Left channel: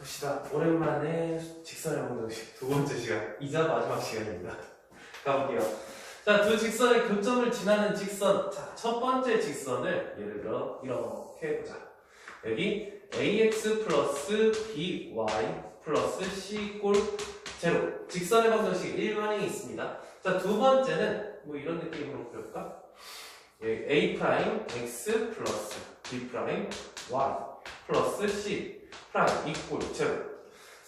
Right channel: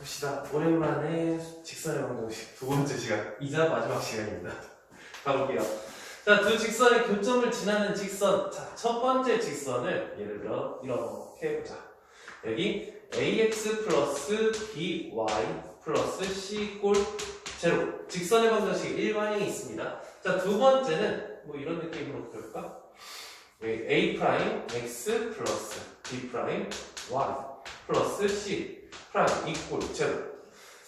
봅시다. 오랜만에 직선의 방정식 두 번째 시간, 이자 마지막 시간입니다. 가볼게요. 자, 두 직선의 교점을 지나는 직선. 자, 첫 번째 직선을 예를 들어 이렇게 해보자. 여기 ax 플러스 by 플러스 c 꼴 제로. 직선의 방정식 일반행이 있습니다. 자, 두 번째는 뭐 이런 느낌으로 그럴까? 여기 a 프라임 x 플러스 b 프라임 y 플러스 c 프라임 이꼴 제로.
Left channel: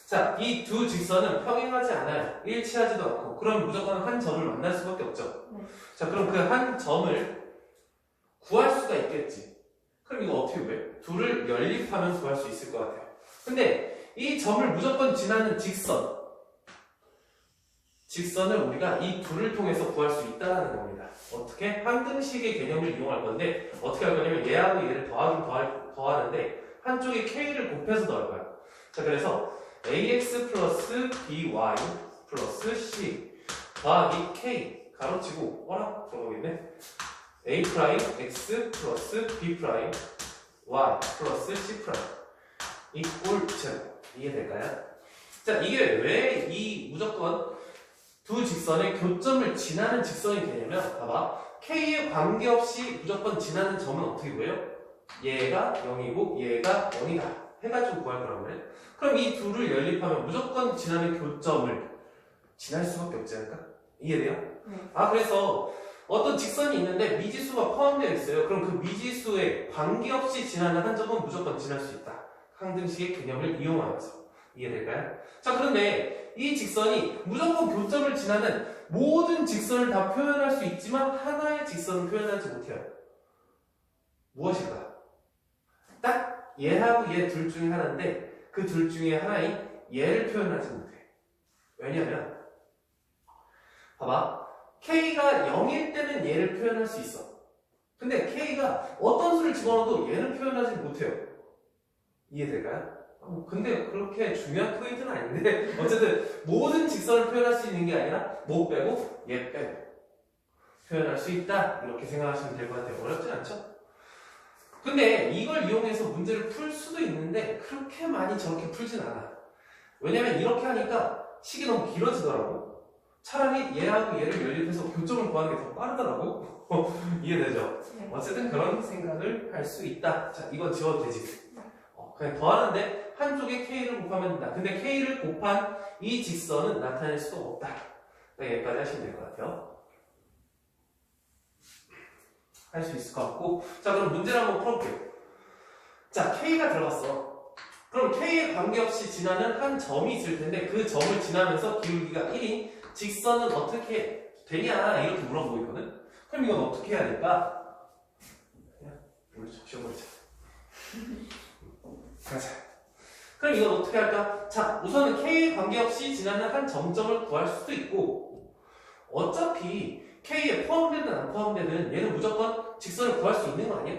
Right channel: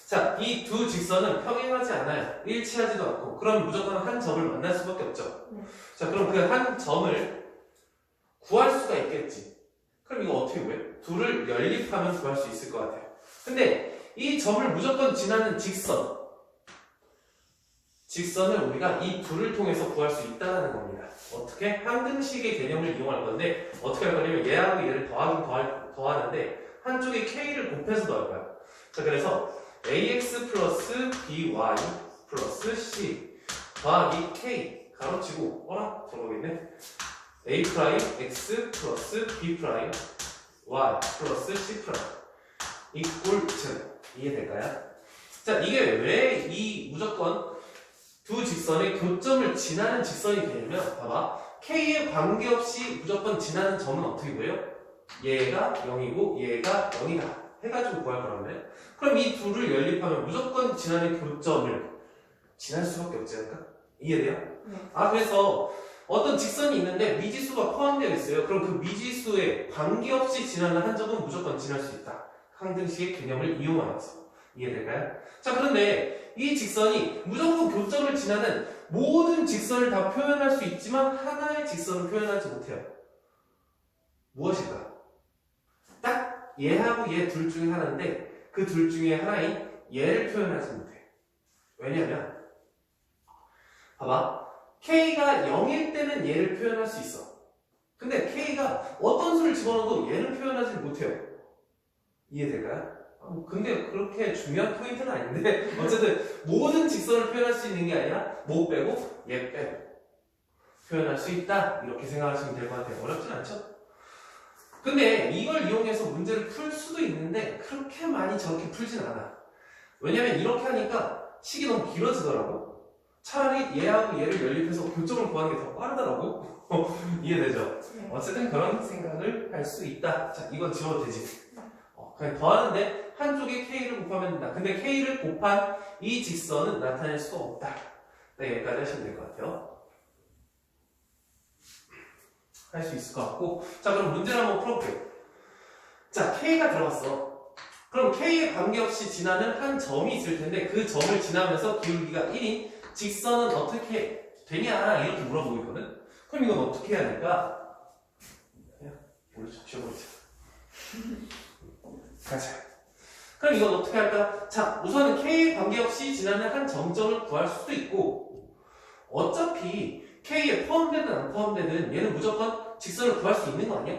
자, 이 두 직선은 평행하지 않아요. 일치하지도 않고. 그럼 무조건 한 점을 만날 수밖에 없죠. 자, 그럼 그 한 점을 구할 수가 있겠지. 그럼 이거 어떻게 구해? 둘을 연립하면 구할 수 있을 것 같아요. 근데 이 점을 무조건 지나는 직선을 우리가 이 둘을 통해서 구할 수 있다는 겁니다. 어떻게? 항등식의 개념을 이용할 건데 어떻게 할 거냐면 얘하고 얘를 더하는데 한쪽에 k를 곱해서 더할 거야. 자, 그래서 ax 플러스 by 플러스 c 더하기 k 가로치고 어라? 들어가겠네. a 프라임 x 플러스 b 프라임 y 플러스 c 프라임 이꼴 제로. 이해될까요? 자, 이게 왜 이 무조건 두 직선의 교점을 지나는 직선이 되냐면 봐봐. k에 관계없이 무조건 지나는 점은 어떻게 보여요? 얘가 0이고 얘가 0이다 해가지고 구할 거란 말이야. 그럼 이 둘을 연립하면 무조건 지나는 교점을 지날 수밖에 없지 않을까? 이해돼요? 네. 아, 그래서 어떤 직선이 있는데 미지수가 포함되어 있어요. 그럼 그 미지수에 관계없이 지나는 한 점은 무조건 지날 수 있다. 항등식의 개념을 이용하여서. 이해될까요? 자, 그런데 이 직선이 무조건 교점을 지나는 모든 직선을 다 표현할 수 있지만 하나의 직선을 표현하지 못해요. 무엇일까? 딱 얘하고 얘 둘 중에 하나인데 그 둘 중에 하나인 얘를 표현하지 못해. 왜냐면 봐봐. k가 0일 때는 얘를 표현할 수 있어. 근데 k가 어떤 수를 집어넣어도 얘를 표현하지 못해요. 이해될까요? 근데 그렇게 중요한 포인트는 아닌데 어쨌든 모든 직선을 표현할 수 있는 게 아니라 뭐 빼고 얘 빼고 표현할 수 있다. 이렇게 생각하시면 될 것 같아요. 어렵진 않죠? 근데 이걸 이용해서 문제를 풀 수도 있는데 그렇게 많이 저렇게 풀진 않아. 왜냐면 이렇게 하니까 식이 너무 길어지더라고. 차라리 얘하고 얘를 연립해서 교점을 구하는 게 더 빠르더라고. 이해되죠? 네. 어쨌든 그런 생각을 할 수 있다. 자, 이건 지워도 되지. 그냥 더하는데 한쪽에 k를 곱하면 된다. 근데 k를 곱한 이 직선은 나타낼 수가 없다. 네, 여기까지 하시면 될 것 같아요. 할 수 있을 것 같고. 자, 그럼 문제를 한번 풀어볼게요. 자, k가 들어갔어. 그럼 k에 관계없이 지나는 한 점이 있을 텐데 그 점을 지나면서 기울기가 1인 직선은 어떻게 되냐 이렇게 물어보고 있거든. 그럼 이건 어떻게 해야 될까? 그냥 원래 적셔버리자. 가자. 그럼 이건 어떻게 할까? 자, 우선은 k에 관계없이 지나는 한 점점을 구할 수도 있고 어차피 k에 포함되든 안 포함되든 얘는 무조건 직선을 구할 수 있는 거 아니야?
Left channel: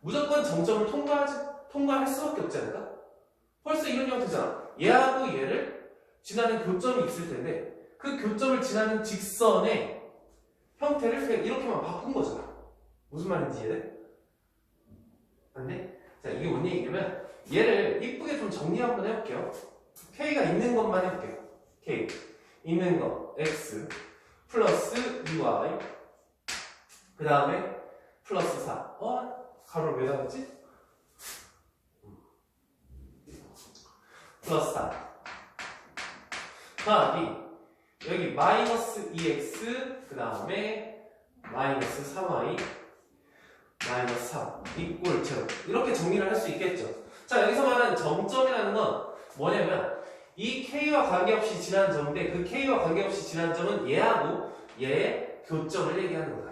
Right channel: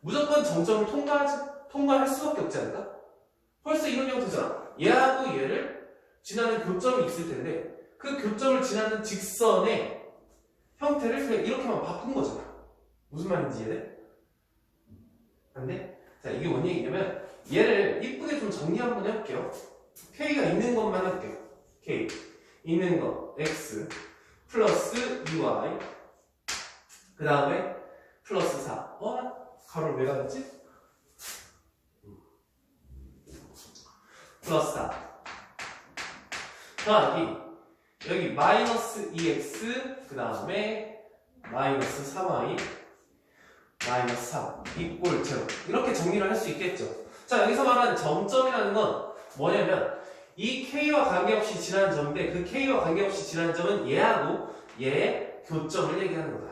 무조건 점점을 통과할 수밖에 없지 않을까? 벌써 이런 형태잖아. 얘하고 얘를 지나는 교점이 있을 텐데 그 교점을 지나는 직선의 형태를 그냥 이렇게만 바꾼 거잖아. 무슨 말인지 이해돼? 안 돼? 자, 이게 뭔 얘기냐면 얘를 이쁘게 좀 정리 한번 해볼게요. k가 있는 것만 해볼게요. k 있는 거 x 플러스 2y 그 다음에 플러스 4. 가로를 왜 나갔지? 플러스 4 더하기 여기 마이너스 2x 그 다음에 마이너스 3y 마이너스 3 이꼴 제로. 이렇게 정리를 할 수 있겠죠. 자, 여기서 말하는 점점이라는 건 뭐냐면 이 k와 관계없이 지나는 점인데 그 k와 관계없이 지나는 점은 얘하고 얘의 교점을 얘기하는 거다.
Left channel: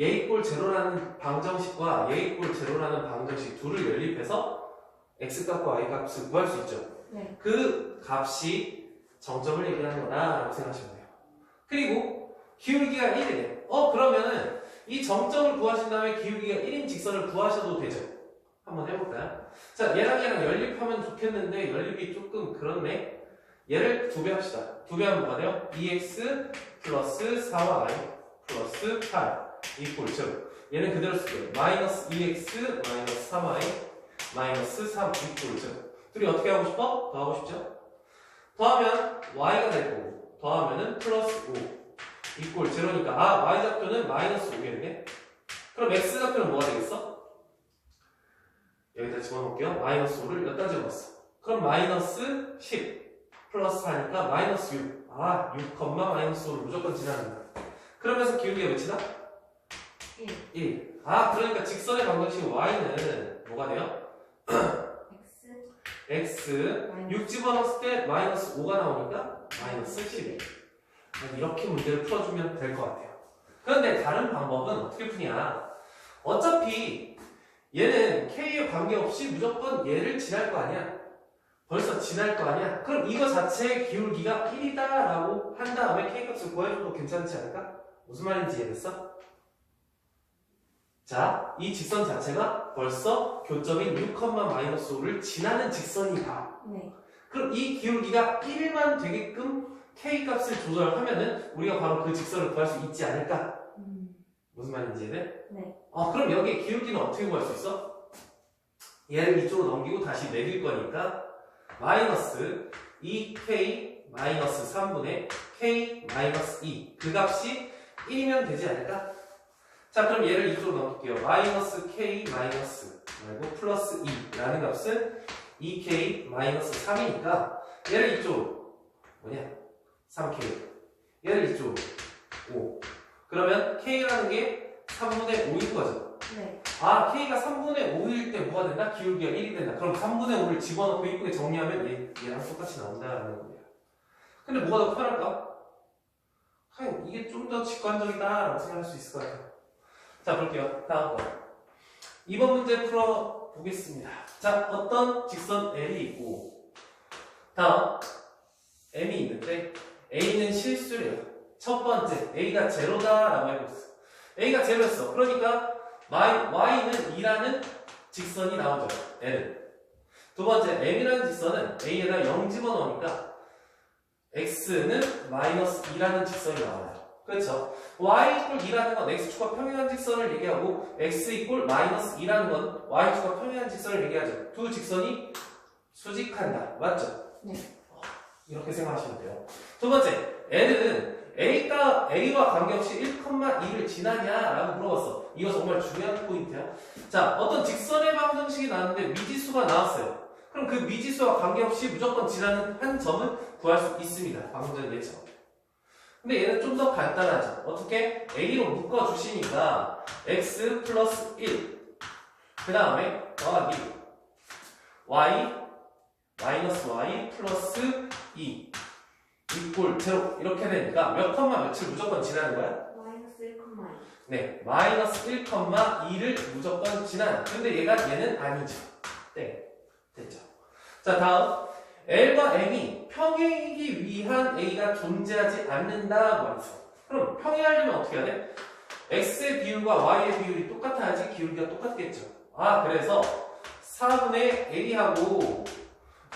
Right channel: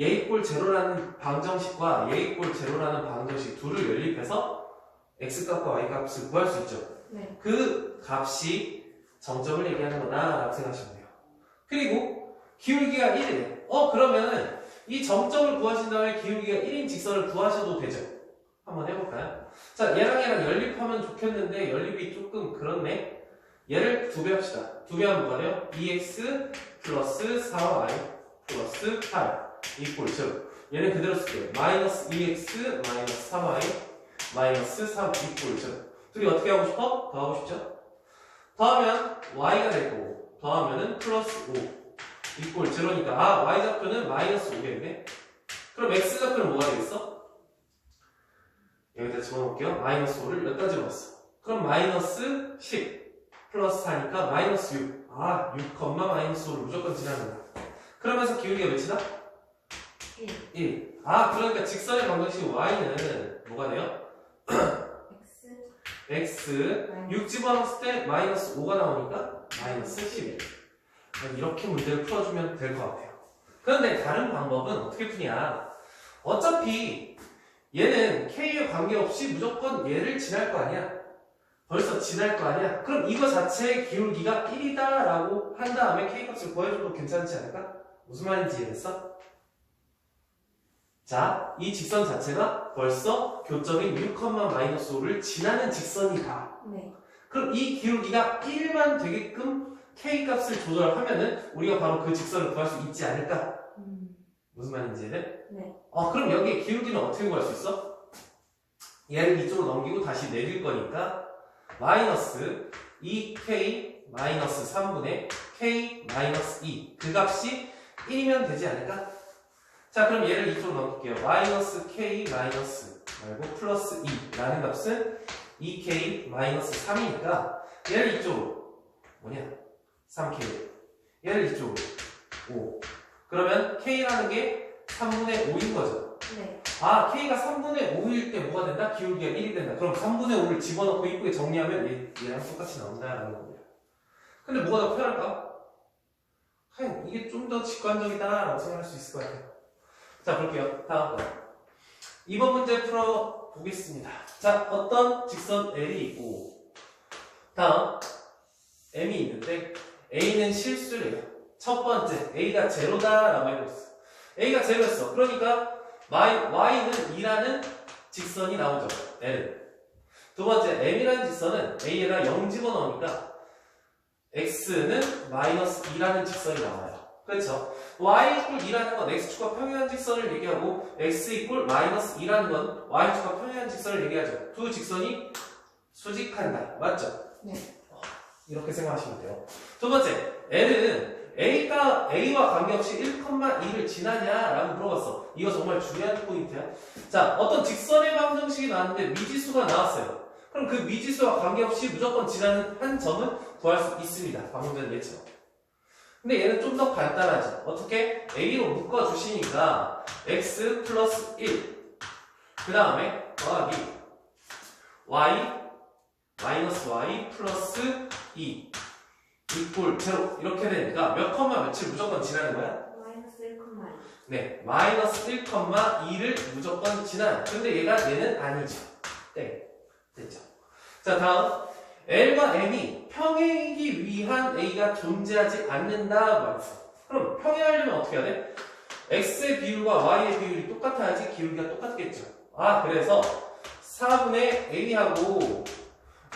얘 이꼴 제로라는 방정식과 얘 이꼴 제로라는 방정식 둘을 연립해서 x값과 y값을 구할 수 있죠. 네. 그 값이 점점을 얘기하는 거다라고 생각하시면 돼요. 그리고 기울기가 1이에요. 그러면은 이 점점을 구하신 다음에 기울기가 1인 직선을 구하셔도 되죠. 한번 해볼까요? 자, 얘랑 연립하면 좋겠는데 연립이 조금 그렇네. 얘를 2배 합시다. 2배 하면 뭐가 돼요? 2x 플러스 4y 플러스 8 이꼴 제로. 얘는 그대로 쓸게요. 마이너스 2x 마이너스 3y 마이너스 3 이꼴 제로. 둘이 어떻게 하고 싶어? 더하고 싶죠? 더하면 y가 될 거고 더하면은 플러스 5 이꼴 제로니까 아 y좌표는 마이너스 5겠네. 그럼 x좌표는 뭐가 되겠어? 여기다 집어넣을게요. 마이너스 5를 여기다 집어넣었어. 그럼 마이너스 10 플러스 4니까 마이너스 6. 아 6, 마이너스 5를 무조건 지나간다. 그러면서 기울기가 몇이다? 1. 아 그러니까 직선의 방정식 y는 뭐가 돼요? x 6 집어넣었을 때 마이너스 5가 나오니까 마이너스 11. 이렇게 문제를 풀어주면 될 것 같아요. 그런데 다른 방법은 어떻게 푸냐? 어차피 얘는 k에 관계없이 무조건 얘를 지날 거 아니야? 벌써 지날 거 아니야? 그럼 이거 자체의 기울기가 1이다 라고 한 다음에 k값을 구해줘도 괜찮지 않을까? 무슨 말인지 이해됐어? 자, 이 직선 자체가 벌써 교점인 6, 마이너스 5를 지나는 직선이다. 네. 그럼 이 기울기가 1만 되게끔 k값을 조절하면은 우리가 바로 그 직선을 구할 수 있지 않을까? 무슨 말인지 이해돼? 네. 그럼 여기에 기울기는 어떻게 구할 수 있어? 얘를 이쪽으로 넘기고 다시 내릴 거니까 마이너스 2k 마이너스 3분의 k 마이너스 2 그 값이 1이면 되지 않을까? 자 그럼 얘를 이쪽으로 넘길게요. 마이너스 k 마이너스 말고 플러스 2라는 값은 2k 마이너스 3이니까 얘를 이쪽으로 뭐냐? 3k 얘를 이쪽으로 5 그러면 k라는 게 3분의 5인 거죠. 네. 아 k가 3분의 5일 때 뭐가 된다? 기울기가 1이 된다. 그럼 3분의 5를 집어넣고 이쁘게 정리하면 얘랑 똑같이 나온다라는 겁니다. 근데 뭐가 더 편할까? 그냥 이게 좀 더 직관적이다라고 생각할 수 있을 것 같아요. 자 볼게요. 다음 거 2번 문제 풀어보겠습니다. 자 어떤 직선 L이 있고 다음 M이 있는데 A는 실수래요. 첫 번째 A가 제로다라고 해버렸어. A가 제로였어. 그러니까 Y는 2라는 직선이 나오죠. L은. 두 번째 M이라는 직선은 A에다 0 집어넣으니까 X는 마이너스 2라는 직선이 나와요. 그렇죠? Y 이꼴 2라는 건 X축과 평행한 직선을 얘기하고 X 이꼴 마이너스 2라는 건 Y축과 평행한 직선을 얘기하죠. 두 직선이 수직한다. 맞죠? 네. 이렇게 생각하시면 돼요. 두 번째 L은 A와 관계없이 1,2를 지나냐라고 물어봤어. 이거 정말 중요한 포인트야. 자, 어떤 직선의 방정식이 나왔는데 미지수가 나왔어요. 그럼 그 미지수와 관계없이 무조건 지나는 한 점은 구할 수 있습니다. 방금 전 얘처럼. 근데 얘는 좀 더 간단하죠. 어떻게? A로 묶어주시니까 x 플러스 1. 그 다음에 더하기 y 마이너스 y 플러스 2 이꼴 제로 이렇게 되니까 몇 컴마 며칠 무조건 지나는 거야? 마이너스 1,2. 네, 마이너스 1,2를 무조건 지나는. 근데 얘는 아니죠. 네, 됐죠. 자 다음 L과 M이 평행이기 위한 A가 존재하지 않는다고 말했어. 그럼 평행하려면 어떻게 해야 돼? X의 비율과 Y의 비율이 똑같아야지 기울기가 똑같겠죠. 아 그래서 4분의 A하고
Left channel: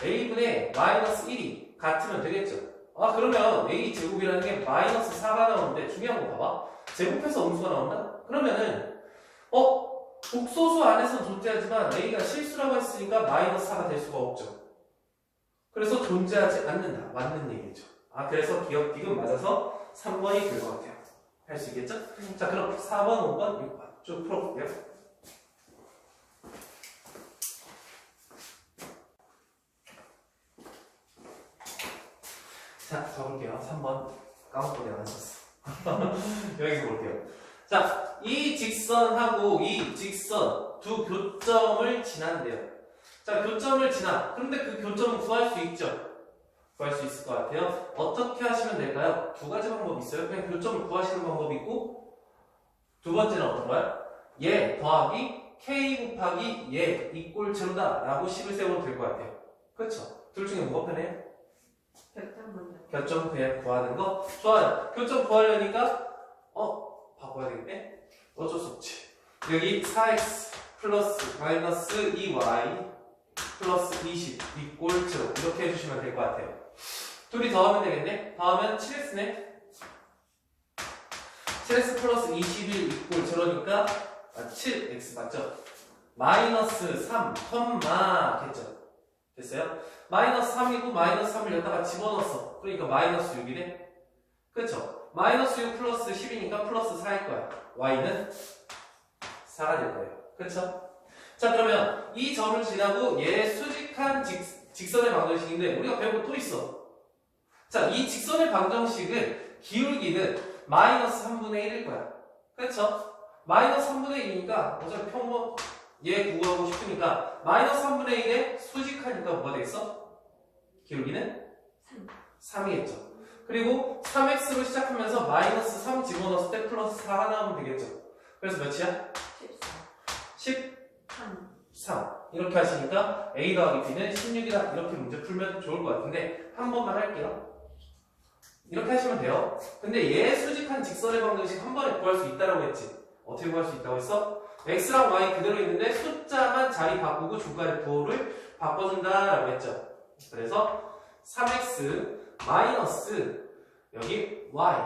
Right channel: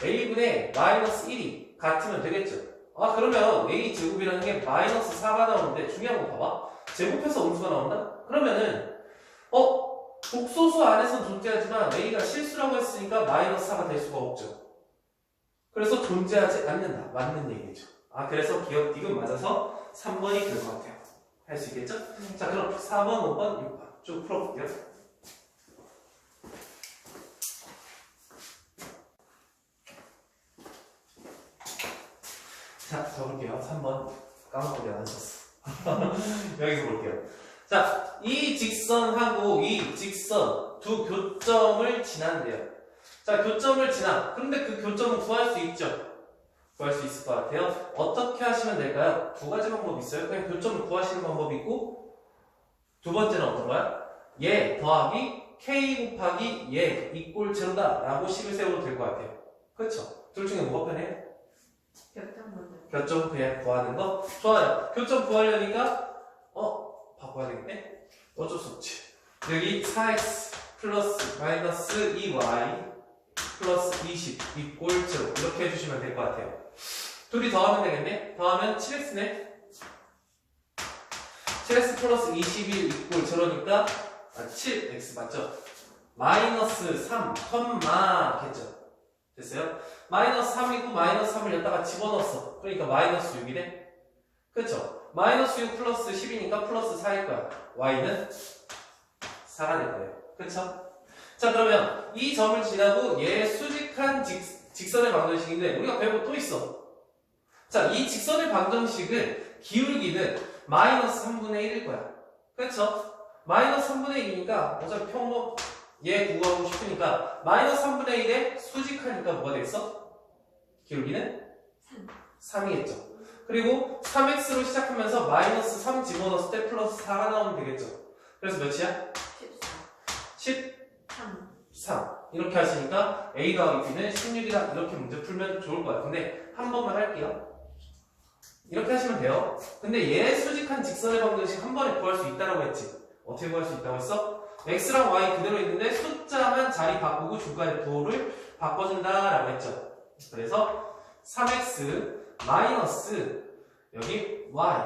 A분의 마이너스 1이 같으면 되겠죠. 아 그러면 A 제곱이라는 게 마이너스 4가 나오는데 중요한 거 봐봐. 제곱해서 음수가 나온다? 그러면은 복소수 안에서 존재하지만 A가 실수라고 했으니까 마이너스 4가 될 수가 없죠. 그래서 존재하지 않는다. 맞는 얘기죠. 아 그래서 기억 디귿 맞아서 3번이 될 것 같아요. 할 수 있겠죠? 자 그럼 4번, 5번, 6번 쭉 풀어볼게요. 자 가볼게요. 3번 까먹고 내가 안 썼어. 여기서 볼게요. 자, 이 직선하고 이 직선 두 교점을 지난대요. 자, 교점을 지나. 그런데 그 교점은 구할 수 있죠? 구할 수 있을 것 같아요. 어떻게 하시면 될까요? 두 가지 방법이 있어요. 그냥 교점을 구하시는 방법이 있고 두 번째는 어떤 거야? 얘 더하기 k 곱하기 얘 이꼴 제로다 라고 식을 세워도 될 것 같아요. 그렇죠? 둘 중에 뭐가 편해요? 결정 먼저. 교점 그냥 구하는 거? 좋아요. 교점 구하려니까 바꿔야 되겠네? 어쩔 수 없지. 여기 4x 플러스 마이너스 2y 플러스 20 이꼴 제로 이렇게 해주시면 될 것 같아요. 둘이 더하면 되겠네? 더하면 7x네? 7x 플러스 21 이꼴 제로니까 7x 맞죠? 마이너스 3, 겠죠? 됐어요? 마이너스 3이고 마이너스 3을 여기다가 집어넣었어. 그러니까 마이너스 6이네? 그쵸? 마이너스 6 플러스 10이니까 플러스 4일 거야. y는 4가 될 거예요. 그쵸? 자, 그러면 이 점을 지나고 얘 수직한 직선의 방정식인데 우리가 배운 거 또 있어. 자, 이 직선의 방정식은 기울기는 마이너스 3분의 1일 거야. 그쵸? 마이너스 3분의 1이니까 어차피 평범 얘 구하고 싶으니까 마이너스 3분의 1에 수직하니까 뭐가 되겠어? 기울기는 3이겠죠. 그리고 3x로 시작하면서 마이너스 3 집어넣었을 때 플러스 4가 나오면 되겠죠. 그래서 몇이야? 13 이렇게 하시니까 a 더하기 b는 16이다 이렇게 문제 풀면 좋을 것 같은데 한 번만 할게요. 이렇게 하시면 돼요. 근데 얘 수직한 직선의 방정식 한 번에 구할 수 있다라고 했지. 어떻게 구할 수 있다고 했어? x랑 y 그대로 있는데 숫자만 자리 바꾸고 중간에 부호를 바꿔준다라고 했죠. 그래서 3x 마이너스 여기 y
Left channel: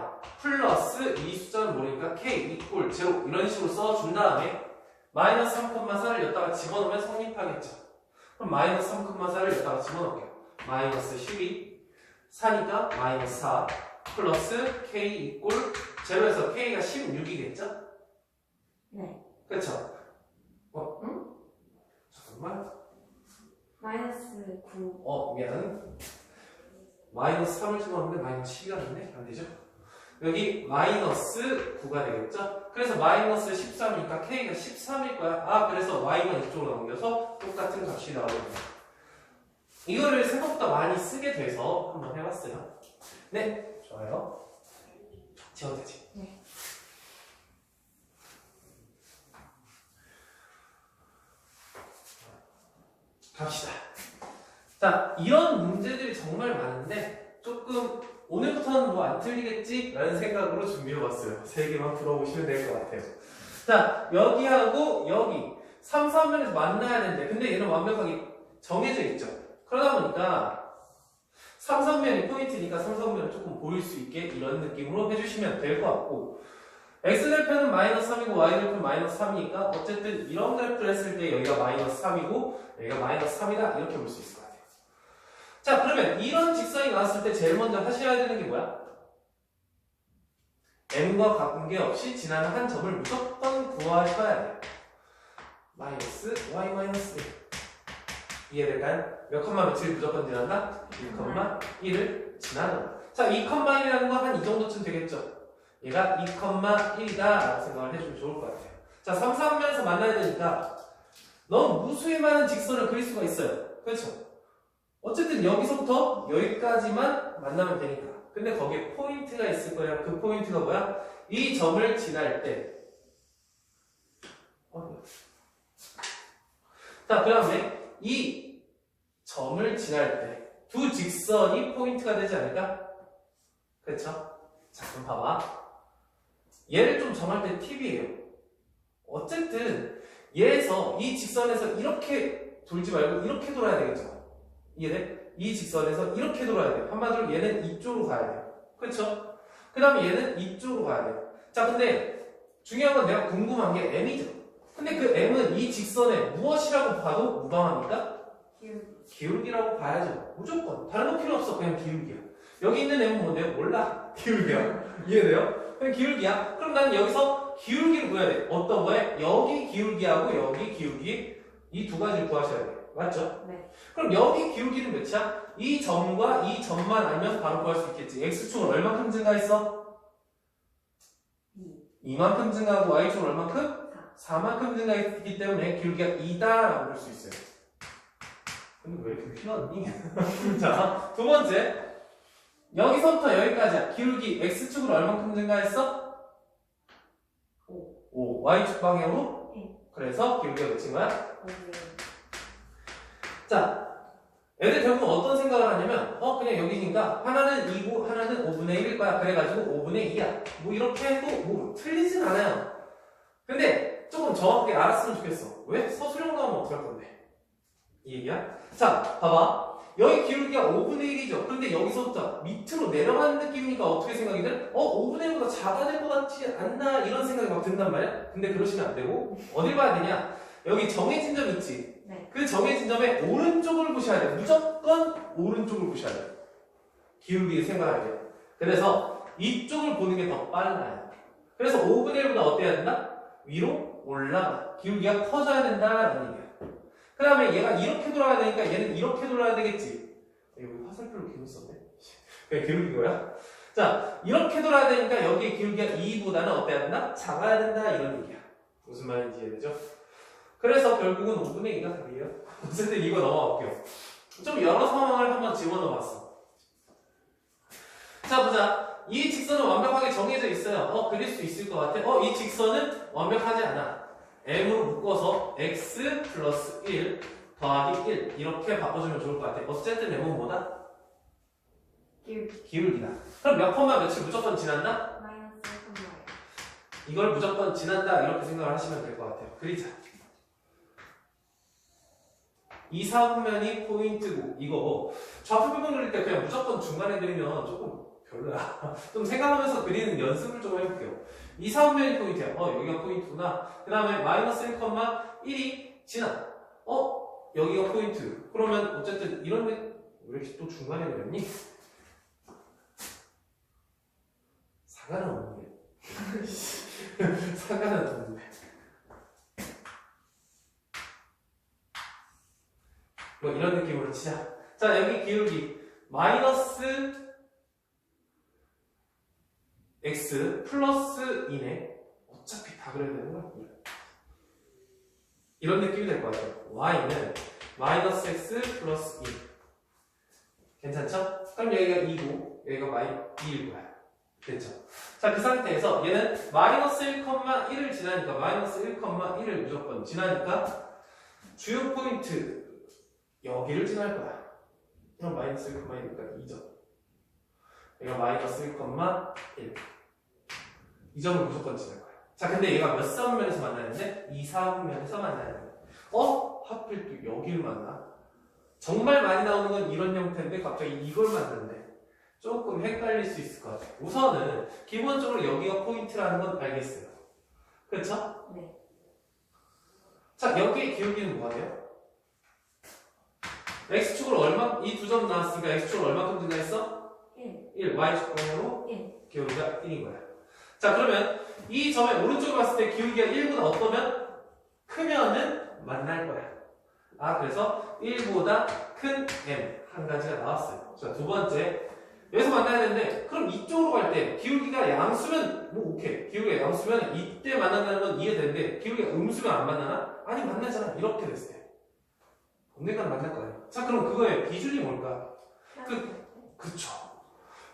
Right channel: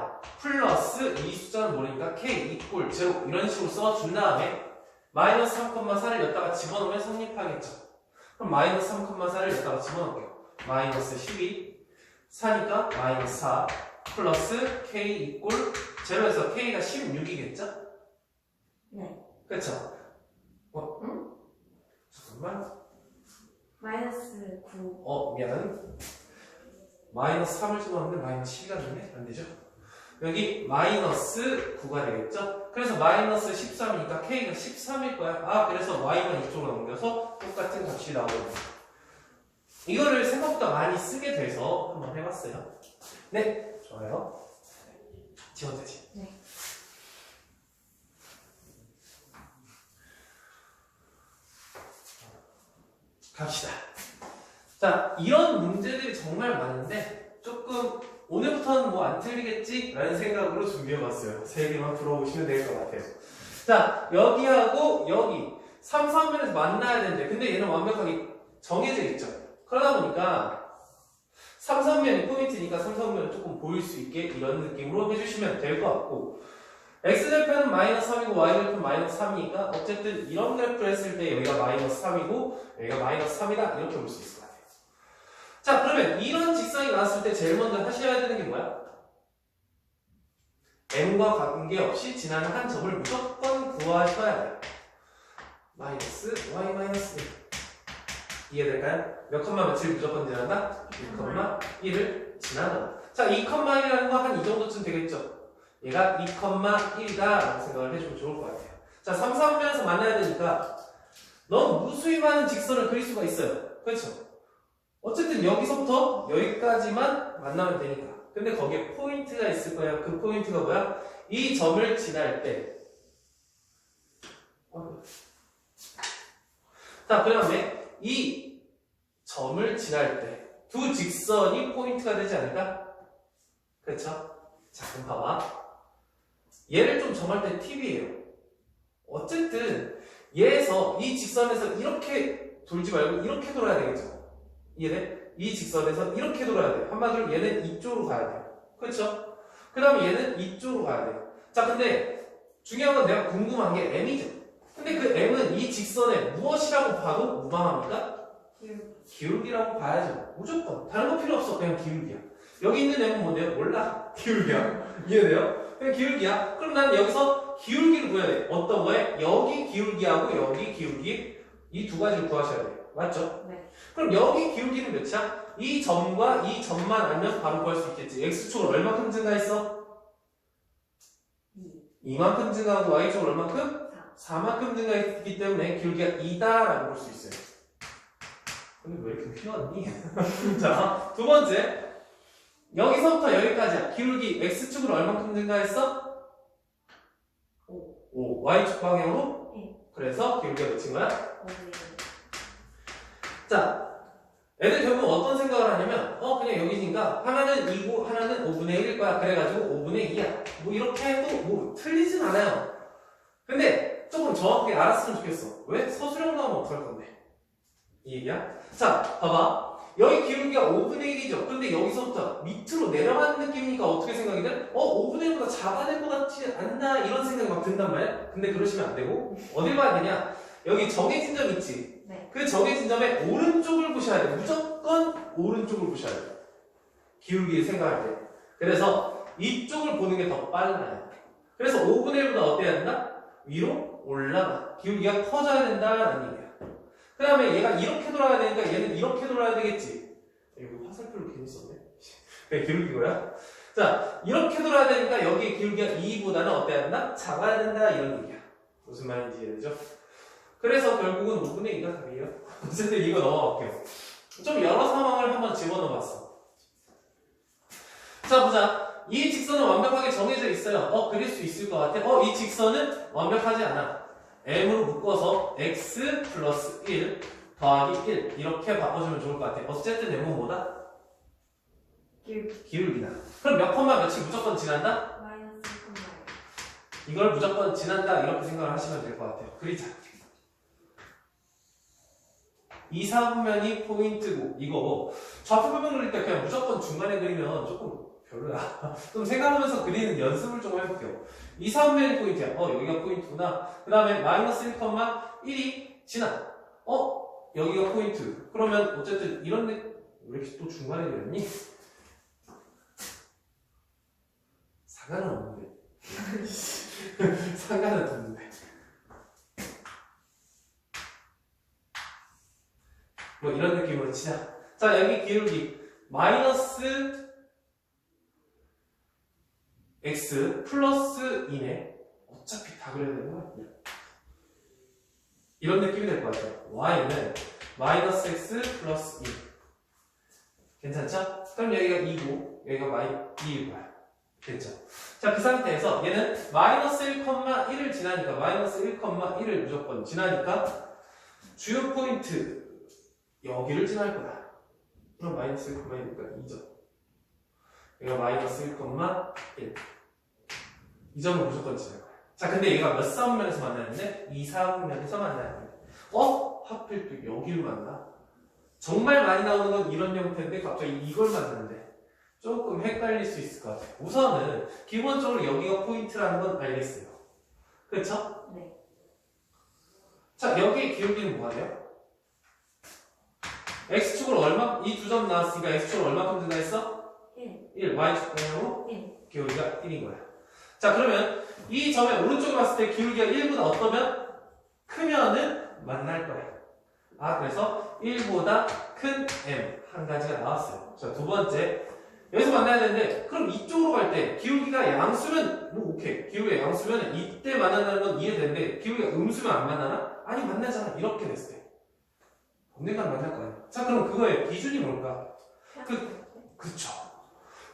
플러스 이 숫자는 모르니까 k 이꼴 0 이런 식으로 써준 다음에 마이너스 3,4를 여기다가 집어넣으면 성립하겠죠. 그럼 마이너스 3,4를 여기다가 집어넣을게요. 마이너스 12 4니까 마이너스 4 플러스 k 이꼴 0에서 k가 16이겠죠? 네. 그쵸? 응? 잠깐만. 마이너스 9. 미안. 마이너스 3을 집어넣는데 마이너스 12가 되네? 안 되죠? 여기 마이너스 9가 되겠죠? 그래서 마이너스 13이니까 k가 13일 거야. 그래서 y만 이쪽으로 넘겨서 똑같은 값이 나오는 거야. 이거를 생각보다 많이 쓰게 돼서 한번 해봤어요. 네, 좋아요. 지워도 되지? 네. 갑시다. 자, 이런 문제들이 정말 많은데 조금 오늘부터는 뭐 안 틀리겠지? 라는 생각으로 준비해봤어요. 3개만 풀어보시면 될 것 같아요. 자, 여기하고 여기 3, 3면에서 만나야 되는데 근데 얘는 완벽하게 정해져 있죠. 그러다 보니까 3, 3면이 포인트니까 3, 3면을 조금 보일 수 있게 이런 느낌으로 해주시면 될 것 같고 x절편은 마이너스 3이고 y절편 마이너스 3이니까 어쨌든 이런 그래프를 했을 때 여기가 마이너스 3이고 여기가 마이너스 3이다 이렇게 볼 수 있을 것 같아요. 자, 그러면 이런 직선이 나왔을 때 제일 먼저 하셔야 되는 게 뭐야? m과 관계없이 지나는 한 점을 무조건 구하셔야 돼요. 마이너스 y 마이너스 이해될까요? 몇 컴마 며칠 무조건 지난다? 2,1을 지나는. 자, 2,1이라는 거 한 이 정도쯤 되겠죠? 얘가 2,1이다 라고 생각을 해주면 좋을 것 같아요. 자, 3, 3면에서 만나야 되니까 넌 무수히 많은 직선을 그릴 수가 있어요. 그렇죠? 어쨌든 여기서부터 여기까지만 만나면 되니까. 근데 거기에 포인트가 있을 거예요. 그 포인트가 뭐야? 이 점을 지날 때. 자, 그 다음에 이 점을 지날 때 두 직선이 포인트가 되지 않을까? 그렇죠? 자, 그럼 봐봐. 얘를 좀 정할 때 팁이에요. 어쨌든 얘에서 이 직선에서 이렇게 돌지 말고 이렇게 돌아야 되겠죠. 이해돼? 이 직선에서 이렇게 돌아야 돼. 한마디로 얘는 이쪽으로 가야 돼요. 그렇죠? 그 다음에 얘는 이쪽으로 가야 돼요. 자, 근데 중요한 건 내가 궁금한 게 m이죠. 근데 그 m은 이 직선에 무엇이라고 봐도 무방합니까? 기울기라고 봐야죠. 무조건. 다른 거 필요 없어. 그냥 기울기야. 여기 있는 m은 뭔데요? 몰라. 기울기야. 이해돼요? 그냥 기울기야. 그럼 나는 여기서 기울기를 구해야 돼. 어떤 거에? 여기 기울기하고 여기 기울기 이 두 가지를 구하셔야 돼요. 맞죠? 네. 그럼 여기 기울기는 몇이야? 이 점과 이 점만 알면 바로 구할 수 있겠지. x축으로 얼마큼 증가했어? 2만큼 증가하고 y축으로 얼마큼? 4만큼 증가했기 때문에 기울기가 2다라고 볼 수 있어요. 근데 왜 이렇게 피웠니? 자, 두 번째. 여기서부터 여기까지야. 기울기 x축으로 얼마큼 증가했어? 5. y축 방향으로? 그래서 기울기가 몇인 거야? 자, 애들 결국 어떤 생각을 하냐면 그냥 여기니까 하나는 2고 하나는 5분의 1일 거야. 그래가지고 5분의 2야. 뭐 이렇게 해도 뭐 틀리진 않아요. 근데 조금 정확하게 알았으면 좋겠어. 왜? 서술형 나오면 어떡할 건데? 이 얘기야? 자, 봐봐. 여기 기울기가 5분의 1이죠. 근데 여기서부터 밑으로 내려가는 느낌이니까 어떻게 생각이 돼? 5분의 1보다 작아질 것 같지 않나? 이런 생각이 막 든단 말이야? 근데 그러시면 안 되고 어딜 봐야 되냐? 여기 정해진 점 있지? 네. 그 정해진 점의 오른쪽을 보셔야 돼. 무조건 오른쪽을 보셔야 돼. 기울기 생각할 때. 그래서 이쪽을 보는 게 더 빨라요. 그래서 5분의 1보다 어때야 된다? 위로 올라가. 기울기가 커져야 된다라는 얘기야. 그 다음에 얘가 이렇게 돌아야 되니까 얘는 이렇게 돌아야 되겠지. 여기 화살표를 괜히 썼네. 그냥 기울기 거야. 자, 이렇게 돌아야 되니까 여기 기울기가 2보다는 어때야 된다? 작아야 된다 이런 얘기야. 무슨 말인지 이해되죠? 그래서 결국은 5분의 2가 답이에요. 어쨌든 이거 넘어갈게요. 좀 여러 상황을 한번 집어넣어봤어. 자, 보자. 이 직선은 완벽하게 정해져 있어요. 그릴 수 있을 것 같아. 이 직선은 완벽하지 않아. m으로 묶어서 x 플러스 1 더하기 1 이렇게 바꿔주면 좋을 것 같아. 어쨌든 m은 뭐다? 기울기다. 그럼 몇 컴마 며칠 무조건 지난다? 마이너스 1,1. 이걸 무조건 지난다 이렇게 생각을 하시면 될 것 같아요. 그리자. 2, 4분면이 포인트고 이거고 좌표표면 그릴 때 그냥 무조건 중간에 그리면 조금 별로야. 좀 생각하면서 그리는 연습을 좀 해볼게요. 2, 4분면이 포인트야. 여기가 포인트구나. 그 다음에 마이너스 1,1이 지나. 여기가 포인트. 그러면 어쨌든 이런 데 왜 이렇게 또 중간에 그렸니? 상관은 없는데. 상관은 없는데. 뭐 이런 느낌으로 치자. 자, 여기 기울기 마이너스 x 플러스 2네. 어차피 다 그려야 되는 거야. 이런 느낌이 될 것 같아요. y는 마이너스 x 플러스 2. 괜찮죠? 그럼 여기가 2고 여기가 2일 거야. 됐죠? 자, 그 상태에서 얘는 마이너스 1,1을 지나니까 마이너스 1,1을 무조건 지나니까 주요 포인트 여기를 지날 거야. 그럼 마이너스 1,1이니까 2점. 얘가 마이너스 1,1. 이 점을 무조건 지날 거야. 자, 근데 얘가 몇 사분면에서 만나는데? 2, 4분면에서 만나는 거야. 하필 또 여기를 만나? 정말 많이 나오는 건 이런 형태인데 갑자기 이걸 만나는데 조금 헷갈릴 수 있을 것 같아요. 우선은 기본적으로 여기가 포인트라는 건 알겠어요. 그렇죠? 네. 자, 여기에 기울기는 뭐가 돼요? x축으로 얼마? 이 두 점 나왔으니까 x축으로 얼마큼 증가했어? 1. y축 방향으로 1. 기울기가 1인 거야. 자, 그러면 이 점의 오른쪽을 봤을 때 기울기가 1보다 어떠면? 크면은 만날 거야. 그래서 1보다 큰 m 한 가지가 나왔어요. 자, 두 번째. 여기서 만나야 되는데 그럼 이쪽으로 갈 때 기울기가 양수면 뭐 오케이. 기울기가 양수면 이때 만난다는 건 이해되는데 기울기가 음수면 안 만나나? 아니 만나잖아. 이렇게 됐을 때. 언젠간 만날 거예요. 자, 그럼 그거의 기준이 뭘까? 그쵸.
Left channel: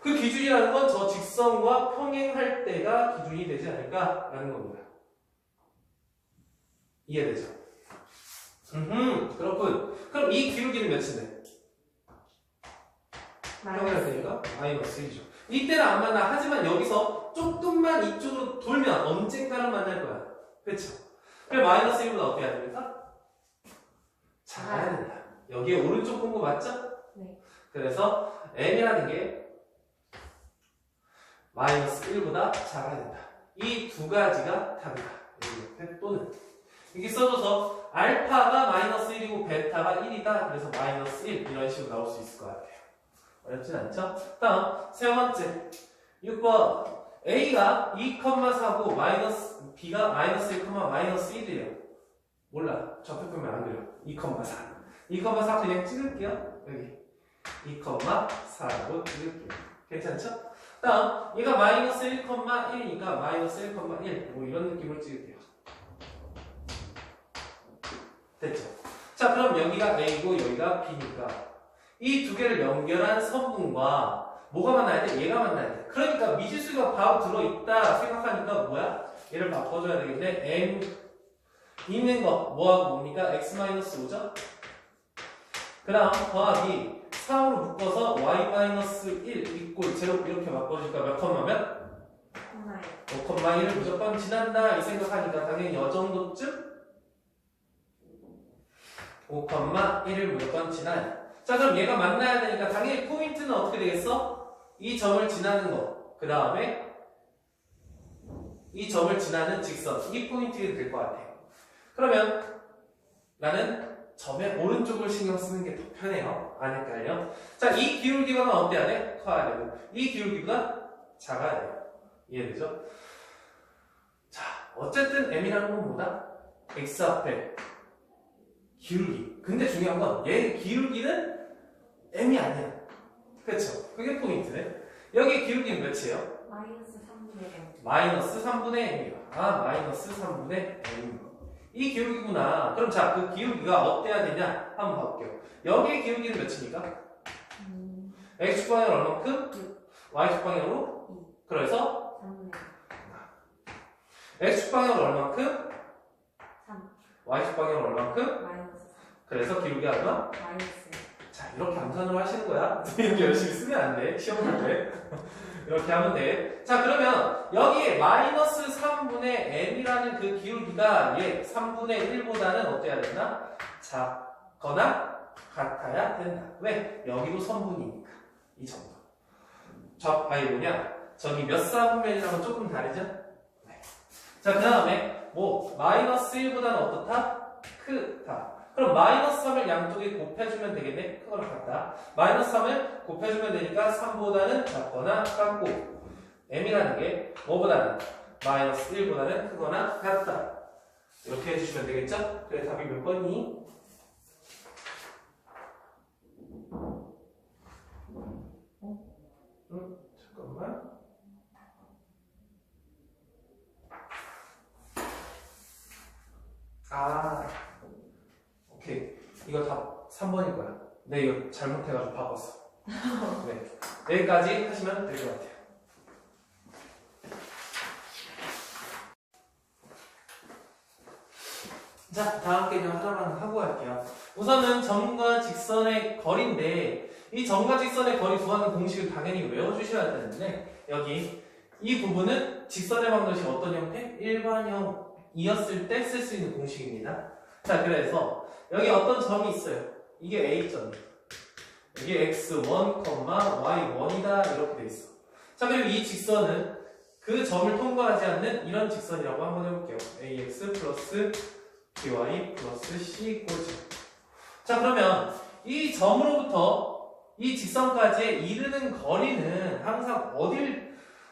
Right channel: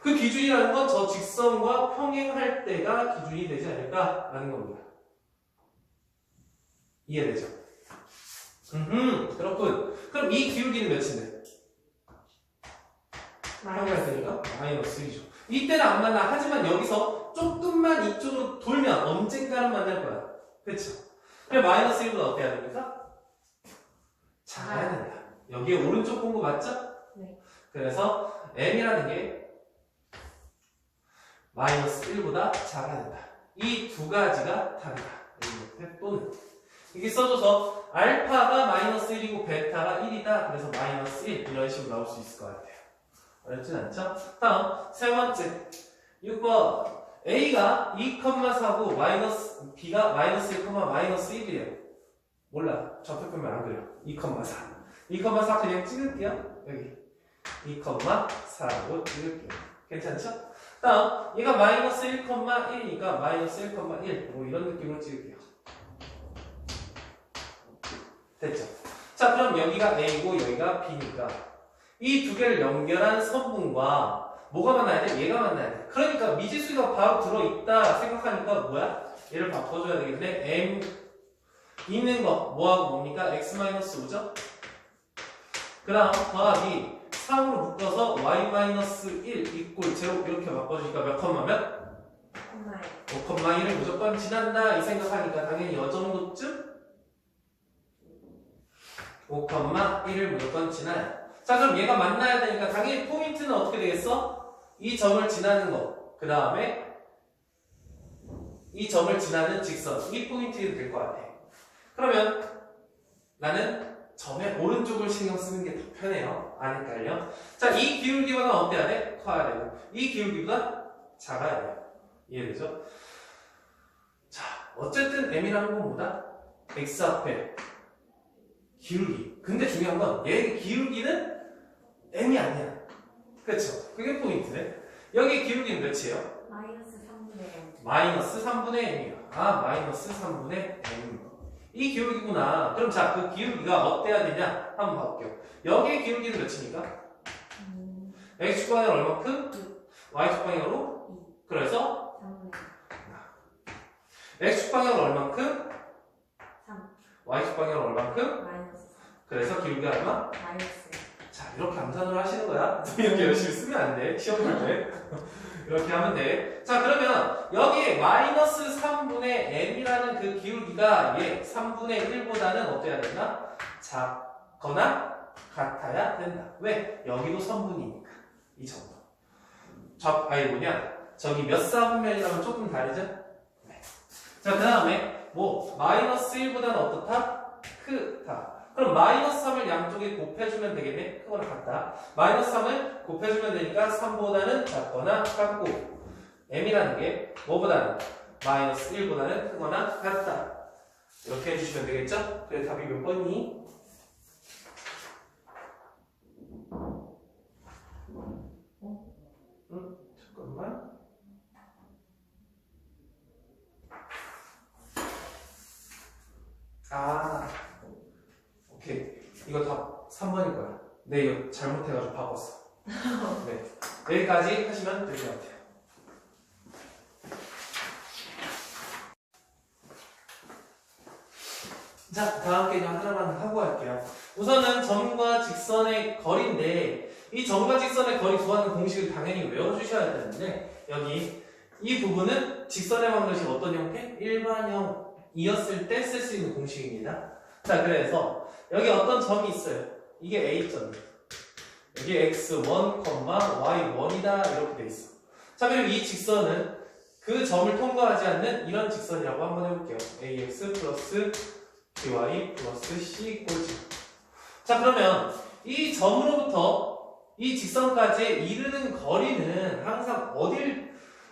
그 기준이라는 건 저 직선과 평행할 때가 기준이 되지 않을까라는 겁니다. 이해되죠? 그렇군. 그럼 이 기울기는 몇인데? 평행할 때니까 마이너스 1이죠. 이때는 안 만나. 하지만 여기서 조금만 이쪽으로 돌면 언젠가는 만날 거야. 그렇죠? 그래 마이너스 1보다 어때야 됩니까? 작아야 된다. 여기에 오른쪽 공부 맞죠? 네. 그래서 m이라는 게 마이너스 1보다 작아야 된다. 이 두 가지가 답이다. 여기 옆에 또는 이게 써줘서 알파가 마이너스 1이고 베타가 1이다. 그래서 마이너스 1 이런 식으로 나올 수 있을 것 같아요. 어렵진 않죠? 다음 세 번째 6번 A가 2,4고 마이너스 B가 마이너스 1, 마이너스 1이에요. 몰라. 좌표표면 안 그려. 2,4 2,4 그냥 찍을게요. 여기 2,4로 찍을게요. 괜찮죠? 다음 얘가 마이너스 1,1이니까 마이너스 1,1 뭐 이런 느낌으로 찍을게요. 됐죠? 자, 그럼 여기가 A고 여기가 B니까 이 두 개를 연결한 선분과 뭐가 만나야 돼? 얘가 만나야 돼. 그러니까 미지수가 바로 들어있다 생각하니까 뭐야? 얘를 바꿔줘야 되겠네. M 있는 거 뭐하고 뭡니까? X-5죠? 그 다음 더하기 3으로 묶어서 Y-1 이꼴 제로 이렇게 바꿔주니까 몇 컴마면? 5,1을 무조건 지난다 이 생각하니까 당연히 이 정도쯤 5,1을 무조건 지나요. 자, 그럼 얘가 만나야 되니까 당연히 포인트는 어떻게 되겠어? 이 점을 지나는 거. 그 다음에 이 점을 지나는 직선. 이 포인트가 될 것 같아. 그러면 나는 점의 오른쪽을 신경 쓰는 게 더 편해요. 안 헷갈려? 자, 이 기울기보다 어때야 돼? 커야 되고 이 기울기보다 작아야 돼요. 이해되죠? 자, 어쨌든 m이라는 건 뭐다? x 앞에 기울기. 근데 중요한 건 얘 기울기는 m이 아니야. 그렇죠? 그게 포인트네. 여기 기울기는 몇이에요? 마이너스 3분의 M. 마이너스 3분의 m이야. 아, 마이너스 3분의 m. 이 기울기구나. 그럼 자, 그 기울기가 어때야 되냐? 한번 봐볼게요. 여기의 기울기는 몇입니까? x축 방향 얼마큼? y축 방향으로? 그래서 3분의 x축 방향은 얼만큼? 3. y축 방향은 얼만큼? 마이너스 3. 그래서 기울기가 얼마? 마이너스. 자, 이렇게 암산으로 하시는 거야. 이렇게 열심히 쓰면 안 돼. 시험 볼 때. 이렇게 하면 돼. 자, 그러면 여기에 마이너스 3분의 m이라는 그 기울기가 얘 3분의 1보다는 어때야 된다? 작거나 같아야 된다. 왜? 여기도 선분이니까. 이 정도. 아니 뭐냐? 저기 몇 사분면이라면 조금 다르죠? 네. 자, 그 다음에 뭐 마이너스 1보다는 어떻다? 크다. 그럼 마이너스 3을 양쪽에 곱해주면 되겠네? 크거나 같다. 마이너스 3을 곱해주면 되니까 3보다는 작거나 같고 m이라는 게 뭐보다는 마이너스 1보다는 크거나 같다. 이렇게 해주시면 되겠죠? 그래 답이 몇 번이니? 잠깐만. 아, 오케이. 이거 답 3번일 거야. 네, 이거 잘못해가지고 바꿨어. 네, 여기까지 하시면 될 것 같아요. 자, 다음 개념 하나만 하고 갈게요. 우선은 점과 직선의 거리인데 이 점과 직선의 거리 구하는 공식을 당연히 외워주셔야 되는데 여기 이 부분은 직선의 방정식 어떤 형태? 일반형이었을 때 쓸 수 있는 공식입니다. 자, 그래서 여기 어떤 점이 있어요. 이게 A점이에요. 여기 x1, y1이다 이렇게 돼 있어. 자, 그리고 이 직선은 그 점을 통과하지 않는 이런 직선이라고 한번 해볼게요. ax 플러스 by 플러스 c 꼴찌. 자, 그러면 이 점으로부터 이 직선까지 이르는 거리는 항상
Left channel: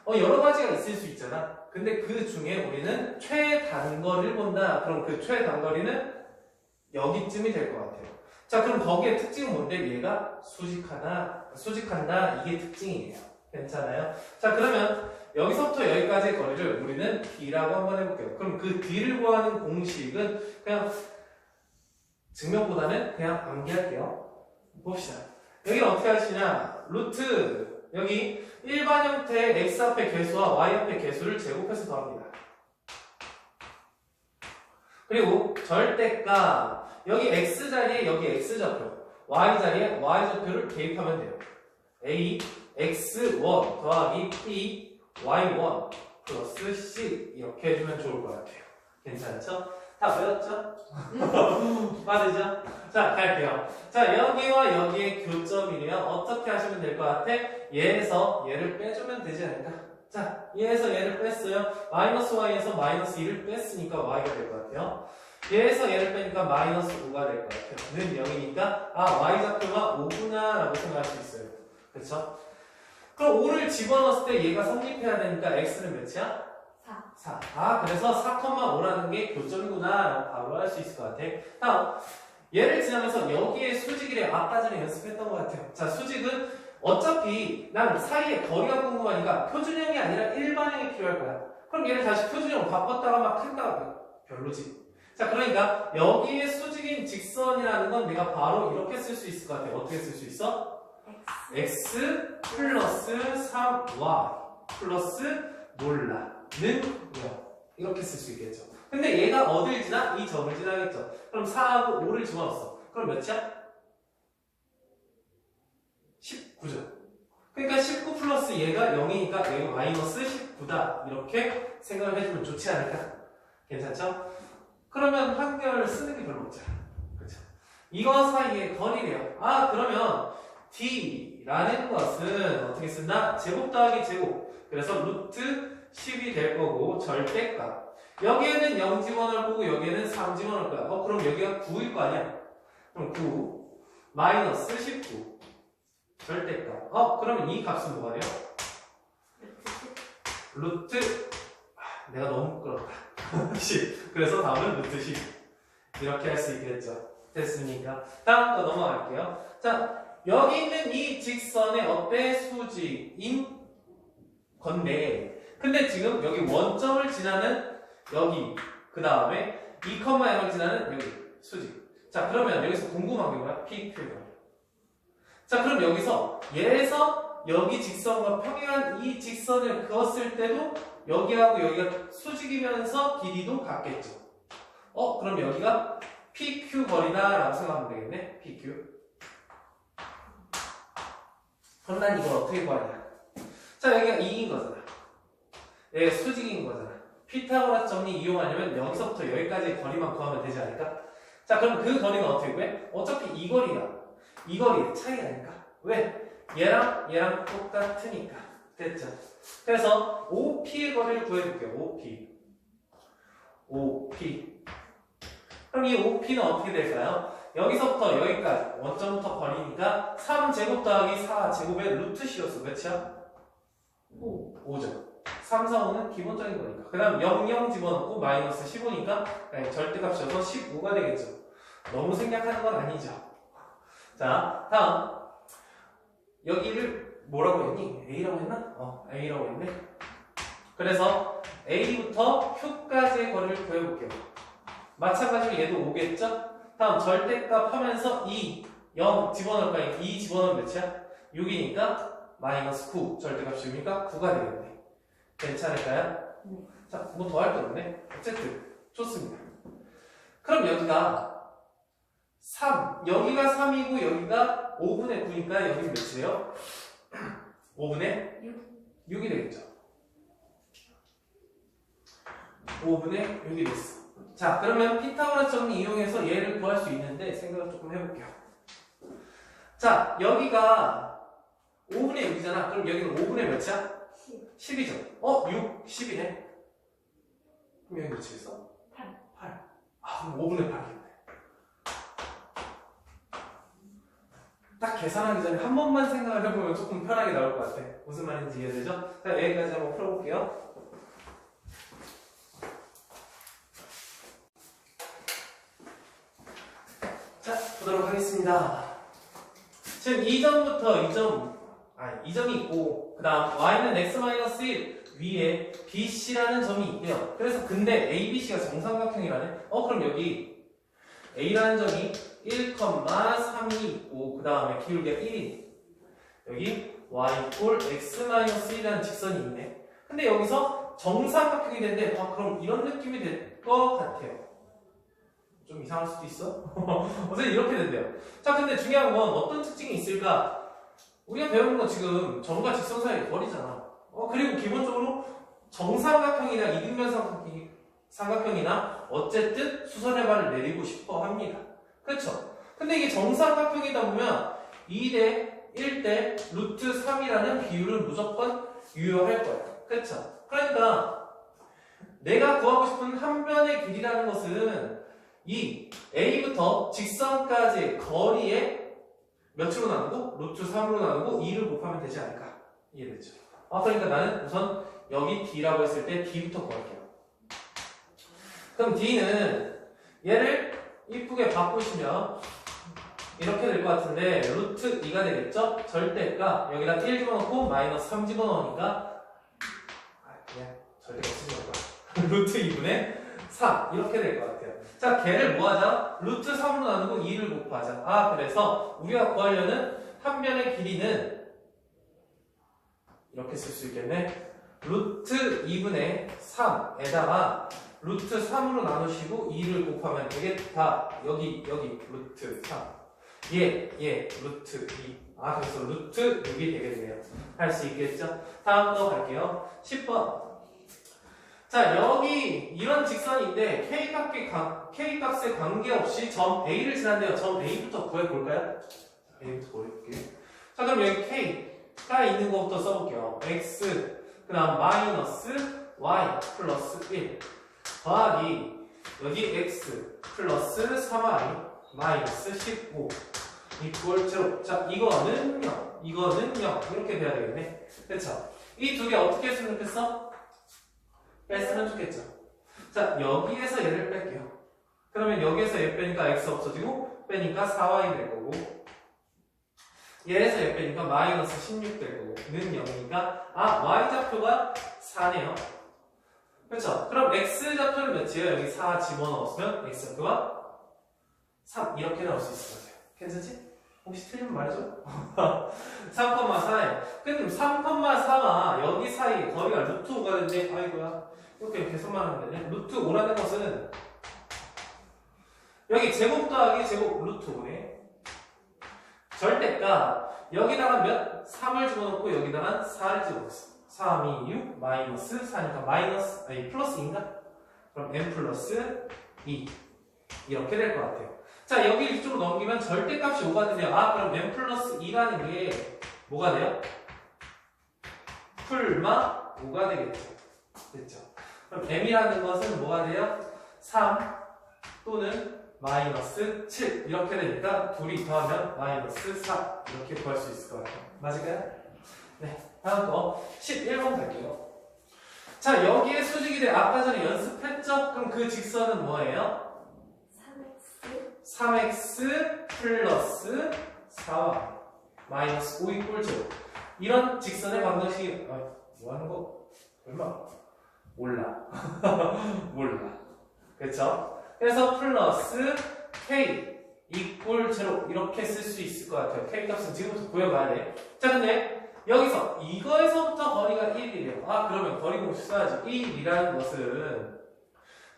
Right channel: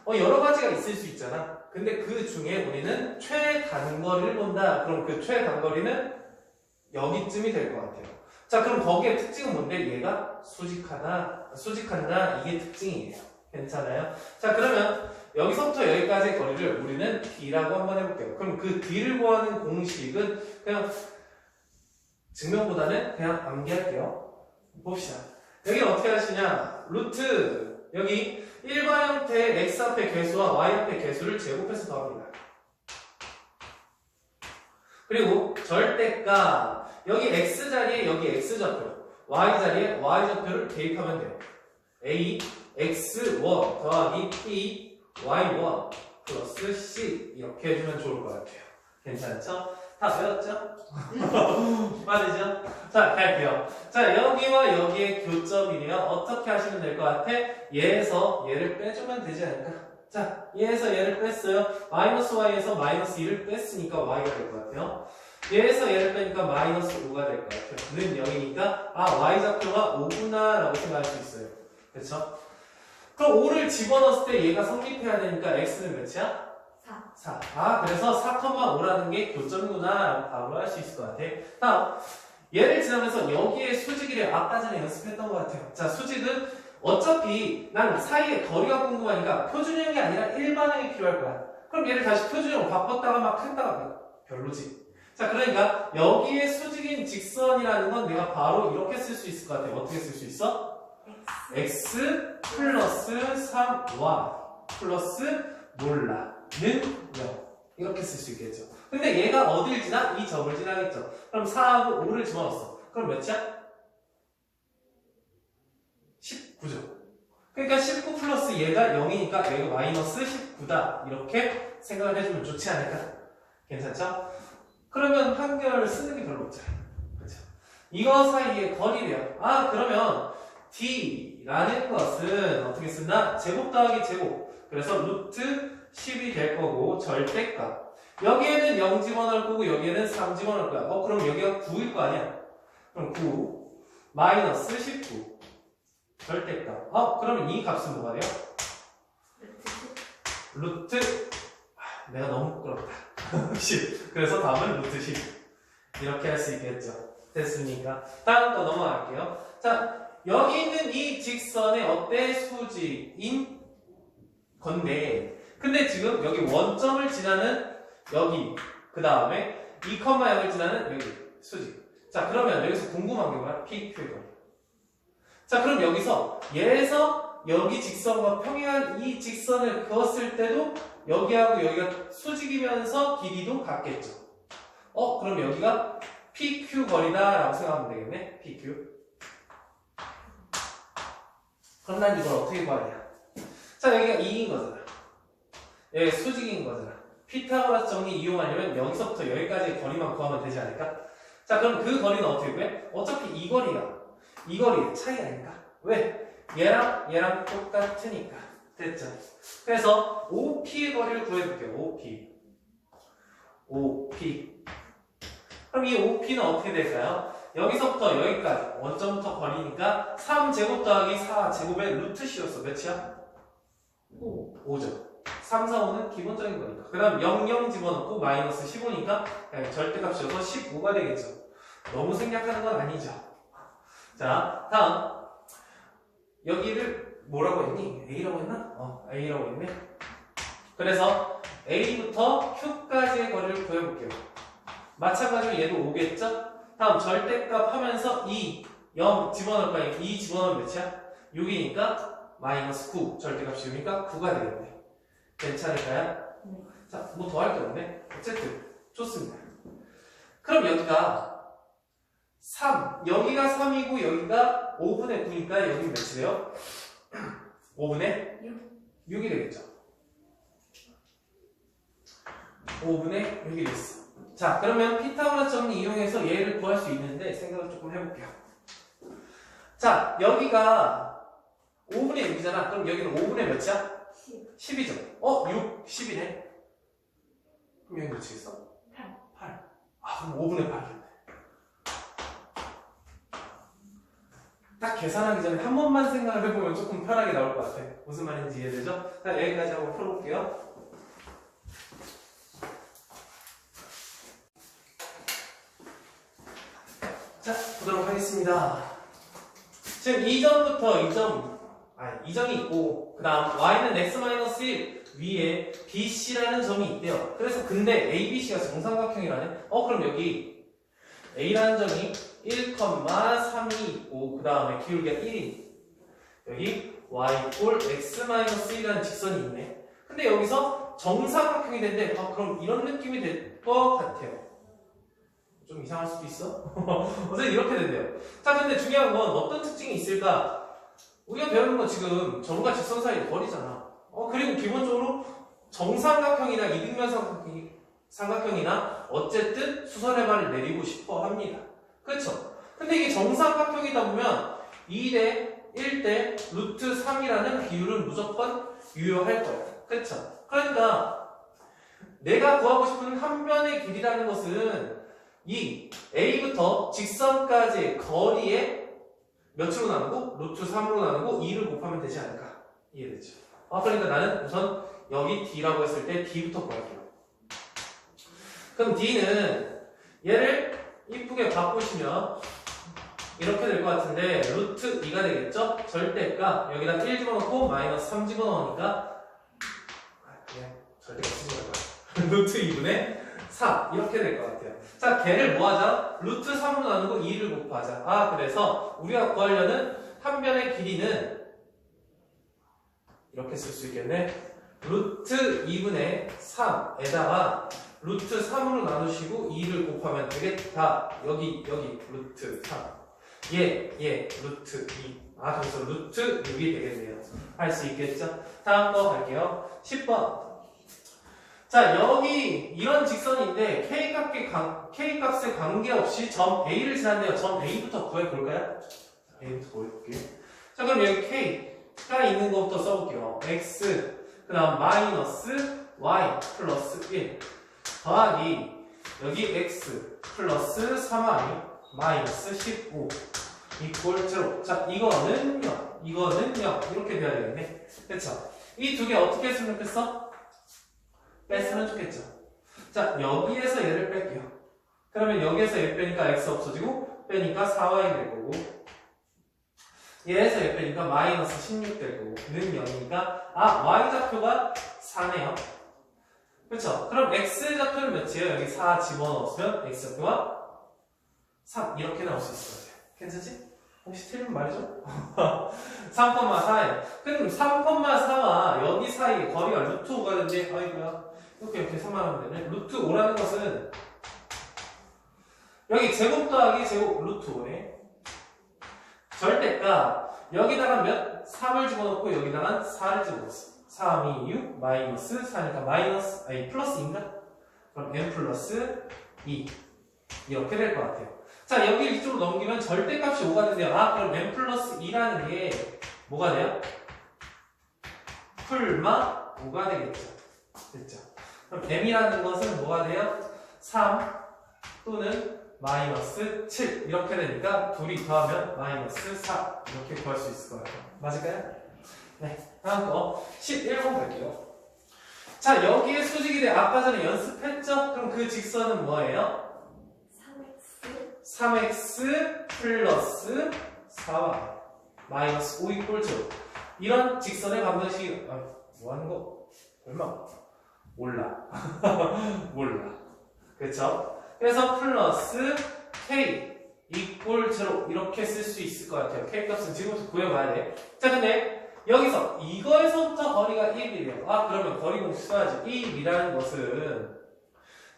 여러 가지가 있을 수 있잖아. 근데 그 중에 우리는 최단거리를 본다. 그럼 그 최단거리는 여기쯤이 될 것 같아요. 자, 그럼 거기에 특징은 뭔데? 얘가 수직한다. 이게 특징이에요. 괜찮아요? 자, 그러면 여기서부터 여기까지의 거리를 우리는 D라고 한번 해볼게요. 그럼 그 D를 구하는 공식은 그냥 증명보다는 그냥 암기할게요. 봅시다. 여기는 어떻게 하시냐? 루트 여기 일반 형태의 x 앞의 개수와 y 앞의 개수를 제곱해서 더합니다. 그리고 절대값 여기 x 자리에 여기 x 좌표, y 자리에 y 좌표를 대입하면 돼요. a x1 더하기 p y1 플러스 c 이렇게 해주면 좋을 것 같아요. 괜찮죠? 다 외웠죠? 맞으죠? 자, 갈게요. 자, 여기와 여기의 교점이래요. 어떻게 하시면 될 것 같아? 얘에서 얘를 빼주면 되지 않을까? 자, 얘에서 얘를 뺐어요. 마이너스 y에서 마이너스 2를 뺐으니까 y가 될 것 같아요. 얘에서 얘를 빼니까 마이너스 5가 될 것 같아요. 는 0이니까 아, y 좌표가 5구나 라고 생각할 수 있어요. 그렇죠? 그럼 5를 집어넣었을 때 얘가 성립해야 되니까 x는 몇이야? 4. 아, 그래서 4,5라는 게 교점이구나 라고 바로 할 수 있을 것 같아. 다음, 얘를 지나면서 여기에 수직이래. 아까 전에 연습했던 것 같아요. 자, 수직은 어차피 난 사이에 거리가 궁금하니까 표준형이 아니라 일반형이 필요할 거야. 그럼 얘를 다시 표준형으로 바꿨다가 막 했다가 별로지. 자, 그러니까 여기에 수직인 직선이라는 건 내가 바로 이렇게 쓸 수 있을 것 같아. 어떻게 쓸 수 있어? x 플러스 3y 플러스 몰라 는 0 이렇게 쓸 수 있겠죠. 근데 얘가 어딜 지나? 이 점을 지나겠죠. 그럼 4하고 5를 집어넣었어. 그럼 몇이야? 19죠. 그러니까 19 플러스 얘가 0이니까 얘가 마이너스 19다. 이렇게 생각을 해주면 좋지 않을까? 괜찮죠? 그러면 한결 쓰는 게 별로 없잖아. 그렇죠? 이거 사이에 거리래요. 아, 그러면 D라는 것은 어떻게 쓴다? 제곱 더하기 제곱. 그래서 루트 10이 될 거고 절대값 여기에는 0 집어넣을 거고 여기에는 3 집어넣을 거야. 그럼 여기가 9일 거 아니야? 그럼 9 마이너스 19 절대값. 그러면 이 값은 뭐가 돼요? 루트 내가 너무 부끄럽다. 10. 그래서 답은 루트 10. 이렇게 할 수 있겠죠. 됐습니까? 다음 거 넘어갈게요. 자, 여기 있는 이 직선의 어때? 수직인 건데, 근데 지금 여기 원점을 지나는 여기, 그 다음에 2,0을 지나는 여기 수직. 자, 그러면 여기서 궁금한 게 뭐야? PQ가. 자, 그럼 여기서 얘에서 여기 직선과 평행한 이 직선을 그었을 때도 여기하고 여기가 수직이면서 길이도 같겠죠. 그럼 여기가 PQ 거리다 라고 생각하면 되겠네. PQ. 그럼 난 이걸 어떻게 구하냐? 자, 여기가 2인 거잖아. 여기가 수직인 거잖아. 피타고라스 정리 이용하려면 여기서부터 여기까지의 거리만 구하면 되지 않을까? 자, 그럼 그 거리는 어떻게 구해? 어차피 이 거리야. 이 거리의 차이 아닐까? 왜? 얘랑 똑같으니까. 됐죠? 그래서 OP의 거리를 구해볼게요. OP. 그럼 이 OP는 어떻게 될까요? 여기서부터 여기까지 원점부터 거리니까 3제곱 더하기 4제곱의 루트 C였어. 몇이야? 5죠. 3, 4, 5는 기본적인 거니까. 그 다음 0, 0 집어넣고 마이너스 15니까 절대값이어서 15가 되겠죠. 너무 생략하는 건 아니죠. 자, 다음 여기를 뭐라고 했니? A라고 했나? A라고 했네. 그래서 A부터 Q까지의 거리를 구해볼게요. 마찬가지로 얘도 5겠죠? 다음 절대값 하면서 2, 0 집어넣을까요? 2 집어넣으면 몇이야? 6이니까 마이너스 9 절대값 씌우니까 9가 되겠네. 괜찮을까요? 자, 뭐 더 할 게 없네. 어쨌든 좋습니다. 그럼 여기가 3, 여기가 3이고 여기가 5분의 9니까 여기는 몇이에요? 5분의 6이 되겠죠. 5분의 6이 됐어. 자, 그러면 피타고라스 정리 이용해서 얘를 구할 수 있는데 생각을 조금 해볼게요. 자, 여기가 5분의 6이잖아. 그럼 여기는 5분의 몇이야? 10이죠. 6, 10이네. 그럼 여기 몇이겠어? 8. 그럼 5분의 8이겠네. 딱 계산하기 전에 한 번만 생각을 해보면 조금 편하게 나올 것 같아. 무슨 말인지 이해되죠? 자, 여기까지 한번 풀어볼게요. 자, 보도록 하겠습니다. 지금 이점부터 이점이 있고, 그 다음 y는 x-1 위에 bc라는 점이 있대요. 그래서 근데 abc가 정삼각형이라네? 그럼 여기 a라는 점이 1,3이 있고, 그 다음에 기울기가 1인 여기 y 꼴 x-1이라는 직선이 있네. 근데 여기서 정삼각형이 된대. 그럼 이런 느낌이 될 것 같아요. 좀 이상할 수도 있어? 어쨌든 이렇게 된대요. 자, 근데 중요한 건 어떤 특징이 있을까? 우리가 배우는 건 지금 점과 직선 사이의 거리잖아. 그리고 기본적으로 정삼각형이나 이등변 삼각형이나 어쨌든 수선의 발을 내리고 싶어 합니다. 그렇죠? 근데 이게 정삼각형이다 보면 2대 1대 루트 3이라는 비율은 무조건 유효할 거야. 그렇죠? 그러니까 내가 구하고 싶은 한 변의 길이라는 것은 이 A부터 직선까지의 거리에 몇으로 나누고 루트 3으로 나누고 2를 곱하면 되지 않을까? 이해되죠? 그러니까 나는 우선 여기 D라고 했을 때 D부터 구할게요. 그럼 D는 얘를 이쁘게 바꾸시면 이렇게 될 것 같은데 루트 2가 되겠죠? 절대값 여기다 1 집어넣고 마이너스 3 집어넣으니까 그냥 절대값 쓰지 말고 루트 2분의 3 이렇게 될 것 같아요. 자, 걔를 뭐 하자? 루트 3으로 나누고 2를 곱하자. 그래서 우리가 구하려는 한 변의 길이는 이렇게 쓸 수 있겠네. 루트 2분의 3에다가 루트 3으로 나누시고 2를 곱하면 되겠다. 여기 루트 3 얘 루트 2 그래서 루트 6이 되겠네요. 할 수 있겠죠? 다음 거 갈게요. 10번. 자, 여기 이런 직선인데 K값에 관계없이 점 A를 지난대요. 점 A부터 구해볼까요? A부터 구해볼게요. 자, 그럼 여기 K가 있는 것부터 써볼게요. X, 그 다음 마이너스 Y 플러스 1. 더하기 여기 x 플러스 3y 마이너스 15 이꼴 제로. 자, 이거는 0, 이거는 0 이렇게 돼야 되겠네. 그쵸? 이 두 개 어떻게 했으면 좋겠어? 뺐으면 좋겠죠. 자, 여기에서 얘를 뺄게요. 그러면 여기에서 얘 빼니까 x 없어지고 빼니까 4y 될 거고 얘에서 얘 빼니까 마이너스 16 될 거고 는 0이니까 y좌표가 4네요. 그렇죠? 그럼 x좌표는 몇이에요? 여기 4 집어넣었으면 x좌표가 3 이렇게 나올 수 있을 것 같아요. 괜찮지? 혹시 틀리면 말해줘? 3,4예요. 근데 3,4와 여기 사이 거리가 루트 5가 되는데 아이고야 이렇게 선만하면 되네. 루트 5라는 것은 여기 제곱 더하기 제곱 루트 5네. 절대값 여기다가 몇? 3을 집어넣고 여기다가 4를 집어넣었어. 3, 2, 6 마이너스 4니까 마이너스 아니 플러스인가? 그럼 n 플러스 2 이렇게 될 것 같아요. 자, 여기 이쪽으로 넘기면 절대값이 5가 되네요. 그럼 n 플러스 2라는 게 뭐가 돼요? 풀마 5가 되겠죠. 됐죠? 그럼 m이라는 것은 뭐가 돼요? 3 또는 마이너스 7 이렇게 되니까 둘이 더하면 마이너스 4 이렇게 구할 수 있을 거예요. 맞을까요? 네, 다음 거 11번 갈게요. 자, 여기에 수직이 돼 아까 전에 연습했죠? 그럼 그 직선은 뭐예요? 3x 플러스 4y 마이너스 5 이꼴 0 이런 직선의 방정식이 뭐 하는 거? 얼마? 몰라. 몰라. 그렇죠? 그래서 플러스 k 이꼴 0 이렇게 쓸 수 있을 것 같아요. k 값은 지금부터 구해봐야 돼. 자, 근데 여기서 이거에서부터 거리가 1이래요. 그러면 거리 공식 써야지. 1이라는 것은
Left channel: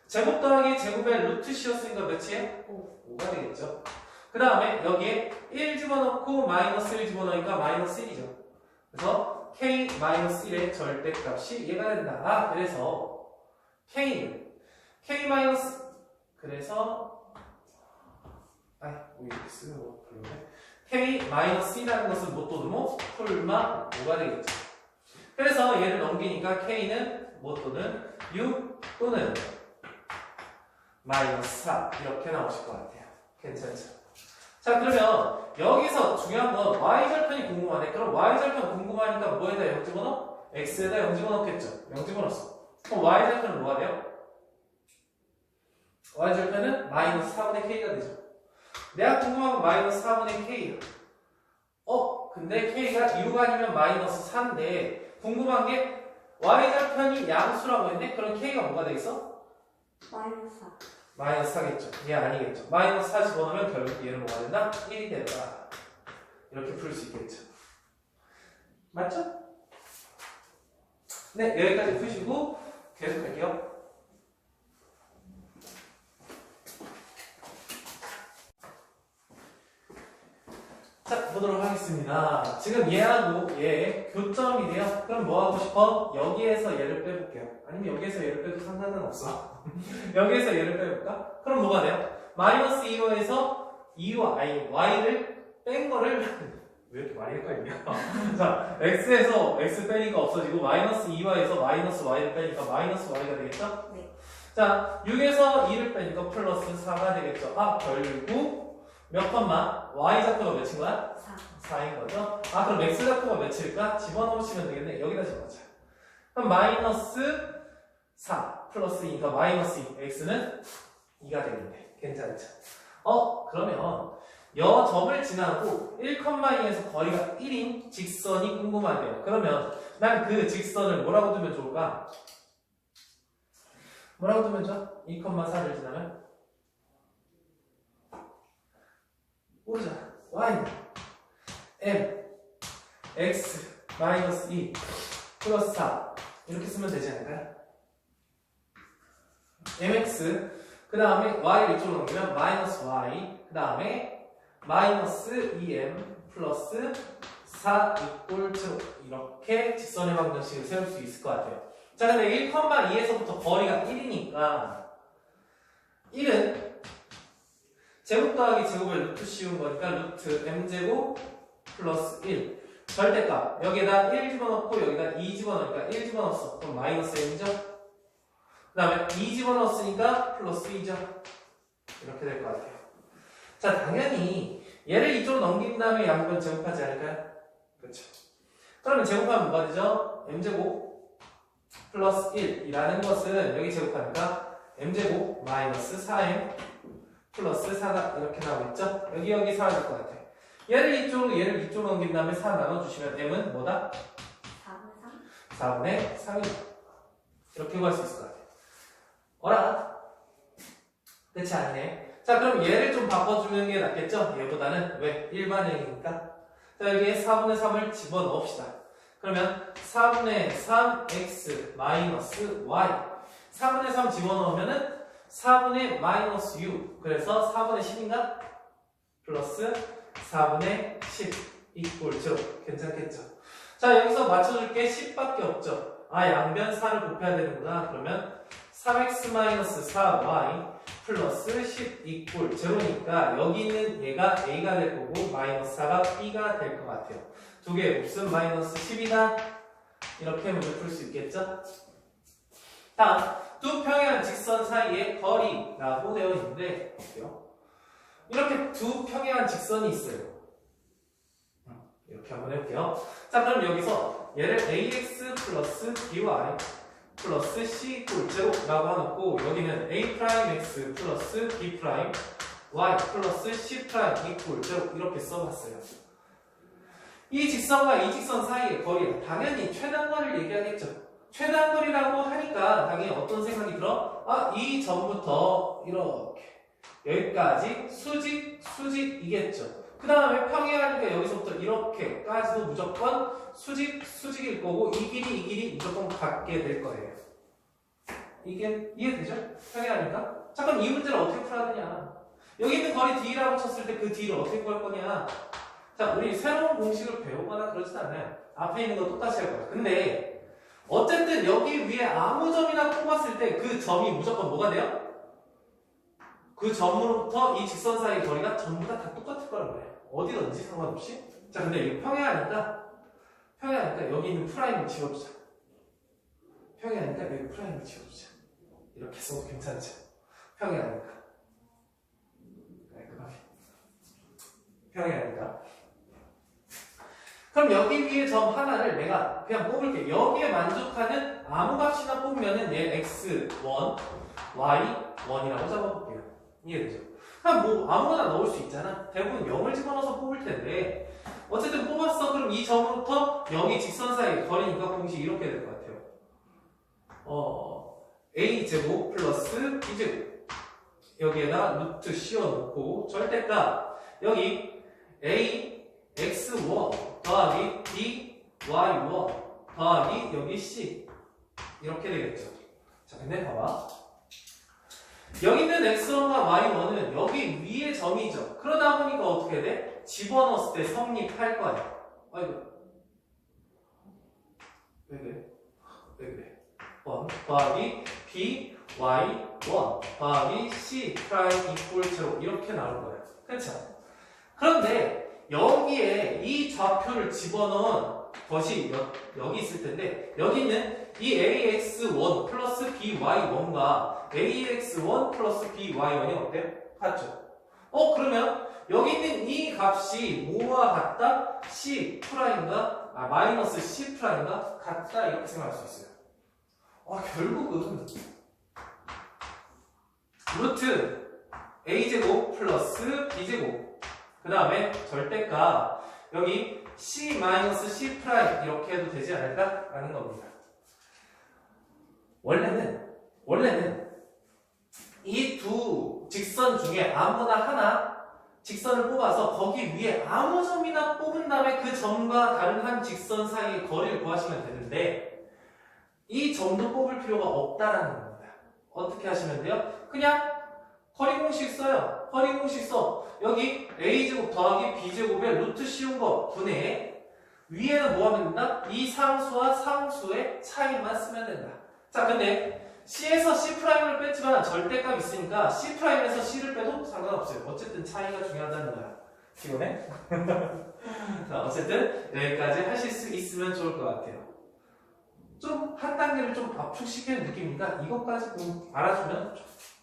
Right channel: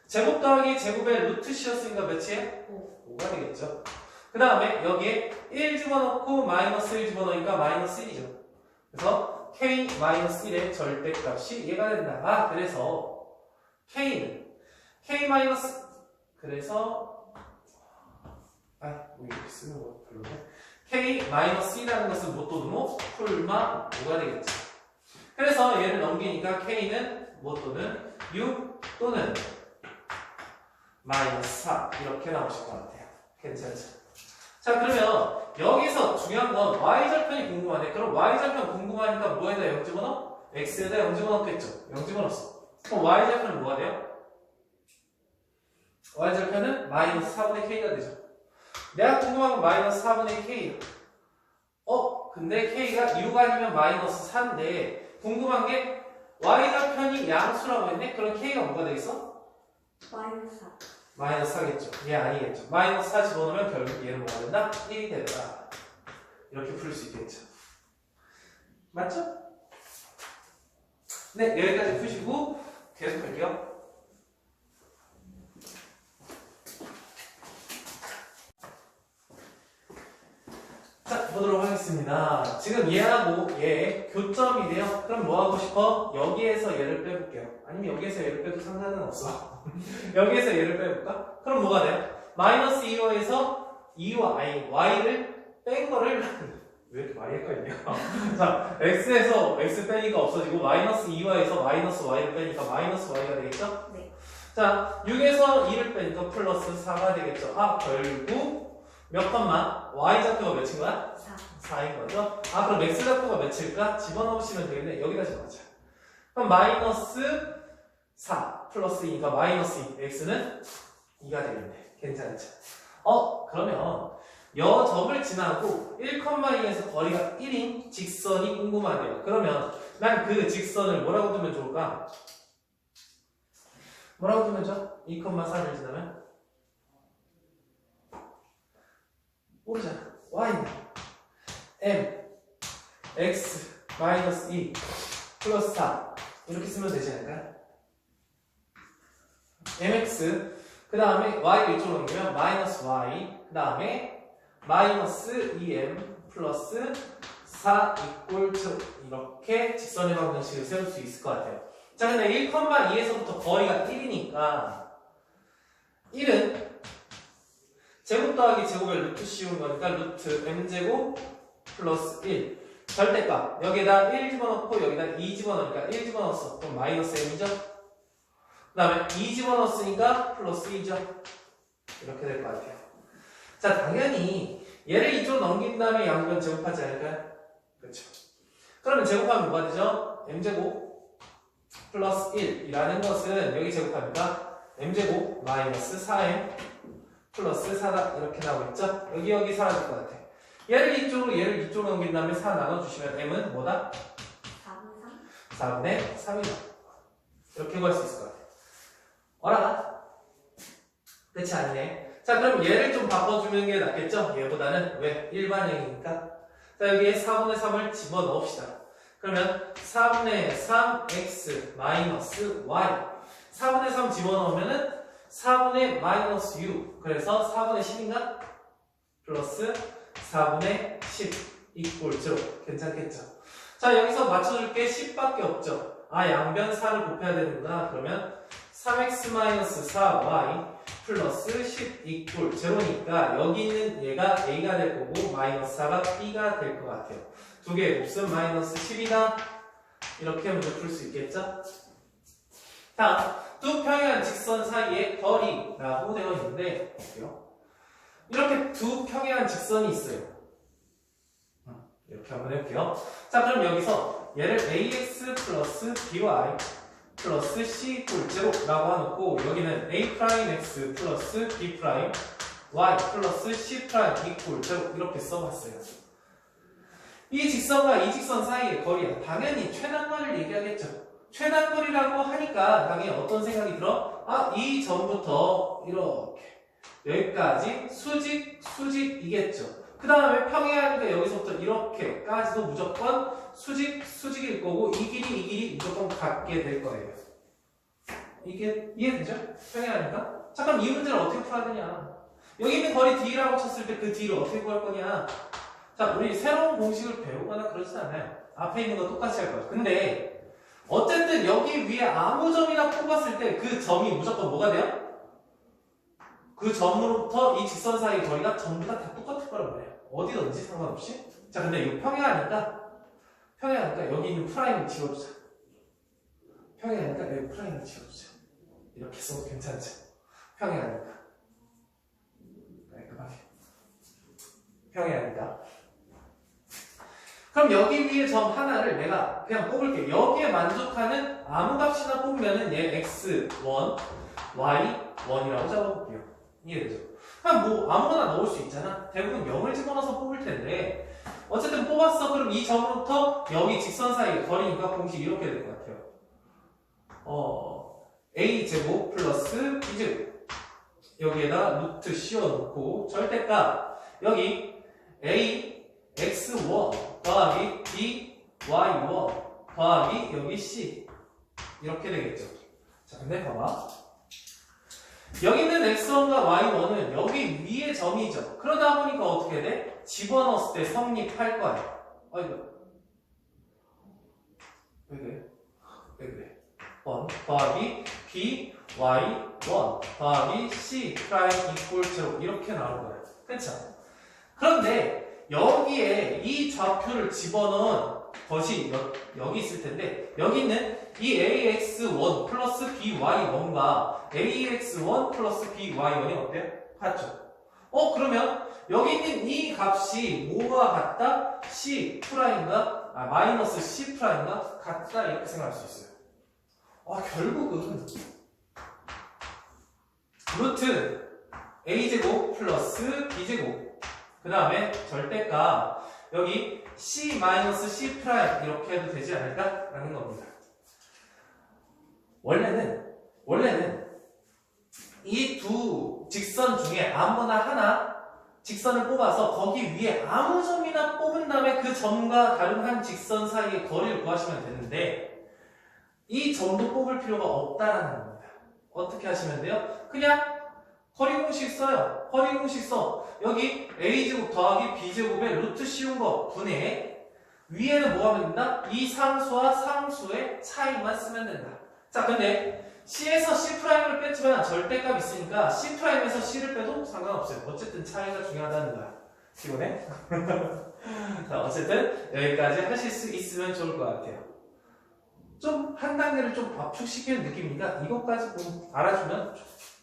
제곱 더하기 제곱의 루트 씌었으니까 몇이에요? 5가 되겠죠. 그 다음에 여기에 1 집어넣고 마이너스 1 집어넣으니까 마이너스 1이죠. 그래서 k 마이너스 1의 절대값이 얘가 된다. 그래서 k는 k 마이너스 그래서 뭐 이렇게 쓰는 거 별로네. k 마이너스 1이라는 것은 뭐 또는 뭐 풀마 5가 되겠죠. 그래서 얘를 넘기니까 k는 뭐 또는 6 또는 마이너스 4 이렇게 나오실 것 같아요. 괜찮죠? 자, 그러면 여기서 중요한 건 y절편이 궁금하네. 그럼 y절편 궁금하니까 뭐에다 0 집어넣어? x에다 0 집어넣겠죠. 0 집어넣었어. 그럼 y절편은 뭐가 돼요? y절편은 마이너스 4분의 k가 되죠. 내가 궁금한 건 마이너스 4분의 k. 근데 k가 6 아니면 마이너스 4인데 궁금한 게 y절편이 양수라고 했네? 그럼 k가 뭐가 되겠어? 마이너스 4. 마이너스 4겠죠. 얘 아니겠죠. 마이너스 4 집어넣으면 결국 얘는 뭐가 된다? 1이 된다. 이렇게 풀 수 있겠죠. 맞죠? 네, 여기까지 푸시고 계속 할게요. 자, 보도록 하겠습니다. 지금 얘하고 얘 교점이 돼요. 그럼 뭐 하고 싶어? 여기에서 얘를 빼볼게요. 아니면 여기에서 얘를 빼도 상관은 없어. 여기에서 얘를 빼볼까? 그럼 뭐가 돼요? 마이너스 2호에서 2와 y를 뺀 거를 왜 이렇게 많이 헷갈리냐? 자, x에서 x 빼니까 없어지고 마이너스 2와에서 마이너스 y를 빼니까 마이너스 y가 되겠죠? 네. 자, 6에서 2를 빼니까 플러스 4가 되겠죠. 결국 몇 컴마? y좌표가 몇인 거야? 4인 거죠? 그럼 x좌표가 몇일까? 집어넣으시면 되겠네. 여기다 집어넣자. 그럼 마이너스 4 플러스 2니까 마이너스 2 x는 2가 되겠네. 괜찮죠? 그러면 여 점을 지나고 1,2에서 거리가 1인 직선이 궁금하대요. 그러면 난 그 직선을 뭐라고 두면 좋을까? 뭐라고 두면 좋아? 2,4를 지나면? 모르잖아. y는 m x 마이너스 2 플러스 4 이렇게 쓰면 되지 않을까요? mx 그 다음에 y를 이쪽으로 넘기면 마이너스 y 그 다음에 마이너스 2m 플러스 4 이꼴 2 이렇게 직선의 방정식을 세울 수 있을 것 같아요. 자, 근데 1,2에서부터 거리가 1이니까 1은 제곱 더하기 제곱의 루트 씌운 거니까 루트 m제곱 플러스 1 절대값 여기에다 1 집어넣고 여기다 2 집어넣으니까 1 집어넣었어. 그럼 마이너스 m이죠? 다음에 2 집어넣었으니까 플러스 2죠. 이렇게 될 것 같아요. 자, 당연히 얘를 이쪽으로 넘긴 다음에 양변 제곱하지 않을까요? 그렇죠. 그러면 제곱하면 뭐가 되죠? m제곱 플러스 1이라는 것은 여기 제곱하니까 m제곱 마이너스 4m 플러스 4가 이렇게 나오겠죠? 여기 사라질 것 같아. 얘를 이쪽으로 넘긴 다음에 4 나눠주시면 m은 뭐다? 4분의 3? 4분의 3이다. 이렇게 구할 수 있을 것 같아. 어라? 그렇지 않네. 자, 그럼 얘를 좀 바꿔주는 게 낫겠죠? 얘보다는 왜? 일반형이니까. 자, 여기에 4분의 3을 집어넣읍시다. 그러면 4분의 3x 마이너스 y 4분의 3 집어넣으면은 4분의 마이너스 u 그래서 4분의 10인가? 플러스 4분의 10 이꼴 0 괜찮겠죠? 자, 여기서 맞춰줄게 10밖에 없죠? 아, 양변 4를 곱해야 되는구나. 그러면 3x-4y 플러스 10 이꼴 0니까 여기 있는 얘가 a가 될 거고 마이너스 4가 b가 될 것 같아요. 두 개 곱셈 마이너스 10이다. 이렇게 문제 풀 수 있겠죠? 다음, 두 평행한 직선 사이의 거리라고 되어 있는데 볼게요. 이렇게 두 평행한 직선이 있어요. 이렇게 한번 해볼게요. 자, 그럼 여기서 얘를 ax 플러스 by 플러스 c 이꼴 0라고 해놓고 여기는 a'x 플러스 b' y 플러스 c' 이꼴 0 이렇게 써봤어요. 이 직선과 이 직선 사이의 거리는 당연히 최단거리를 얘기하겠죠. 최단거리라고 하니까 당연히 어떤 생각이 들어? 아, 이 점부터 이렇게 여기까지 수직이겠죠. 그 다음에 평행하니까 여기서부터 이렇게까지도 무조건 수직일 거고 이 길이 무조건 같게 될 거예요. 이게 이해되죠? 평행하니까. 잠깐 이 문제를 어떻게 풀어야 되냐? 여기 있는 거리 d라고 쳤을 때 그 d를 어떻게 구할 거냐? 자, 우리 새로운 공식을 배우거나 그러진 않아요. 앞에 있는 거 똑같이 할 거예요. 근데 어쨌든 여기 위에 아무 점이나 뽑았을 때 그 점이 무조건 뭐가 돼요? 그 점으로부터 이 직선 사이의 거리가 전부 다 똑같을 거란 말이에요. 어디든지 상관없이. 자, 근데 이거 평행하니까 여기 있는 프라임을 지워주자. 평행하니까 여기 프라임을 지워주자. 이렇게 써도 괜찮죠? 평행하니까. 깔끔하게. 평행하니까. 그럼 여기 위에 점 하나를 내가 그냥 뽑을게. 여기에 만족하는 아무 값이나 뽑으면은 얘 x1, y1이라고 잡아볼게요. 이해되죠? 그냥 뭐 아무거나 넣을 수 있잖아. 대부분 0을 집어넣어서 뽑을 텐데 어쨌든 뽑았어. 그럼 이 점부터 여기 직선 사이의 거리니까 공식 이렇게 될 것 같아요. a제곱 플러스 b제곱 여기에다가 루트 씌워놓고 절대값 여기 a x1 더하기 b y1 더하기 여기 c 이렇게 되겠죠. 자, 근데 봐봐. 여기 있는 x1과 y1은 여기 위에 점이죠. 그러다 보니까 어떻게 돼? 집어넣었을 때 성립할 거야. 아이고. 왜 그래? 1 더하기 b, y, 1 더하기 c 프라임 이꼴 0 이렇게 나오는 거예요. 그렇죠? 그런데 여기에 이 좌표를 집어넣은 것이 여기 있을 텐데 여기 있는 이 ax1 플러스 by1과 ax1 플러스 by1이 어때요? 같죠? 그러면 여기 있는 이 값이 뭐와 같다? c 프라임과 마이너스 c 프라임과 같다 이렇게 생각할 수 있어요. 결국은 루트 a제곱 플러스 b제곱 그 다음에 절대값 여기 c 마이너스 c 프라임 이렇게 해도 되지 않을까라는 겁니다. 원래는 이 두 직선 중에 아무나 하나 직선을 뽑아서 거기 위에 아무 점이나 뽑은 다음에 그 점과 다른 한 직선 사이의 거리를 구하시면 되는데 이 점도 뽑을 필요가 없다라는 겁니다. 어떻게 하시면 돼요? 그냥 거리 공식 써요. 거리 공식 써. 여기 a제곱 더하기 b제곱에 루트 씌운 거 분해. 위에는 뭐 하면 된다? 이 상수와 상수의 차이만 쓰면 된다. 자, 근데 C에서 C'을 뺐지만 절대값 있으니까 C'에서 C를 빼도 상관없어요. 어쨌든 차이가 중요하다는 거야. 기본에? 자, 어쨌든 여기까지 하실 수 있으면 좋을 것 같아요. 좀 한 단계를 좀 압축시키는 느낌이니까 이것까지 좀 알아주면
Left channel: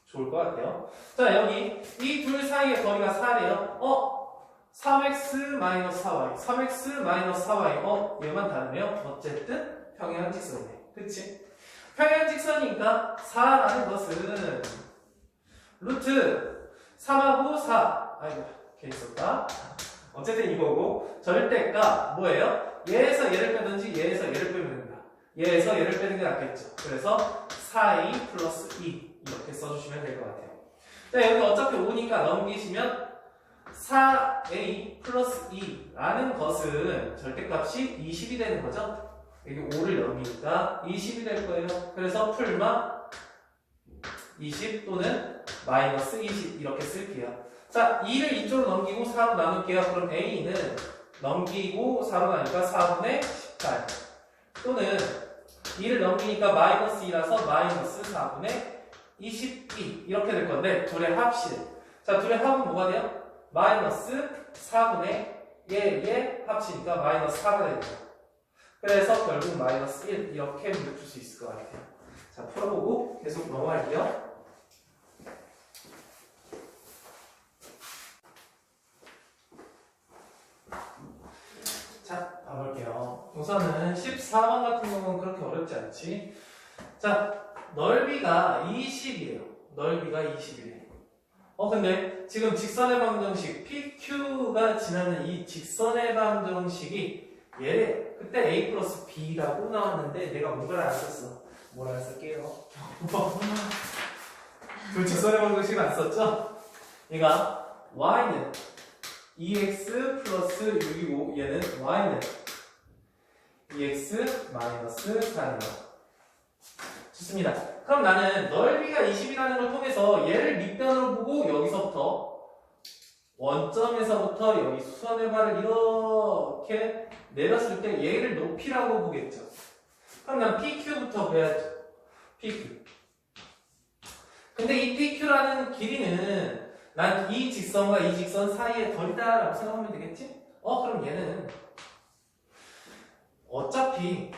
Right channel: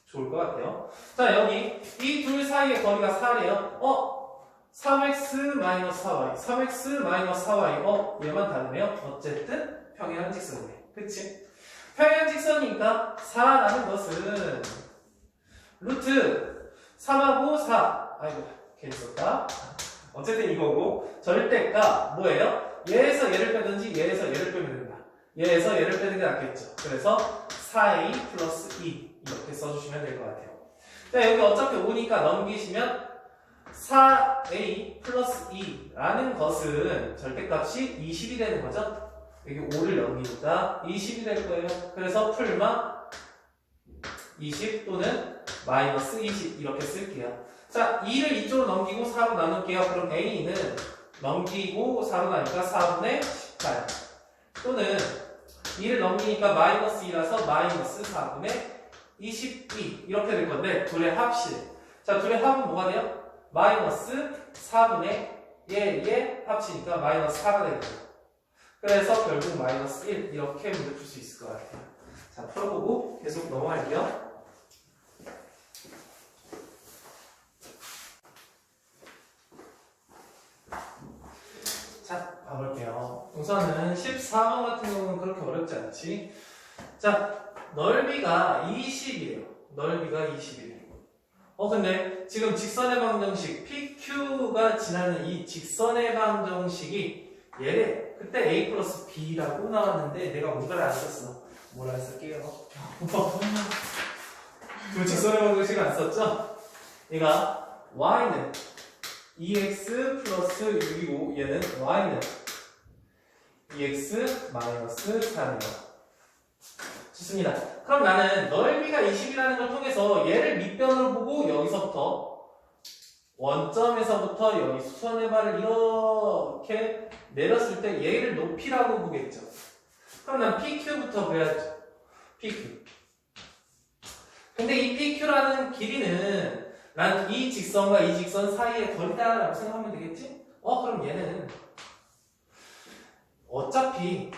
좋을 것 같아요. 자, 여기 이 둘 사이의 거리가 4래요. 3x-4y, 3x-4y. 얘만 다르네요. 어쨌든 평행한 직선이네. 그치? 평행한 직선이니까 4라는 것은 루트 3하고 4. 아이고, 괜히 썼다. 어쨌든 이거고, 절대가 뭐예요? 얘에서 얘를 빼든지 얘에서 얘를 빼면 된다. 얘에서 얘를 빼는 게 낫겠죠. 그래서 4a 플러스 2 이렇게 써주시면 될 것 같아요. 자, 여기 어차피 5니까 넘기시면 4a 플러스 2라는 것은 절대값이 20이 되는 거죠. 여기 5를 넘기니까 20이 될 거예요. 그래서 풀마 20 또는 마이너스 20 이렇게 쓸게요. 자, 2를 이쪽으로 넘기고 4로 나눌게요. 그럼 a는 넘기고 4로 나니까 4분의 18 또는 2를 넘기니까 마이너스 2라서 마이너스 4분의 22 이렇게 될 건데 둘의 합실. 자, 둘의 합은 뭐가 돼요? 마이너스 4분의 얘의 합치니까 마이너스 4가 되는 거예요. 그래서 결국 마이너스 1 이렇게 문제 풀 수 있을 것 같아요. 자, 풀어보고 계속 넘어갈게요. 자, 가볼게요. 우선은 14번 같은 경우는 그렇게 어렵지 않지. 자, 넓이가 20이에요. 넓이가 20이에요. 근데 지금 직선의 방정식 PQ가 지나는 이 직선의 방정식이 얘래. 그때 A 플러스 B라고 나왔는데 내가 뭔가를 안 썼어. 뭘 안 쓸게요. 그 직선의 방정식 안 썼죠? 얘가 Y는 2x 플러스 6이고 얘는 Y는 2x 마이너스 3이요. 좋습니다. 그럼 나는 넓이가 20이라는 걸 통해서 얘를 밑변으로 보고 여기서부터 원점에서부터 여기 수선의 발을 이렇게 내렸을 때 얘를 높이라고 보겠죠. 그럼 난 PQ부터 배야죠. PQ. 근데 이 PQ라는 길이는 난 이 직선과 이 직선 사이의 거리다라고 생각하면 되겠지? 그럼 얘는 어차피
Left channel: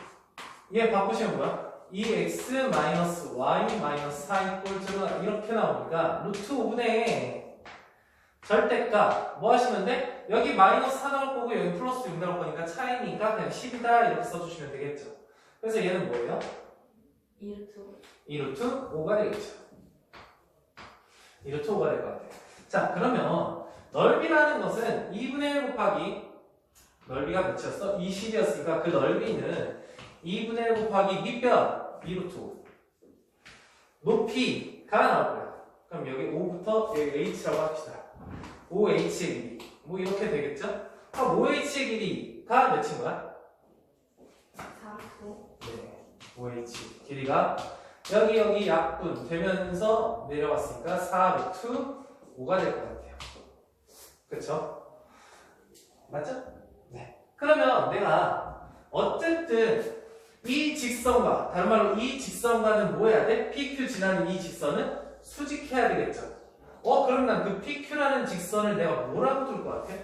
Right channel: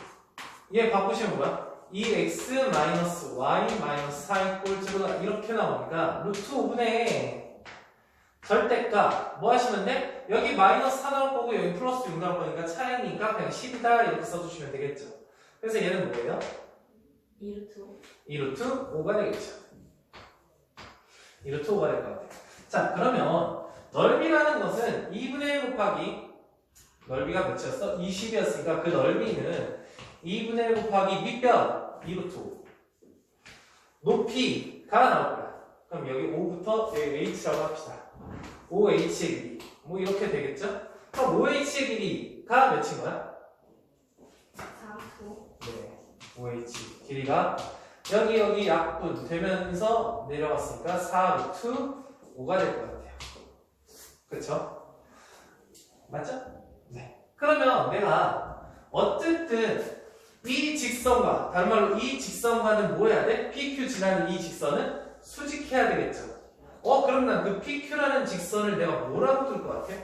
얘 바꾸시면 뭐야? 2x-y-4 이꼴 제로다 이렇게 나오니까 루트 5분의 절대값 뭐 하시면 돼? 여기 마이너스 4 나올 거고 여기 플러스 6 나올 거니까 차이니까 그냥 10이다 이렇게 써주시면 되겠죠. 그래서 얘는 뭐예요? 2루트 5가 되겠죠. 2루트 5가 될 것 같아요. 자, 그러면 넓이라는 것은 2분의 1 곱하기 넓이가 몇이었어? 20이었으니까 그 넓이는 2분의 1 곱하기 밑변 2루트 5 높이가 나올 거야. 그럼 여기 5부터 여기 h라고 합시다. 5h의 길이 뭐 이렇게 되겠죠? 그럼 5h의 길이가 몇인 거야? 4초. 네, 5h 길이가 여기 약분 되면서 내려왔으니까 4루트 5가 될 것 같아요. 그쵸? 맞죠? 네. 그러면 내가 어쨌든 이 직선과 다른 말로 이 직선과는 뭐 해야 돼? PQ 지나는 이 직선은 수직해야 되겠죠. 그럼 난 그 PQ라는 직선을 내가 뭐라고 둘 것 같아?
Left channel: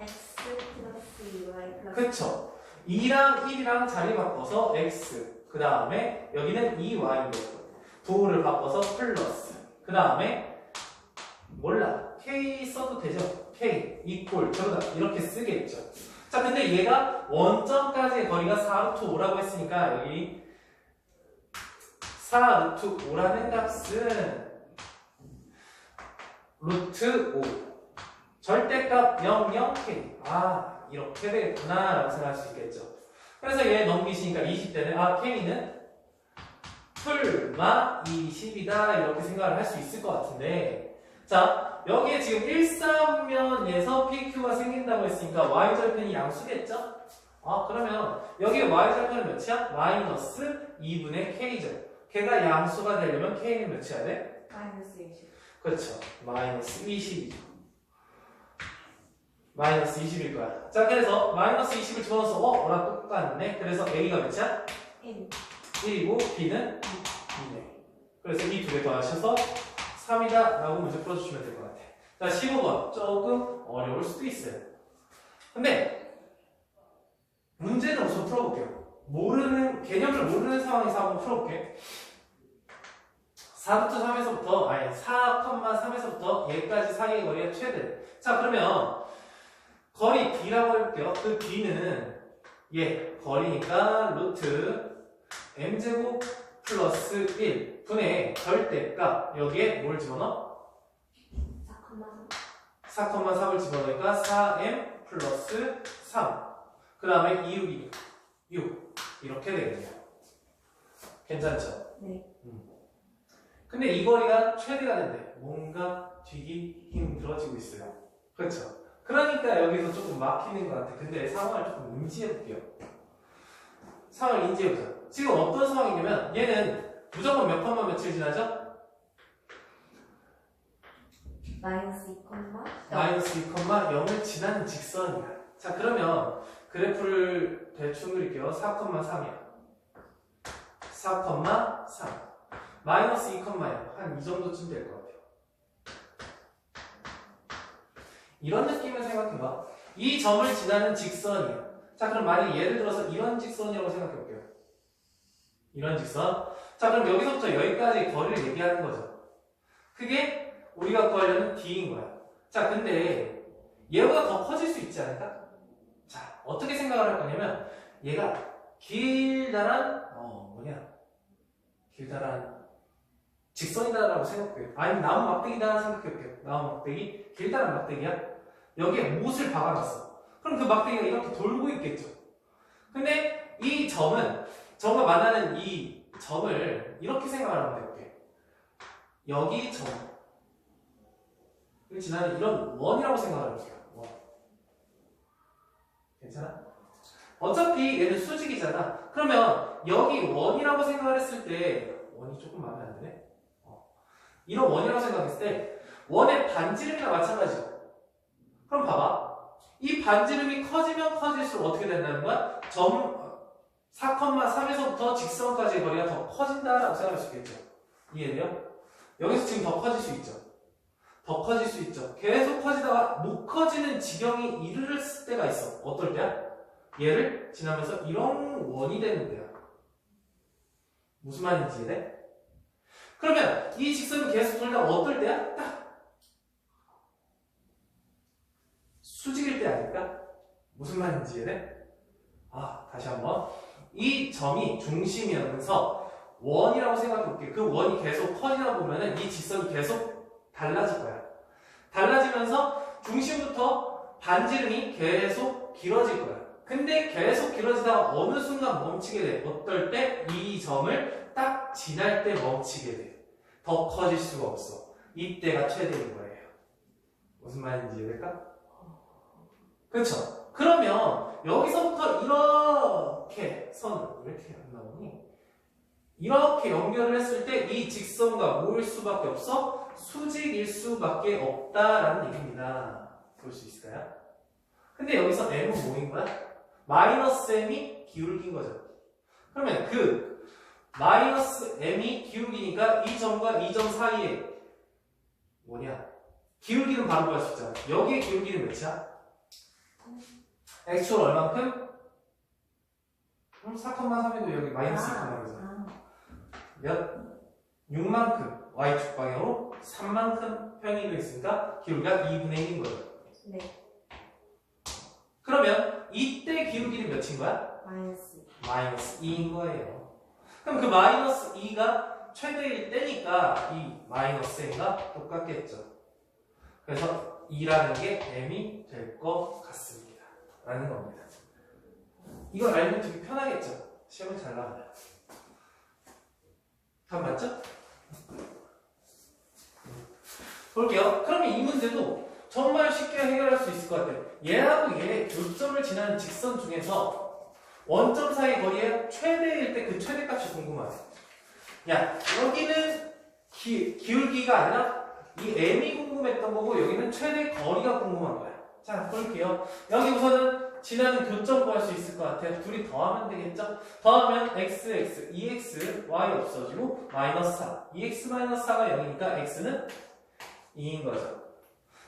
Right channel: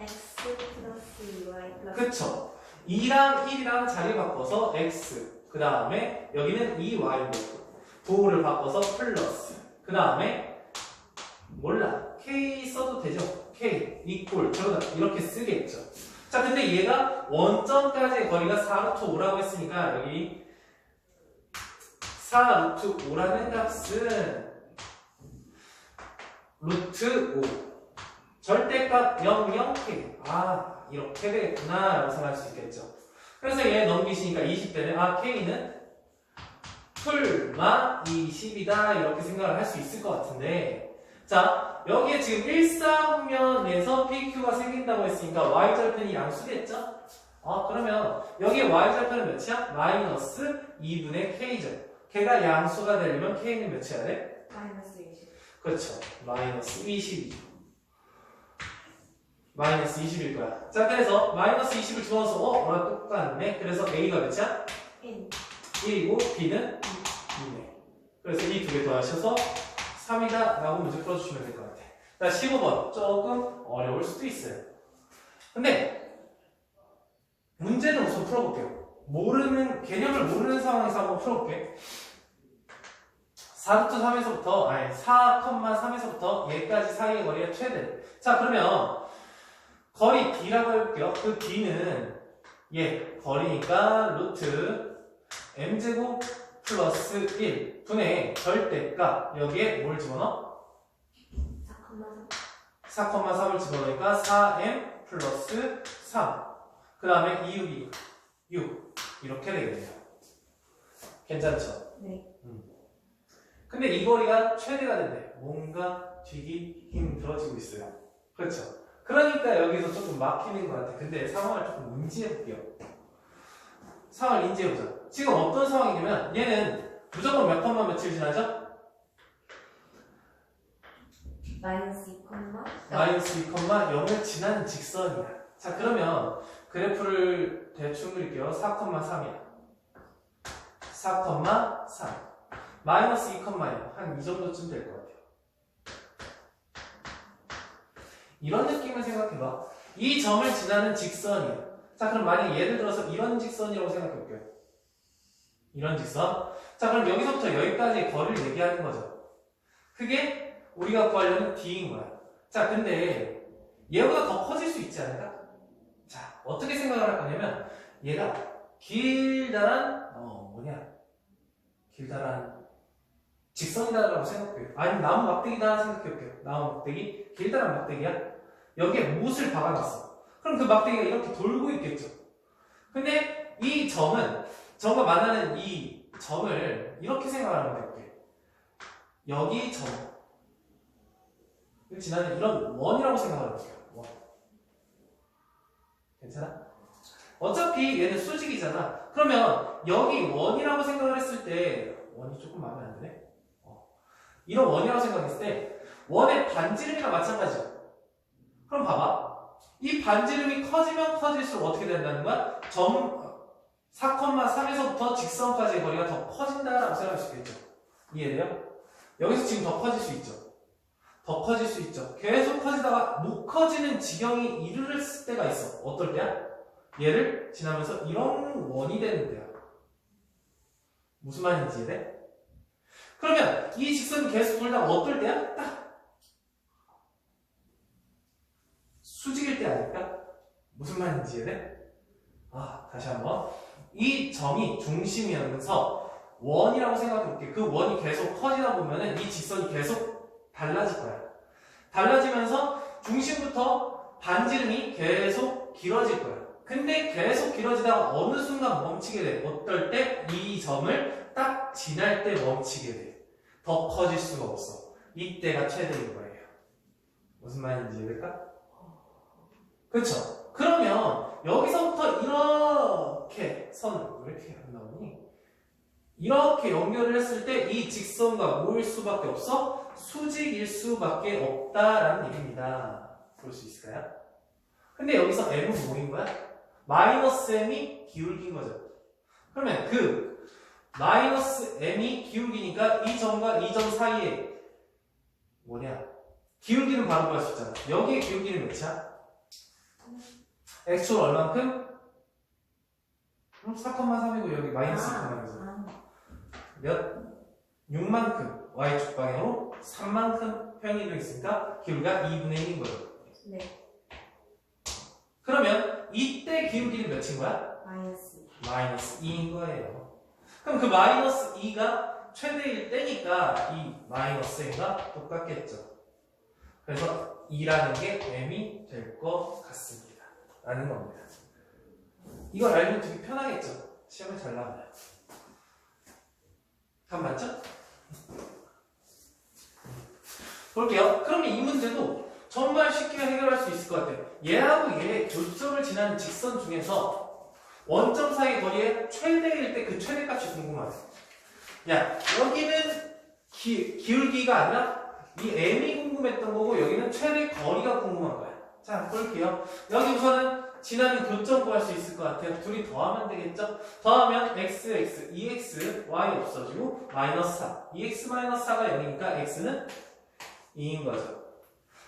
x 플러스 2y 플러스 그쵸? 2랑 1이랑 자리 바꿔서 x 그 다음에 여기는 2y고 도를 바꿔서 플러스 그 다음에 몰라 k 써도 되죠? k 이꼴 저러다 이렇게 쓰겠죠. 자, 근데 얘가 원점까지의 거리가 4루트 5라고 했으니까 여기 4루트 5라는 값은 루트 5 절대값 00k 이렇게 되겠구나 라고 생각할 수 있겠죠. 그래서 얘 넘기시니까 20대는 k는 풀마 20이다 이렇게 생각을 할 수 있을 것 같은데, 자, 여기에 지금 일사분면에서 PQ가 생긴다고 했으니까 y절편이 양수겠죠? 그러면 여기에 y절편은 몇이야? 마이너스 2분의 k죠. 걔가 양수가 되려면 k는 몇이야 돼? 마이너스 20. 그렇죠. 마이너스 20이죠. 마이너스 20일 거야. 자, 그래서 마이너스 20을 집어넣어서 뭐랑 똑같네. 그래서 a가 몇이야? n 1이고 b는 2네. 그래서 이 두 개 더하셔서 3이다 라고 문제 풀어주시면 될 것 같아. 자, 15번 조금 어려울 수도 있어요. 근데 문제는 우선 풀어볼게요. 개념을 모르는 상황에서 한번 풀어볼게. 4루트 4,3에서부터 얘까지 사이의 거리가 최대. 자, 그러면 거리 D라고 해볼게요. 그 D는 거리니까 루트 m제곱 플러스 1 분의 절대값. 여기에 뭘 집어넣어? 4,4을 집어넣으니까 4m 플러스 3. 그 다음에 2, 6 이렇게 되겠네요. 괜찮죠? 네. 근데 이 거리가 최대가 된대. 뭔가 되기 힘들어지고 있어요. 그렇죠? 그러니까 여기서 조금 막히는 것 같아. 근데 상황을 조금 인지해볼게요. 상황을 인지해보자. 지금 어떤 상황이냐면 얘는 무조건 몇 컴마 며칠 지나죠? 마이너스 2, 마이너스 2,0을 지나는 직선이야. 자, 그러면 그래프를 대충 그릴게요. 4,3이야. 4,3. 마이너스 2,0 한 이 정도쯤 될 것 같아요. 이런 느낌을 생각해봐. 이 점을 지나는 직선이야. 자, 그럼 만약에 예를 들어서 이런 직선이라고 생각해볼게요. 이런 직선. 자, 그럼 여기서부터 여기까지 거리를 얘기하는 거죠. 그게 우리가 구하려는 D인 거야. 자, 근데 얘보다 더 커질 수 있지 않을까? 자, 어떻게 생각을 할 거냐면 얘가 길다란 직선이다라고 생각해요. 아니면 나무 막대기다 생각해볼게요. 나무 막대기, 길다란 막대기야. 여기에 못을 박아놨어. 그럼 그 막대기가 이렇게 돌고 있겠죠. 근데 이 점은 점과 만나는 이 점을 이렇게 생각을 하면 돼볼게. 여기 점 그렇지, 나는 이런 원이라고 생각을 해볼게요. 원. 괜찮아? 어차피 얘는 수직이잖아. 그러면 여기 원이라고 생각을 했을 때 원이 조금 마음에 안 드네? 이런 원이라고 생각했을 때 원의 반지름이랑 마찬가지죠. 그럼 봐봐. 이 반지름이 커지면 커질수록 어떻게 된다는 거야? 점 4,3에서부터 직선까지의 거리가 더 커진다라고 생각할 수 있겠죠. 이해돼요? 여기서 지금 더 커질 수 있죠. 더 커질 수 있죠. 계속 커지다가 못 커지는 지경이 이르렀을 때가 있어. 어떨 때야? 얘를 지나면서 이런 원이 되는 때야. 무슨 말인지 이해돼? 그러면 이 직선이 계속 돌다가 어떨 때야? 딱 수직일 때 아닐까? 무슨 말인지 이해돼? 다시 한번. 이 점이 중심이면서 원이라고 생각해볼게. 그 원이 계속 커지다 보면은 이 직선이 계속 달라질 거야. 달라지면서 중심부터 반지름이 계속 길어질 거야. 근데 계속 길어지다가 어느 순간 멈추게 돼. 어떨 때? 이 점을 딱 지날 때 멈추게 돼. 더 커질 수가 없어. 이때가 최대인 거예요. 무슨 말인지 이해될까? 그렇죠? 그러면 여기서부터 이렇게 선 왜 이렇게 안 나오니? 이렇게 연결을 했을 때 이 직선과 뭐일 수밖에 없어? 수직일 수밖에 없다라는 얘기입니다. 볼 수 있을까요? 근데 여기서 m은 뭐인 거야? 마이너스 m이 기울기인 거죠. 그러면 그 마이너스 m이 기울기니까 이 점과 이 점 사이에 기울기는 바로 구할 수 있잖아. 여기에 기울기는 몇이야? 액추얼 얼만큼? 4,3이고 여기 마이너스 2,3이잖아. 몇? 6만큼 y축 방향으로 3만큼 평행이 되어 있으니까 기울기가 2분의 1인 거예요. 네. 그러면 이때 기울기는 몇인 거야? 마이너스 2인 거예요. 그럼 그 마이너스 2가 최대일 때니까 이 마이너스 m과 똑같겠죠. 그래서 2라는 게 m이 될 것 같습니다. 라는 겁니다. 이걸 알면 되게 편하겠죠? 시험에 잘 나와요. 답 맞죠? 볼게요. 그러면 이 문제도 정말 쉽게 해결할 수 있을 것 같아요. 얘하고 얘 교점을 지나는 직선 중에서 원점 사이 거리의 최대일 때 그 최대값이 궁금하네. 야, 여기는 기울기가 아니라 이 m이 궁금했던 거고 여기는 최대 거리가 궁금한 거야. 자, 볼게요. 여기 우선은 지나는 교점 구할 수 있을 것 같아요. 둘이 더하면 되겠죠? 더하면 x, 2x, y 없어지고 마이너스 4. 2x 마이너스 4가 0이니까 x는 2인 거죠.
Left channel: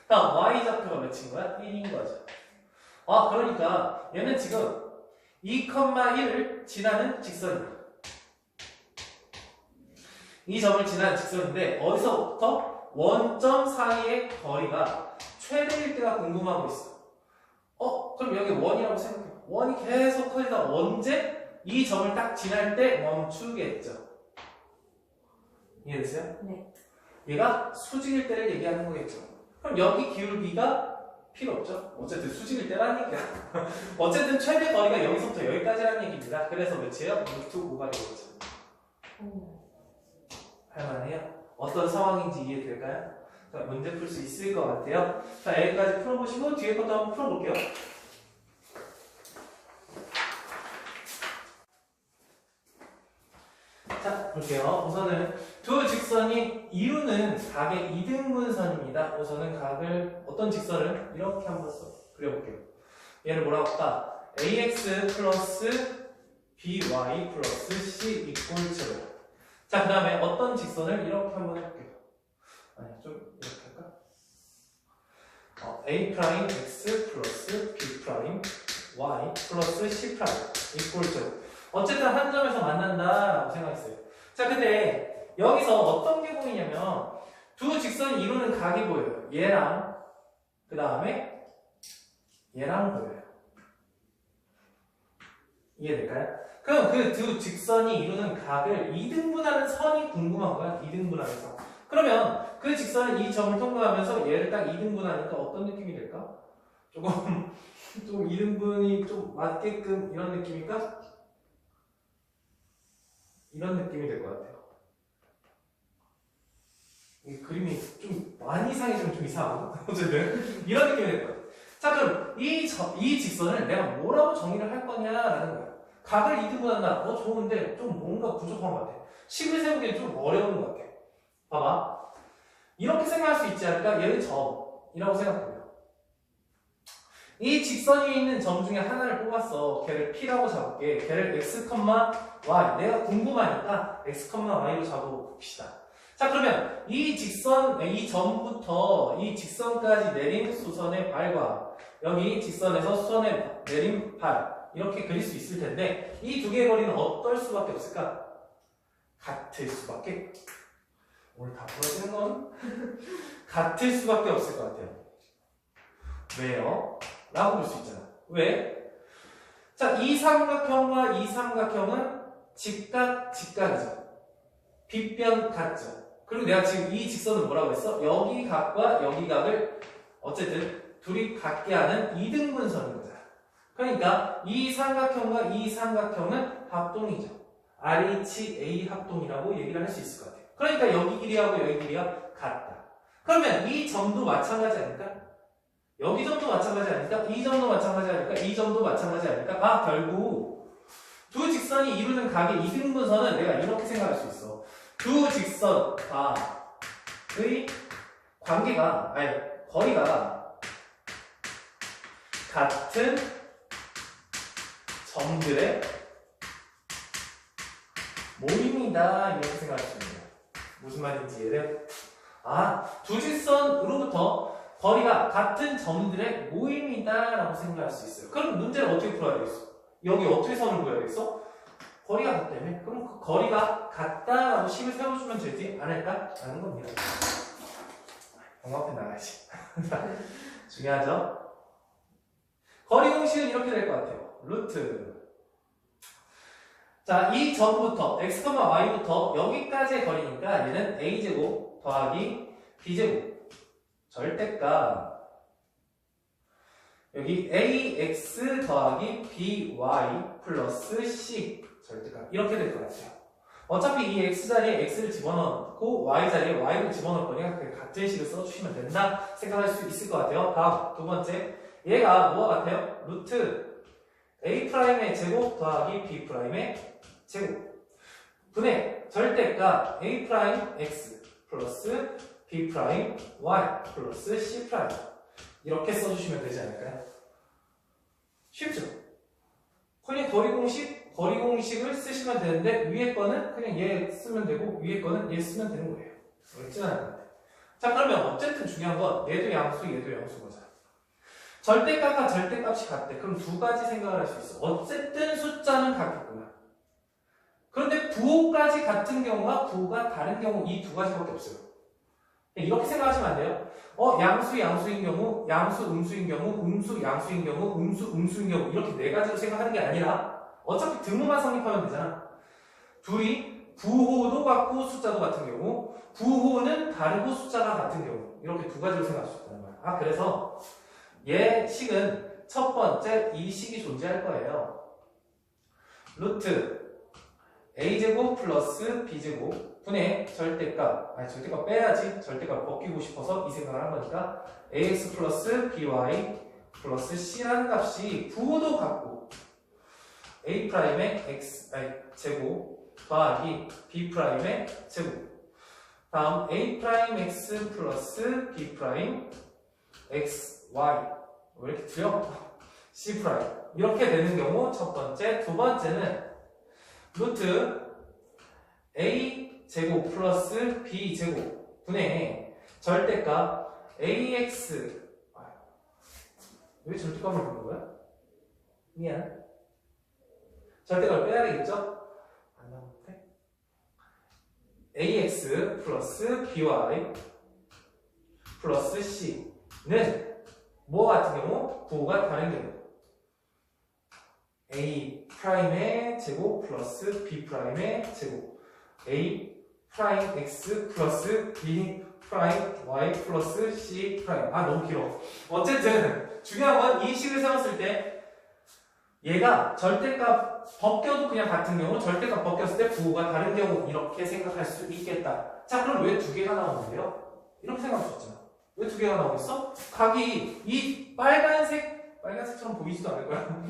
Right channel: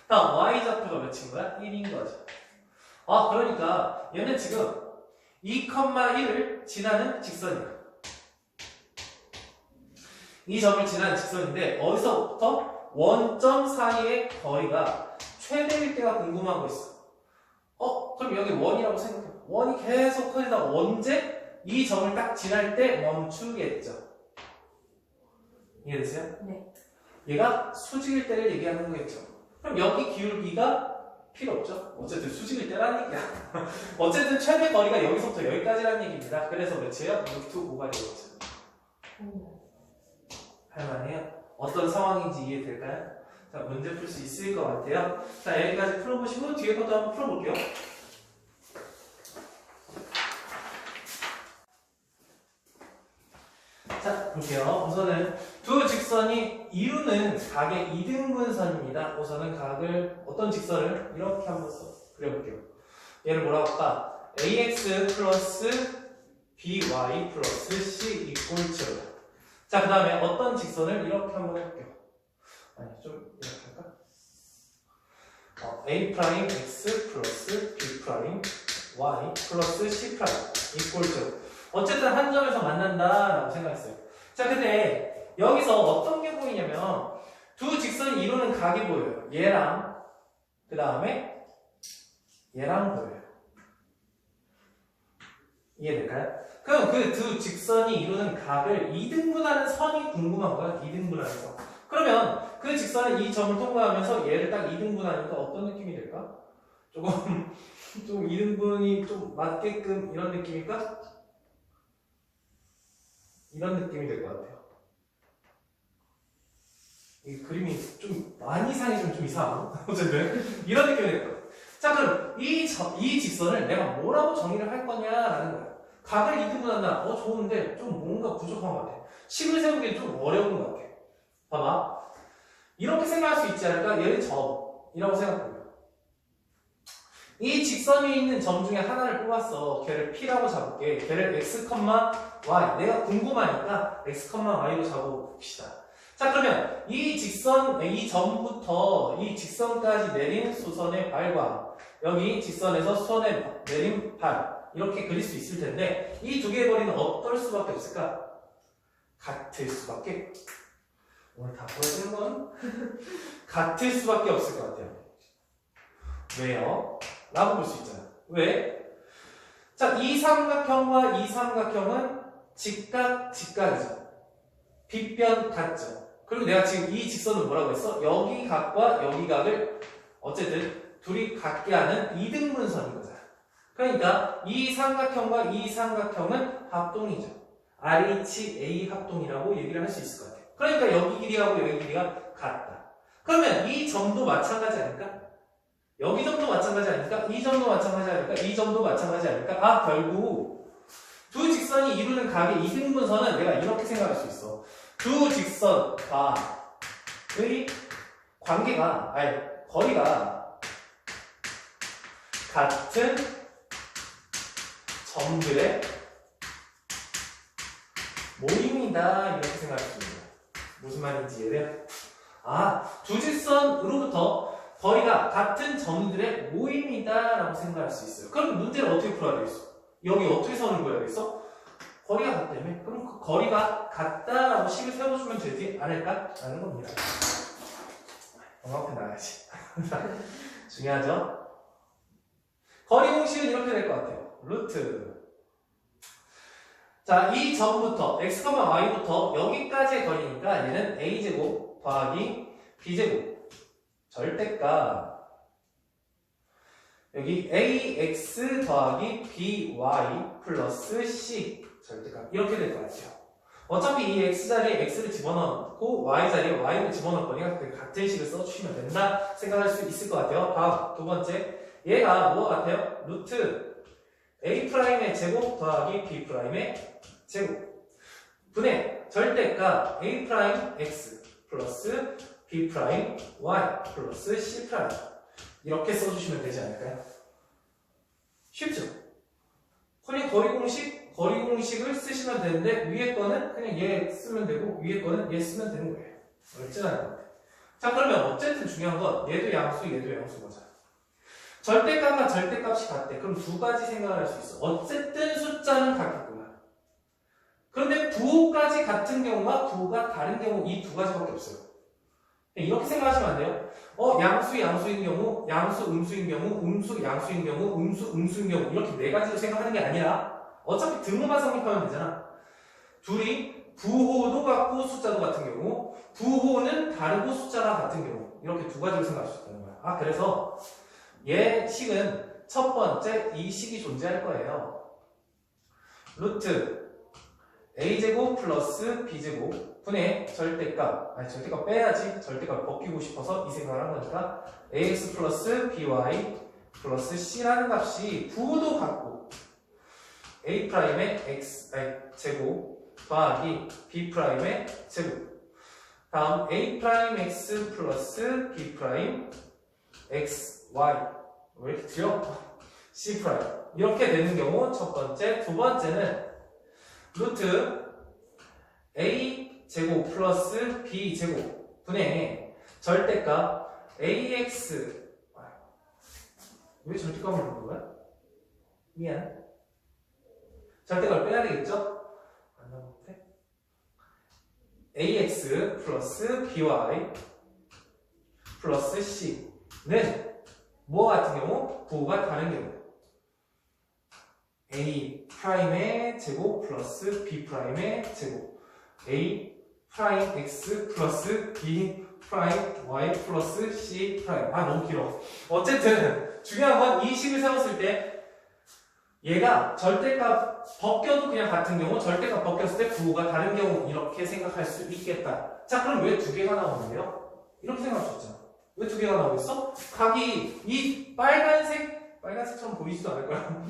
다음 y 좌표가 몇인 거야? 1인 거죠. 그러니까 얘는 지금 2,1을 지나는 직선이다. 이 점을 지나는 직선인데 어디서부터 원점 사이의 거리가 최대일 때가 궁금하고 있어. 그럼 여기 원이라고 생각해. 원이 계속 커지다 언제? 이 점을 딱 지날 때 멈추겠죠. 이해되세요? 네. 얘가 수직일 때를 얘기하는 거겠죠. 그럼 여기 기울기가 필요 없죠. 어쨌든 수직일 때라는 얘기야. 어쨌든 최대 거리가 여기서부터 여기까지라는 얘기입니다. 그래서 몇이에요? 루트 5가 되겠죠. 할만해요? 어떤 상황인지 이해될까요? 자, 문제 풀 수 있을 것 같아요. 자, 여기까지 풀어보시고 뒤에 것도 한번 풀어볼게요. 자, 볼게요. 우선은 두 직선이 이루는 각의 이등분선입니다. 우선은 각을 어떤 직선을 이렇게 한번 그려볼게요. 얘를 뭐라고 할까? ax 플러스 by 플러스 c 이꼴 7. 자, 그 다음에 어떤 직선을 이렇게 한번 해볼게요. 아니, 좀 이렇게 할까? a 프라임 x 플러스 b 프라임 y 플러스 c 프라임 이꼴 7. 어쨌든 한 점에서 만난다라고 생각했어요. 자, 근데 여기서 어떤 게 보이냐면 두 직선이 이루는 각이 보여요. 얘랑 그 다음에 얘랑 보여요. 이해될까요? 그럼 그 두 직선이 이루는 각을 2등분하는 선이 궁금한 거야. 2등분하는 선. 그러면 그 직선은 이 점을 통과하면서 얘를 딱 2등분하니까 어떤 느낌이 될까? 조금 좀 2등분이 좀 맞게끔 이런 느낌일까? 이런 느낌이 될 것 같아요. 이 그림이 좀 많이 이상이 좀 이상하고 어쨌든 이런 느낌이 될 것 같아요. 자, 그럼 이 직선을 내가 뭐라고 정의를 할 거냐라는 거야. 각을 2등분한다. 좋은데 좀 뭔가 부족한 것 같아. 식을 세우기엔 좀 어려운 것 같아. 봐봐. 이렇게 생각할 수 있지 않을까? 얘를 점이라고 생각해요. 이 직선 위에 있는 점 중에 하나를 뽑았어. 걔를 P라고 잡을게. 걔를 x, y. 내가 궁금하니까 x, y로 잡아봅시다. 자, 그러면 이 직선, 이 점부터 이 직선까지 내린 수선의 발과 여기 직선에서 수선에 내린 발 이렇게 그릴 수 있을 텐데 이 두 개의 거리는 어떨 수밖에 없을까? 같을 수밖에. 오늘 다 풀어지는 건 같을 수밖에 없을 것 같아요. 왜요? 라고 볼 수 있잖아. 왜? 자, 이 삼각형과 이 삼각형은 직각이죠. 빗변 같죠. 그리고 내가 지금 이 직선을 뭐라고 했어? 여기 각과 여기 각을 어쨌든 둘이 같게 하는 이등분선인 거잖아. 그러니까 이 삼각형과 이 삼각형은 합동이죠. RHA 합동이라고 얘기를 할 수 있을 것 같아요. 그러니까 여기 길이하고 여기 길이가 같다. 그러면 이 점도 마찬가지 아닐까? 여기 점도 마찬가지 아닐까? 이 점도 마찬가지 아닐까? 이 점도 마찬가지 아닐까? 결국 두 직선이 이루는 각의 이등분선은 내가 이렇게 생각할 수 있어. 두 직선과의 관계가, 거리가 같은 점들의 모임이다. 이렇게 생각할 수 있습니다. 무슨 말인지 이해돼요? 두 직선으로부터 거리가 같은 점들의 모임이다 라고 생각할 수 있어요. 그럼 문제를 어떻게 풀어야 되겠어? 여기 어떻게 선을 그어야 되겠어? 거리가 같다며? 그럼 그 거리가 같다라고 식을 세워주면 되지 않을까? 라는 겁니다. 정확히 나가야지. 중요하죠? 거리 공식은 이렇게 될 것 같아요. 루트. 자, 이 점부터 x, y부터 여기까지의 거리니까 얘는 a제곱 더하기 b제곱 절대값 여기 ax 더하기 by 플러스 c 절대값 이렇게 될 것 같아요. 어차피 이 x 자리에 x를 집어넣고 y 자리에 y를 집어넣을 거니까 같은 식을 써주시면 된다 생각할 수 있을 것 같아요. 다음 두 번째 얘가 뭐와 같아요? 루트 a'의 제곱 더하기 b'의 제곱 분의 절대값 a'x 플러스 b'y 플러스 c' 이렇게 써주시면 되지 않을까요? 쉽죠? 그냥 거리 공식을 쓰시면 되는데 위에 거는 그냥 얘 쓰면 되고 위에 거는 얘 쓰면 되는 거예요. 어렵지 않은 것 같아요. 자, 그러면 어쨌든 중요한 건 얘도 양수 얘도 양수 거잖아. 절대값과 절대값이 같대. 그럼 두 가지 생각을 할 수 있어. 어쨌든 숫자는 같겠구나. 그런데 부호까지 같은 경우와 부호가 다른 경우 이 두 가지밖에 없어요. 이렇게 생각하시면 안 돼요. 양수 양수인 경우, 양수 음수인 경우, 음수 양수인 경우, 음수 음수인 경우 이렇게 네 가지로 생각하는 게 아니라 어차피 등호만 성립하면 되잖아. 둘이 부호도 같고 숫자도 같은 경우, 부호는 다르고 숫자가 같은 경우 이렇게 두 가지로 생각할 수 있다는 거야. 그래서 얘 식은 첫 번째 이 식이 존재할 거예요. 루트 a제곱 플러스 b제곱 분의 절대값, 아니 절대값 빼야지. 절대값 벗기고 싶어서 이 생각을 한 거니까 ax 플러스 by 플러스 c라는 값이 부호도 같고 a 프라임의 x 제곱 더하기 b 프라임의 제곱 다음 a 프라임 x 플러스 b 프라임 x y 왜 이렇게 틀려? c 프라임 이렇게 되는 경우 첫 번째, 두 번째는 루트 a 제곱 플러스 b 제곱 분의 절대값 ax 왜 절대값을 넣는 거야? 미안. 절대값을 빼야 되겠죠? 안 나오는데 ax 플러스 by 플러스 c는 뭐 같은 경우? 부호가 다른 경우 a 프라임의 제곱 플러스 b 프라임의 제곱 a 프라임 x 플러스 b 프라임 y 플러스 c 프라임 너무 길어. 어쨌든 중요한 건 이 식을 세웠을 때 얘가 절대값 벗겨도 그냥 같은 경우 절대값 벗겼을 때 부호가 다른 경우 이렇게 생각할 수 있겠다. 자 그럼 왜 두 개가 나오는데요? 이렇게 생각할 수 있잖아. 왜 두 개가 나오겠어? 각이 이 빨간색처럼 보이지도 않을 거야.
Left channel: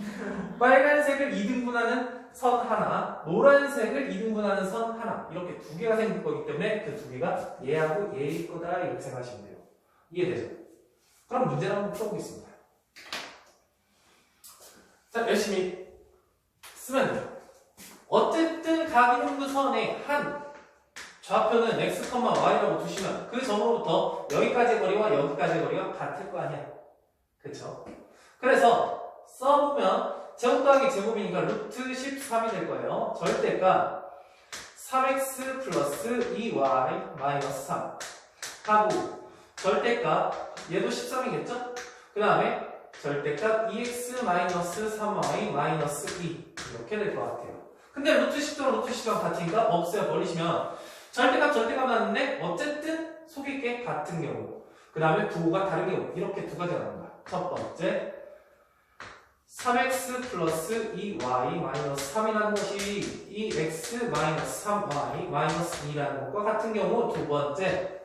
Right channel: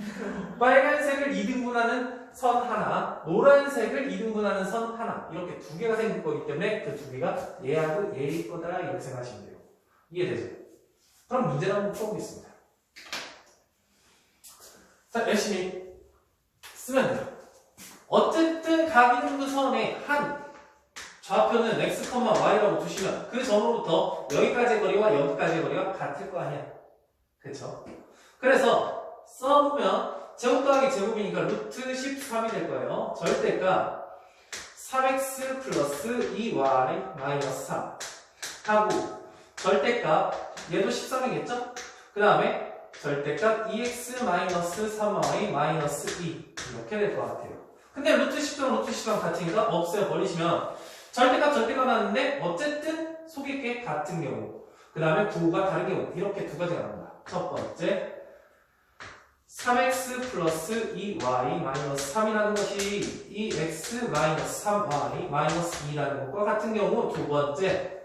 빨간색을 2등분하는 선 하나, 노란색을 2등분하는 선 하나 이렇게 두 개가 생길 거기 때문에 그 두 개가 얘하고 얘일 거다 이렇게 생각하시면 돼요. 이해되죠? 그럼 문제를 한번 풀어보겠습니다. 자 열심히 쓰면 돼요. 어쨌든 각 이등분 선의 한 좌표는 x, y라고 두시면 그 점으로부터 여기까지의 거리와 여기까지의 거리가 같을 거 아니야. 그쵸? 그래서 써보면 제곱 더하기 제곱이니까 루트 13이 될 거예요. 절대값 3x 플러스 2y 마이너스 3 하고 절대값 얘도 13이겠죠? 그 다음에 절대값 2x 마이너스 3y 마이너스 2 이렇게 될 것 같아요. 근데 루트 10랑 루트 10랑 같으니까 없애요. 버리시면 절대값 나왔는데 어쨌든 속일 게 같은 경우 그 다음에 부호가 다른 경우 이렇게 두 가지가 나온다. 첫 번째 3x 플러스 2y 마이너스 3이라는 것이 2x 마이너스 3y 마이너스 2라는 것과 같은 경우 두 번째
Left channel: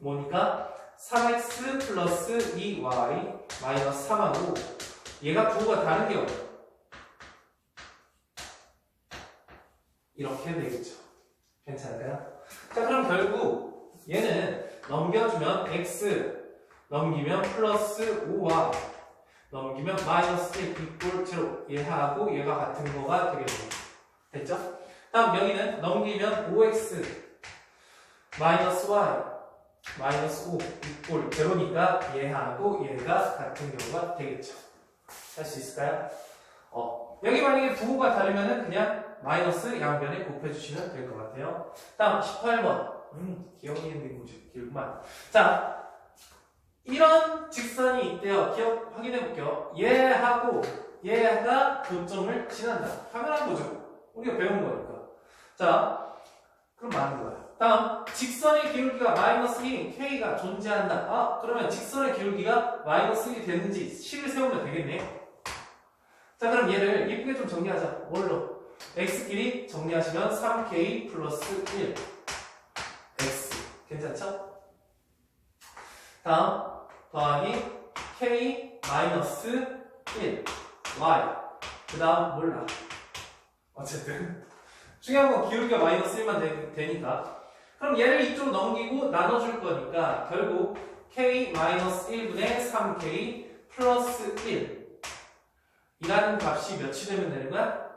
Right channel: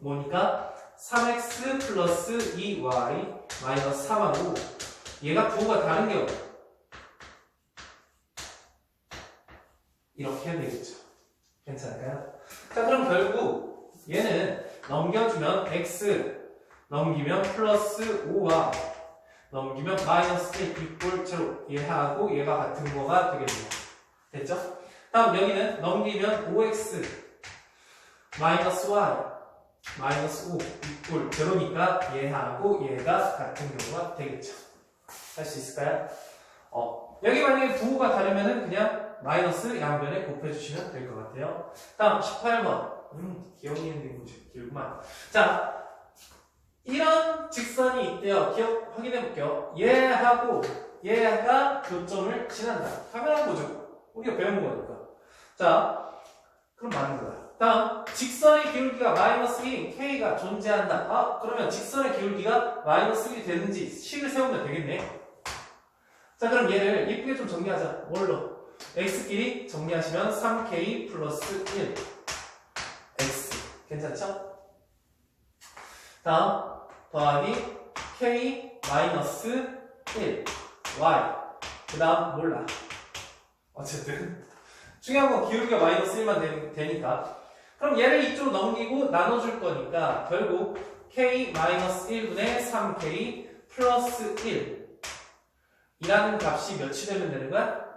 뭐니까 3x 플러스 2y 마이너스 3하고 얘가 부호가 다른 경우 이렇게 되겠죠. 괜찮을까요? 자 그럼 결국 얘는 넘겨주면 x 넘기면 플러스 5y 넘기면 마이너스 1 이꼴 0 얘하고 얘가 같은 거가 되겠네요. 됐죠? 다음 여기는 넘기면 5x 마이너스 y 마이너스 5 이꼴 0니까 얘하고 얘가 같은 경우가 되겠죠. 할 수 있을까요? 여기 만약에 부호가 다르면은 그냥 마이너스 양변에 곱해주시면 될 것 같아요. 다음 18번 기억이 있는 길구만. 자 이런 직선이 있대요. 기억 확인해 볼게요. 얘하고 얘가 교점을 지난다. 당연한 거죠. 우리가 배운 거니까. 자 그럼 맞는 거야. 다음 직선의 기울기가 마이너스 1인 K가 존재한다. 그러면 직선의 기울기가 마이너스 1이 되는지 식을 세우면 되겠네. 자 그럼 얘를 예쁘게 좀 정리하자. 뭘로? x끼리 정리하시면 3k 플러스 1 x 괜찮죠? 다음 더하기 k 마이너스 1 y 그 다음 몰라. 어쨌든 중요한 건 기울기가 마이너스 1만 되니까 그럼 얘를 이쪽으로 넘기고 나눠줄 거니까 결국 k 마이너스 1분의 3k 플러스 1 이라는 값이 몇이 되면 되는 거야?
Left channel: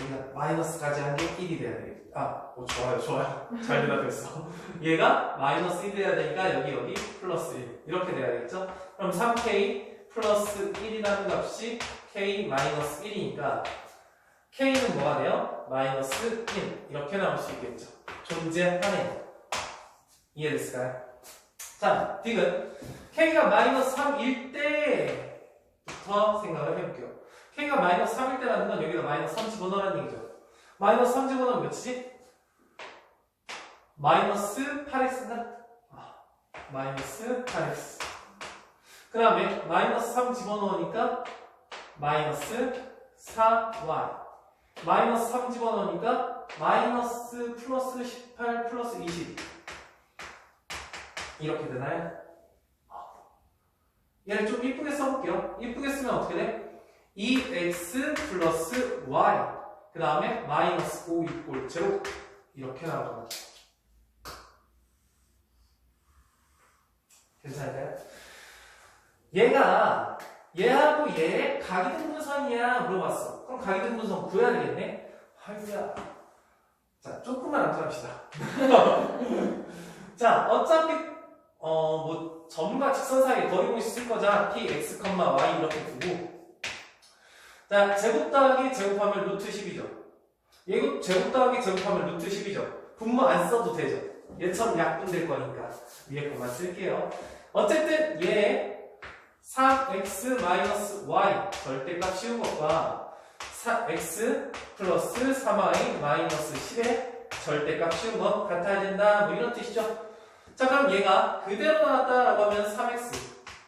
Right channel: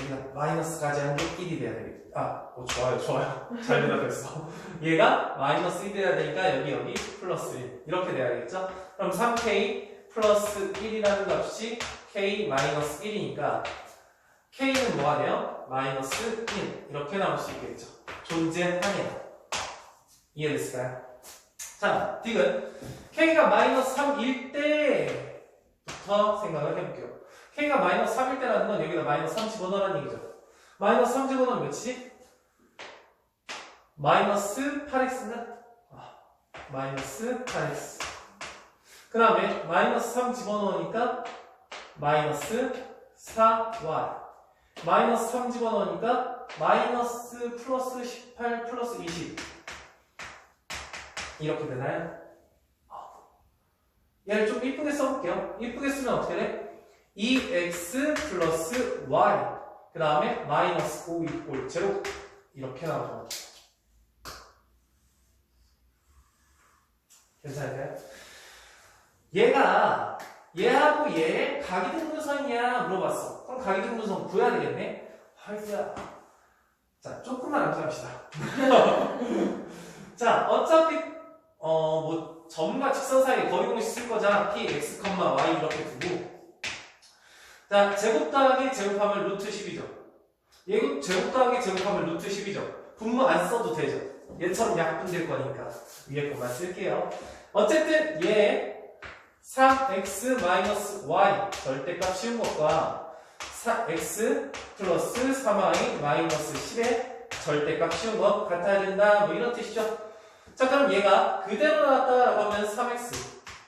얘가 마이너스까지 한 게 1이 돼야 되겠다. 좋아요. 잘 대답했어. 얘가 마이너스 1이 돼야 되니까 여기 플러스 플러스 1 이렇게 돼야겠죠? 그럼 3k 플러스 1이라는 값이 k 마이너스 1이니까 k는 뭐가 돼요? 마이너스 1 이렇게 나올 수 있겠죠. 존재하네요. 이해됐을까요? 자, 디귿 k가 마이너스 3일 때부터 생각을 해볼게요. k가 마이너스 3일 때라는 건 여기다 마이너스 3 집어넣으라는 얘기죠. 마이너스 3 집어넣으면 몇이지? 마이너스 8x는? 마이너스 8x. 그 다음에 마이너스 3 집어넣으니까 마이너스 4y. 마이너스 3 집어넣으니까 마이너스 플러스 18 플러스 20. 이렇게 되나요? 얘를 좀 이쁘게 써볼게요. 이쁘게 쓰면 어떻게 돼? 2x 플러스 y. 그 다음에 마이너스 5 이꼴 0. 이렇게 나오죠. 괜찮을까요? 얘하고 얘 각이등분선이야 물어봤어. 그럼 각이등분선 구해야 되겠네? 아이고야. 자, 조금만 암시합시다. 자, 어차피 뭐 점과 직선 사이에 거리 공식 쓸 거잖아. px, y 이렇게 두고. 자, 제곱 더하기 제곱하면 루트 10이죠. 얘 제곱 더하기 제곱하면 루트 10이죠. 분모 안 써도 되죠. 얘처럼 약분될 거니까 위에 것만 쓸게요. 어쨌든 얘 3x-y 절대값 씌운 것과 x 플러스 3y 마이너스 10의 절대값 씌운 것 같아야 된다. 뭐 이런 뜻이죠. 자, 그럼 얘가 그대로 나왔다라고 하면 3x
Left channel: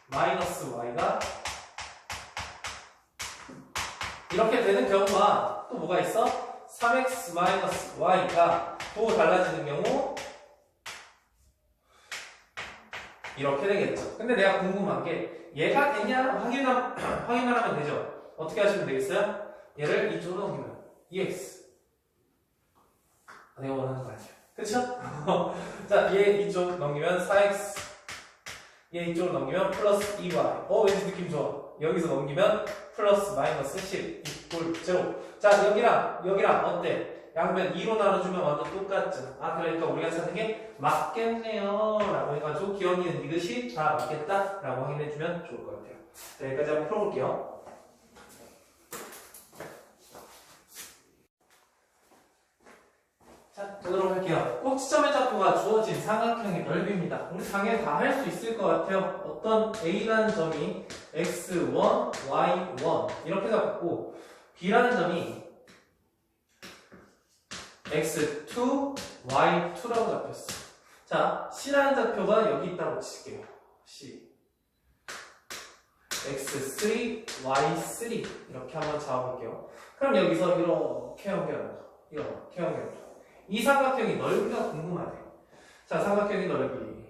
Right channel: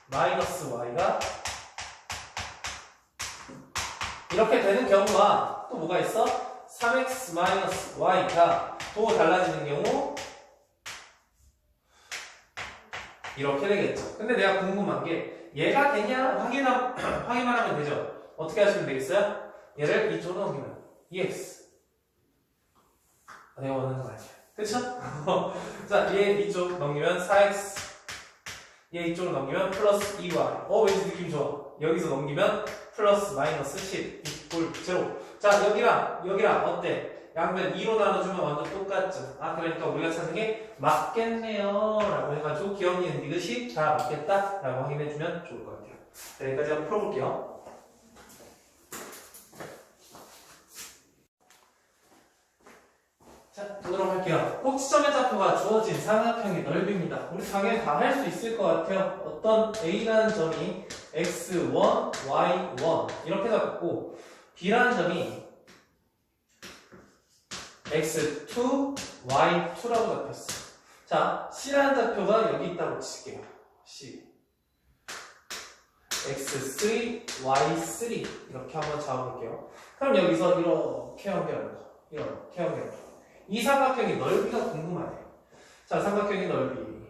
마이너스 y가 이렇게 되는 경우와 또 뭐가 있어? 3x 마이너스 y가 또 달라지는 경우 이렇게 되겠죠. 근데 내가 궁금한 게 얘가 되냐 확인만 하면 되죠. 어떻게 하시면 되겠어요? 얘를 이쪽으로 넘기면 2x 내가 원하는 거 아니야. 그쵸? 자, 얘 이쪽 넘기면 4x 얘 이쪽으로 넘기면 플러스 2y 왠지 느낌 좋아. 여기서 넘기면 플러스 마이너스 10 이꼴 0. 자, 여기랑 어때? 양변 2로 나눠주면 완전 똑같죠. 그러니까 우리가 찾는 게 맞겠네요 라고 해가지고 기억니은 이것이 다 맞겠다 라고 확인해주면 좋을 것 같아요. 자, 여기까지 한번 풀어볼게요. 자, 보도록 할게요. 꼭지점의 좌표가 주어진 삼각형의 넓이입니다. 우리 당연히 다 할 수 있을 것 같아요. 어떤 A라는 점이 x1, y1 이렇게 잡고 B라는 점이 x2, y2라고 잡혔어. 자, C라는 좌표가 여기 있다고 칠게요. C x3, y3 이렇게 한번 잡아볼게요. 그럼 여기서 이렇게 연결하는 거 이렇게 연결하는 거. 이 삼각형의 넓이가 궁금하네요. 자, 삼각형의 넓이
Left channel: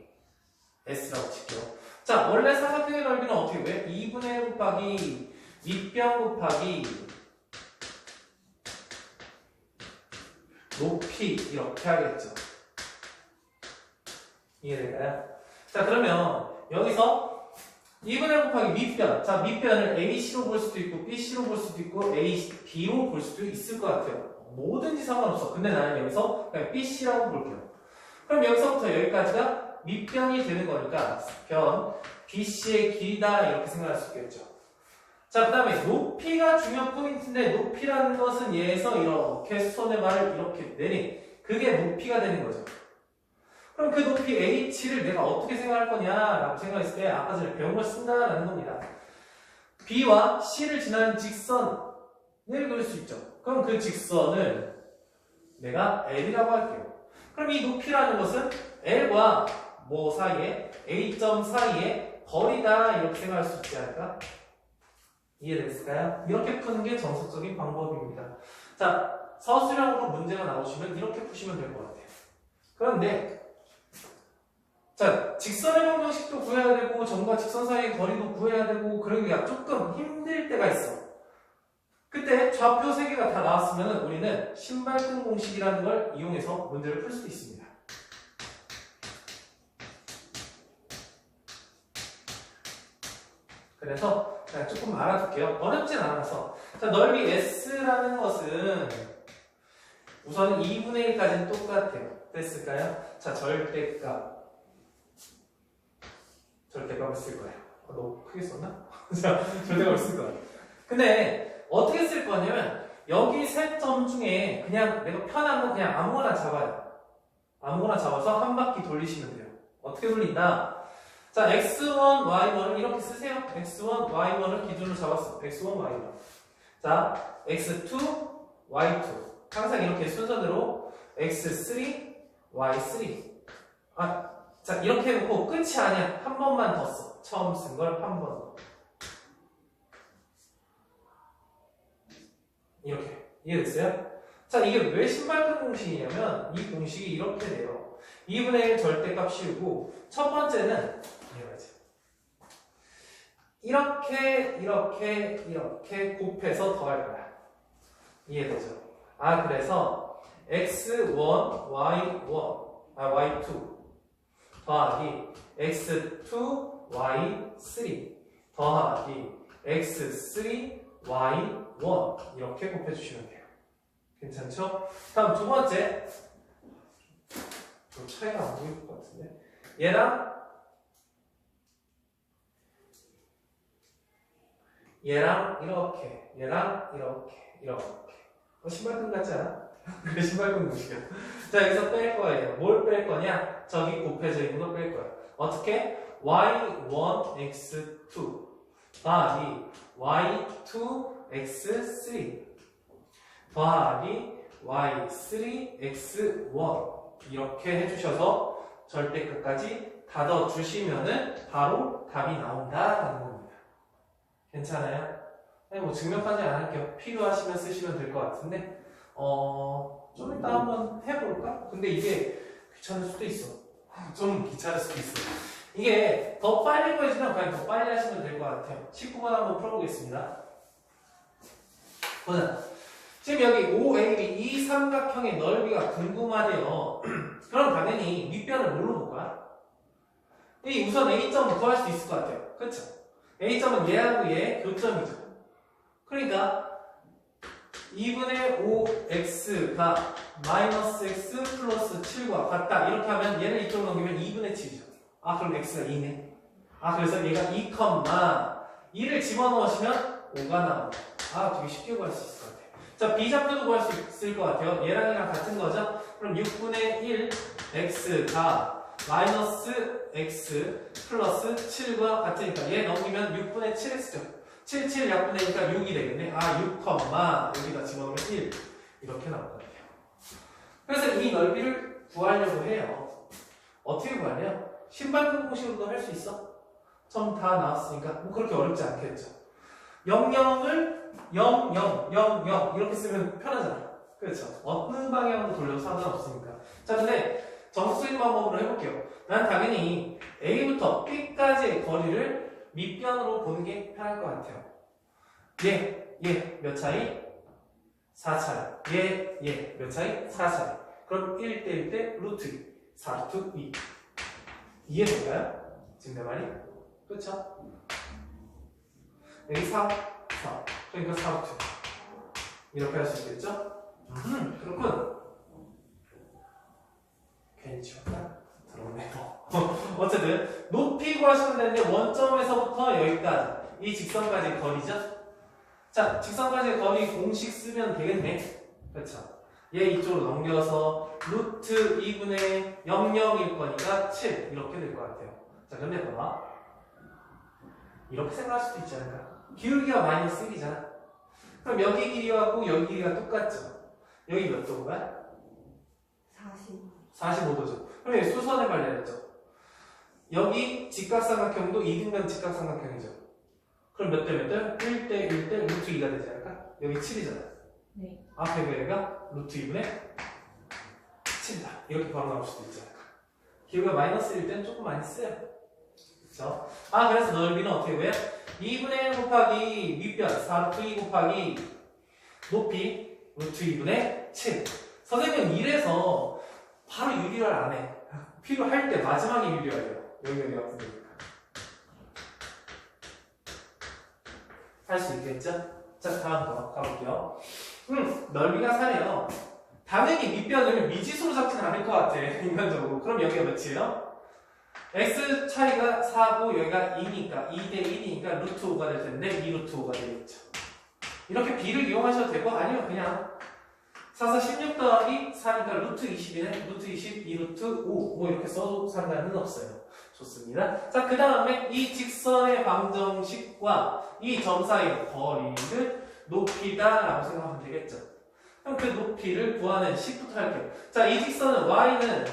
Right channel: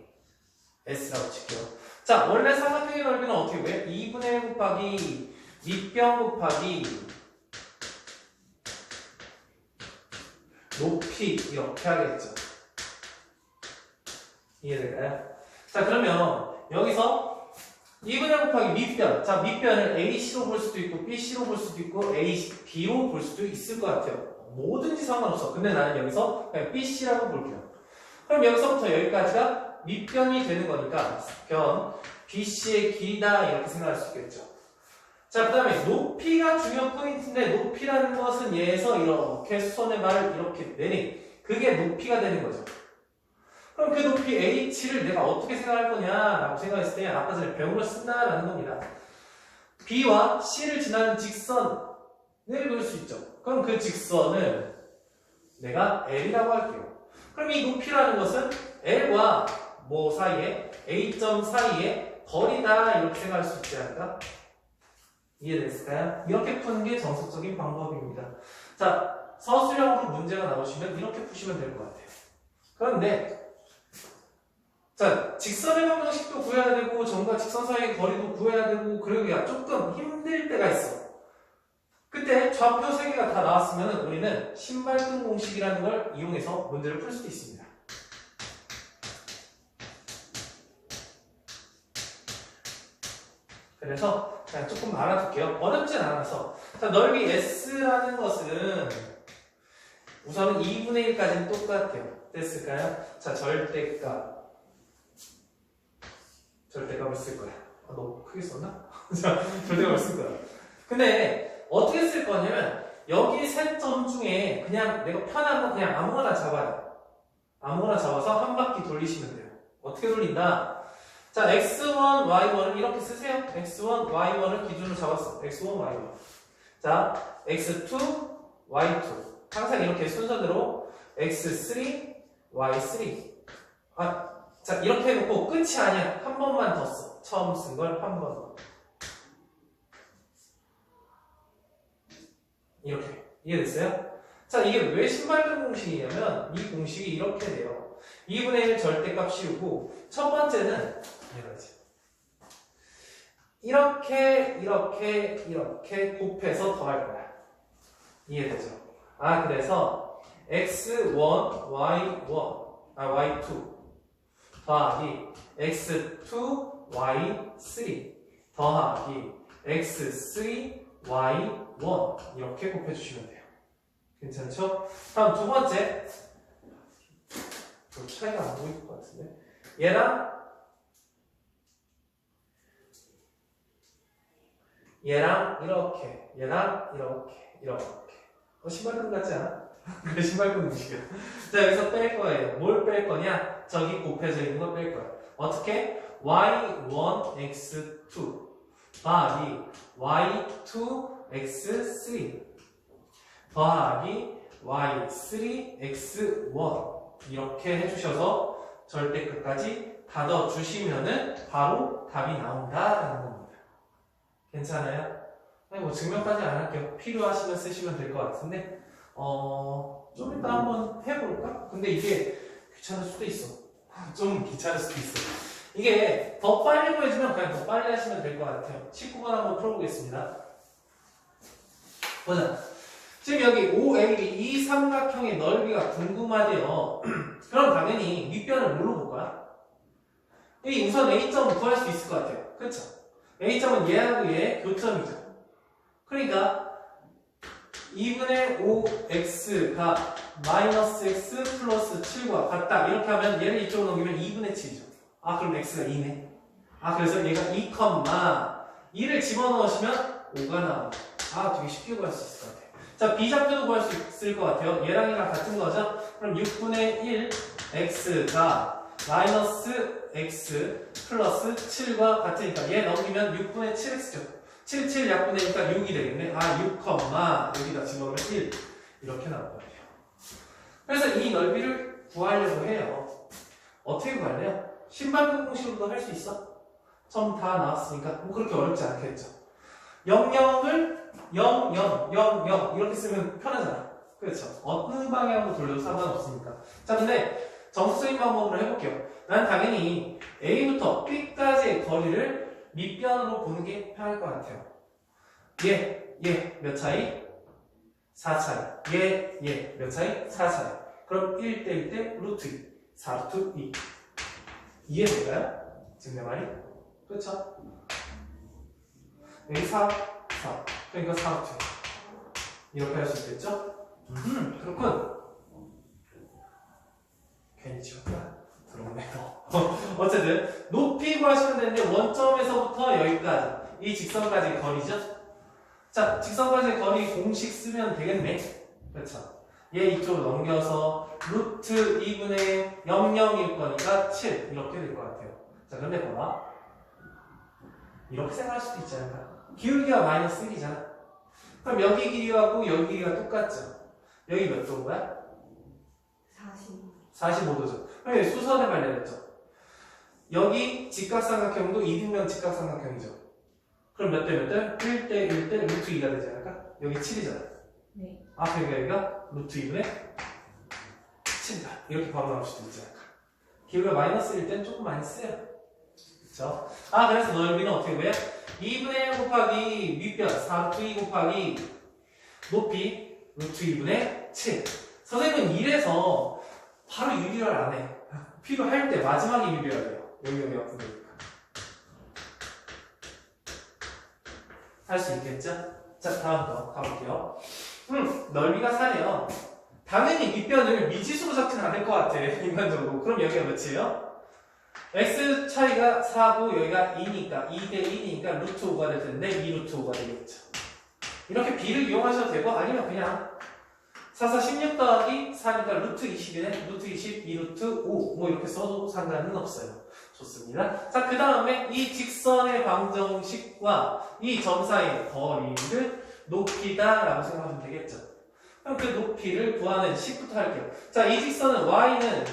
S라고 칠게요. 자, 원래 삼각형의 넓이는 어떻게 돼? 2분의 1 곱하기 밑변 곱하기 높이 이렇게 하겠죠. 이해될까요? 자, 그러면 여기서 2분의 1 곱하기 밑변. 자, 밑변을 AC로 볼 수도 있고 BC로 볼 수도 있고 B로 볼 수도 있을 것 같아요. 뭐든지 상관없어. 근데 나는 여기서 그냥 BC라고 볼게요. 그럼 여기서부터 여기까지가 밑변이 되는 거니까 변 BC의 길이다 이렇게 생각할 수 있겠죠. 자, 그 다음에 높이가 중요한 포인트인데 높이라는 것은 얘에서 이렇게 수선의 말을 이렇게 내리 그게 높이가 되는 거죠. 그럼 그 높이 H를 내가 어떻게 생각할 거냐라고 생각했을 때 아까 전에 배운 걸 쓴다라는 겁니다. B와 C를 지나는 직선을 그릴 수 있죠. 그럼 그 직선을 내가 L이라고 할게요. 그럼 이 높이라는 것은 L과 뭐 사이에 A점 사이에 거리다 이렇게 생각할 수 있지 않을까? 이해됐을까요? 이렇게 푸는 게 정석적인 방법입니다. 자, 서술형으로 문제가 나오시면 이렇게 푸시면 될 것 같아요. 그런데 자, 직선의 방정식도 구해야 되고 점과 직선 사이의 거리도 구해야 되고 그러기가 조금 힘들 때가 있어. 그때 좌표 3개가 다 나왔으면 우리는 신발끈 공식이라는 걸 이용해서 문제를 풀 수도 있습니다. 그래서 그냥 조금 알아둘게요. 어렵진 않아서. 자, 넓이 S라는 것은 우선은 2분의 1까지는 똑같아요. 됐을까요? 자, 절대값 절대값을 쓸 거야. 너무 크게 썼나? 자, 절대값을 쓸 거야. 근데 어떻게 쓸 거냐면 여기 세 점 중에 그냥 내가 편한 거 그냥 아무거나 잡아요. 아무거나 잡아서 한 바퀴 돌리시면 돼요. 어떻게 돌린다? 자, x1, y1을 이렇게 쓰세요. x1, y1을 기준으로 잡았어. x1, y1. 자, x2, y2. 항상 이렇게 순서대로 x3, y3. 자, 이렇게 해놓고 끝이 아니야. 한 번만 더 써. 처음 쓴 걸 한 번 더. 이렇게. 이해됐어요? 자, 이게 왜 신발끈 공식이냐면 이 공식이 이렇게 돼요. 2분의 1 절대값 씌우고 첫 번째는 이렇게 곱해서 더할 거야. 이해되죠? 그래서 x1, y2 더하기 x2, y3 더하기 x3, y1 이렇게 곱해주시면 돼요. 괜찮죠? 다음 두 번째. 좀 차이가 안 보일 것 같은데. 얘랑 이렇게. 신발끈 같지 않아? 그래, 신발끈 공식이야. 자, 여기서 뺄 거예요. 뭘 뺄 거냐? 저기 곱해져 있는 걸 뺄 거야. 어떻게? y1, x2 더하기 y2, x3 더하기 y3, x1 이렇게 해주셔서 절대값까지 다 넣어주시면은 바로 답이 나온다라는 겁니다. 괜찮아요? 뭐 증명까지 안 할게요. 필요하시면 쓰시면 될 것 같은데 좀 이따 한번 해볼까? 근데 이게 귀찮을 수도 있어. 좀 귀찮을 수도 있어. 이게 더 빨리 보여주면 그냥 더 빨리 하시면 될 것 같아요. 19번 한번 풀어보겠습니다. 보자. 지금 여기 OAB 이 삼각형의 넓이가 궁금하대요. 그럼 당연히 윗변을 뭘로 볼까? 이 우선 A점을 구할 수 있을 것 같아요. 그쵸? A점은 얘하고 얘의 교점이죠. 그러니까 2분의 5x가 마이너스 x 플러스 7과 같다. 이렇게 하면 얘를 이쪽으로 넘기면 2분의 7이죠. 그럼 x가 2네. 그래서 얘가 2,2를 집어넣으시면 5가 나옵니다. 되게 쉽게 구할 수 있을 것 같아요. 자, B좌표도 구할 수 있을 것 같아요. 얘랑 얘랑 같은 거죠? 그럼 6분의 1 x가 마이너스 x 플러스 7과 같으니까 얘 넘기면 6분의 7x죠. 7, 7 약분되니까 6이 되겠네. 6, 여기다 집어넣으면 1 이렇게 나올 거예요. 그래서 이 넓이를 구하려고 해요. 어떻게 구할래요? 신발끈 공식으로도 할 수 있어. 점 다 나왔으니까 뭐 그렇게 어렵지 않겠죠. 00을 0, 0, 0, 0 이렇게 쓰면 편하잖아. 그렇죠. 어느 방향으로 돌려도 상관없으니까. 자, 근데 점수 쓰인 방법으로 해볼게요. 난 당연히 A부터 B까지의 거리를 밑변으로 보는 게 편할 것 같아요. 얘 몇 차이? 4 차이. 얘 몇 차이? 4 차이. 그럼 1대 1대 루트 4 루트 2. 이해될까요? 지금 내 말이? 그렇죠? 여기 4 그러니까 4 루트 이렇게 할 수 있겠죠? 그렇군. 괜히 지웠다. 들어오네요. 어쨌든 높이 구하시면 되는데 원점에서부터 여기까지 이 직선까지의 거리죠. 자, 직선까지의 거리 공식 쓰면 되겠네. 그렇죠. 얘 이쪽으로 넘겨서 루트 2분의 00일 거니까 7 이렇게 될 것 같아요. 자, 근데 봐봐. 이렇게 생각할 수도 있지 않을까? 기울기가 마이너스 1이잖아. 그럼 여기 길이하고 여기 길이가 똑같죠. 여기 몇 도인가요? 45도죠. 그럼 얘 수선에 관련했죠. 여기 직각삼각형도 이등변 직각삼각형이죠. 그럼 몇 대 몇 대? 1대 1대 루트 2가 되지 않을까? 여기 7이잖아. 네. 앞에 여기가 루트 2분의 7이다. 이렇게 바로 나올 수도 있지 않을까? 기울기가 마이너스일 땐 조금 많이 써요. 그쵸? 그래서 넓이는 어떻게 구해요? 2분의 1 곱하기 윗변 4루트 2 곱하기 높이 루트 2분의 7. 선생님은 이래서 바로 유리를 안 해. 필요할 때 마지막에 유리해야 돼요. 여기 같은 거니까. 할 수 있겠죠? 자, 다음 거 가볼게요. 넓이가 4네요. 당연히 밑변을 미지수로 잡진 않을 것 같아. 인간적으로. 그럼 여기가 몇이에요? x 차이가 4고 여기가 2니까 2대 1이니까 루트 5가 될 텐데 2 루트 5가 되겠죠. 이렇게 b를 이용하셔도 되고 아니면 그냥 4, 4, 16 더하기 4니까 루트 20이네. 루트 20, 2 루트 5 뭐 이렇게 써도 상관은 없어요. 좋습니다. 자, 그 다음에 이 직선의 방정식과 이 점 사이의 거리를 높이다 라고 생각하면 되겠죠. 그럼 그 높이를 구하는 식부터 할게요. 자, 이 직선은 y는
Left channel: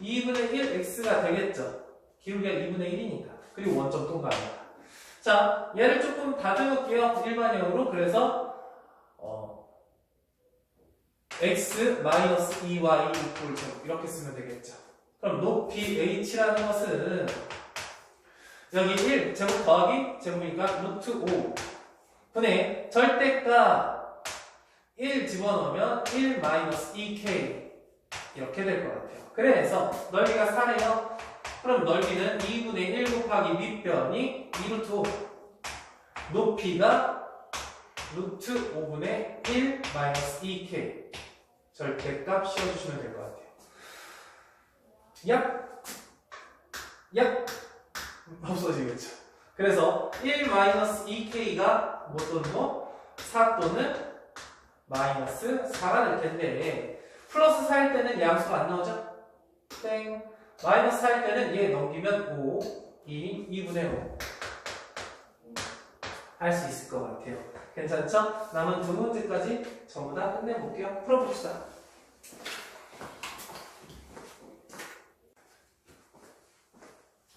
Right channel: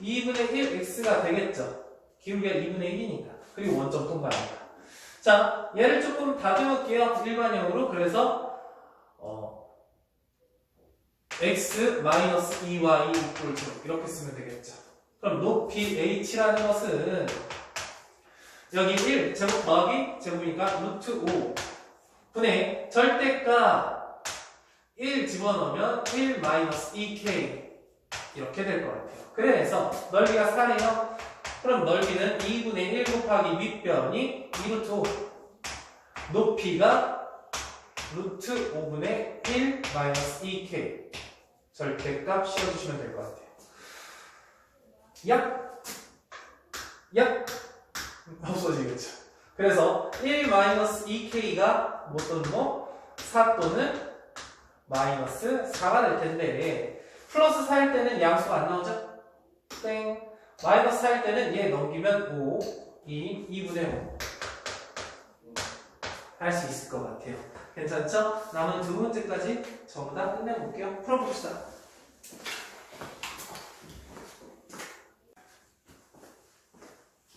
2분의 1 x가 되겠죠. 기울기가 2분의 1이니까. 그리고 원점 통과합니다. 자, 얘를 조금 다듬을게요. 일반형으로. 그래서 x 마이너스 2y 이퀄 0 이렇게 쓰면 되겠죠. 그럼 높이 h라는 것은 여기 1 제곱 더하기 제곱이니까 루트 5 분의 절대값 1 집어넣으면 1 마이너스 2k 이렇게 될 것 같아요. 그래서 넓이가 4네요. 그럼 넓이는 2분의 1 곱하기 밑변이 2 루트 5 높이가 루트 5분의 1 마이너스 2k 절대값 씌워주시면 될 것 같아요. 약 없어지겠죠. 그래서 1 마이너스 2k가 뭐 또는 뭐 4 또는 마이너스 4가 될 텐데 플러스 4일 때는 양수가 안 나오죠? 땡. 마이너스 4일 때는 얘 넘기면 5, 2분의 5 할 수 있을 것 같아요. 괜찮죠? 남은 두 문제까지 전부 다 끝내볼게요. 풀어봅시다.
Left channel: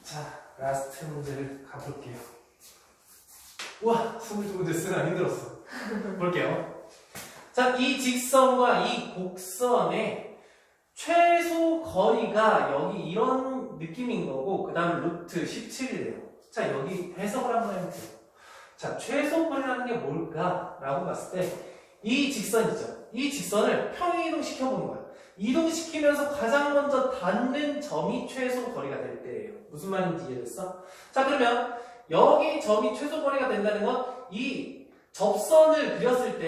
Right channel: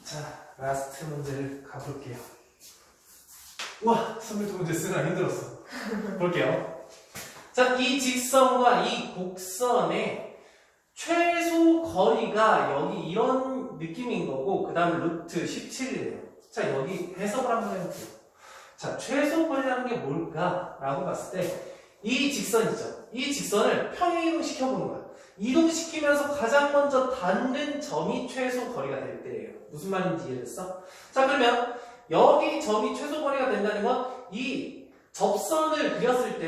자, 라스트 문제를 가볼게요. 우와, 22문제 쓰느라 힘들었어. 볼게요. 자, 이 직선과 이 곡선의 최소 거리가 여기 이런 느낌인 거고 그 다음에 루트 17이래요. 자, 여기 해석을 한번 해볼게요. 자, 최소 거리라는 게 뭘까? 라고 봤을 때 이 직선이죠. 이 직선을 평행이동 시켜보는 거예요. 이동시키면서 가장 먼저 닿는 점이 최소 거리가 될 때예요. 무슨 말인지 이해됐어? 자, 그러면 여기 점이 최소 거리가 된다는 건 이 접선을 그렸을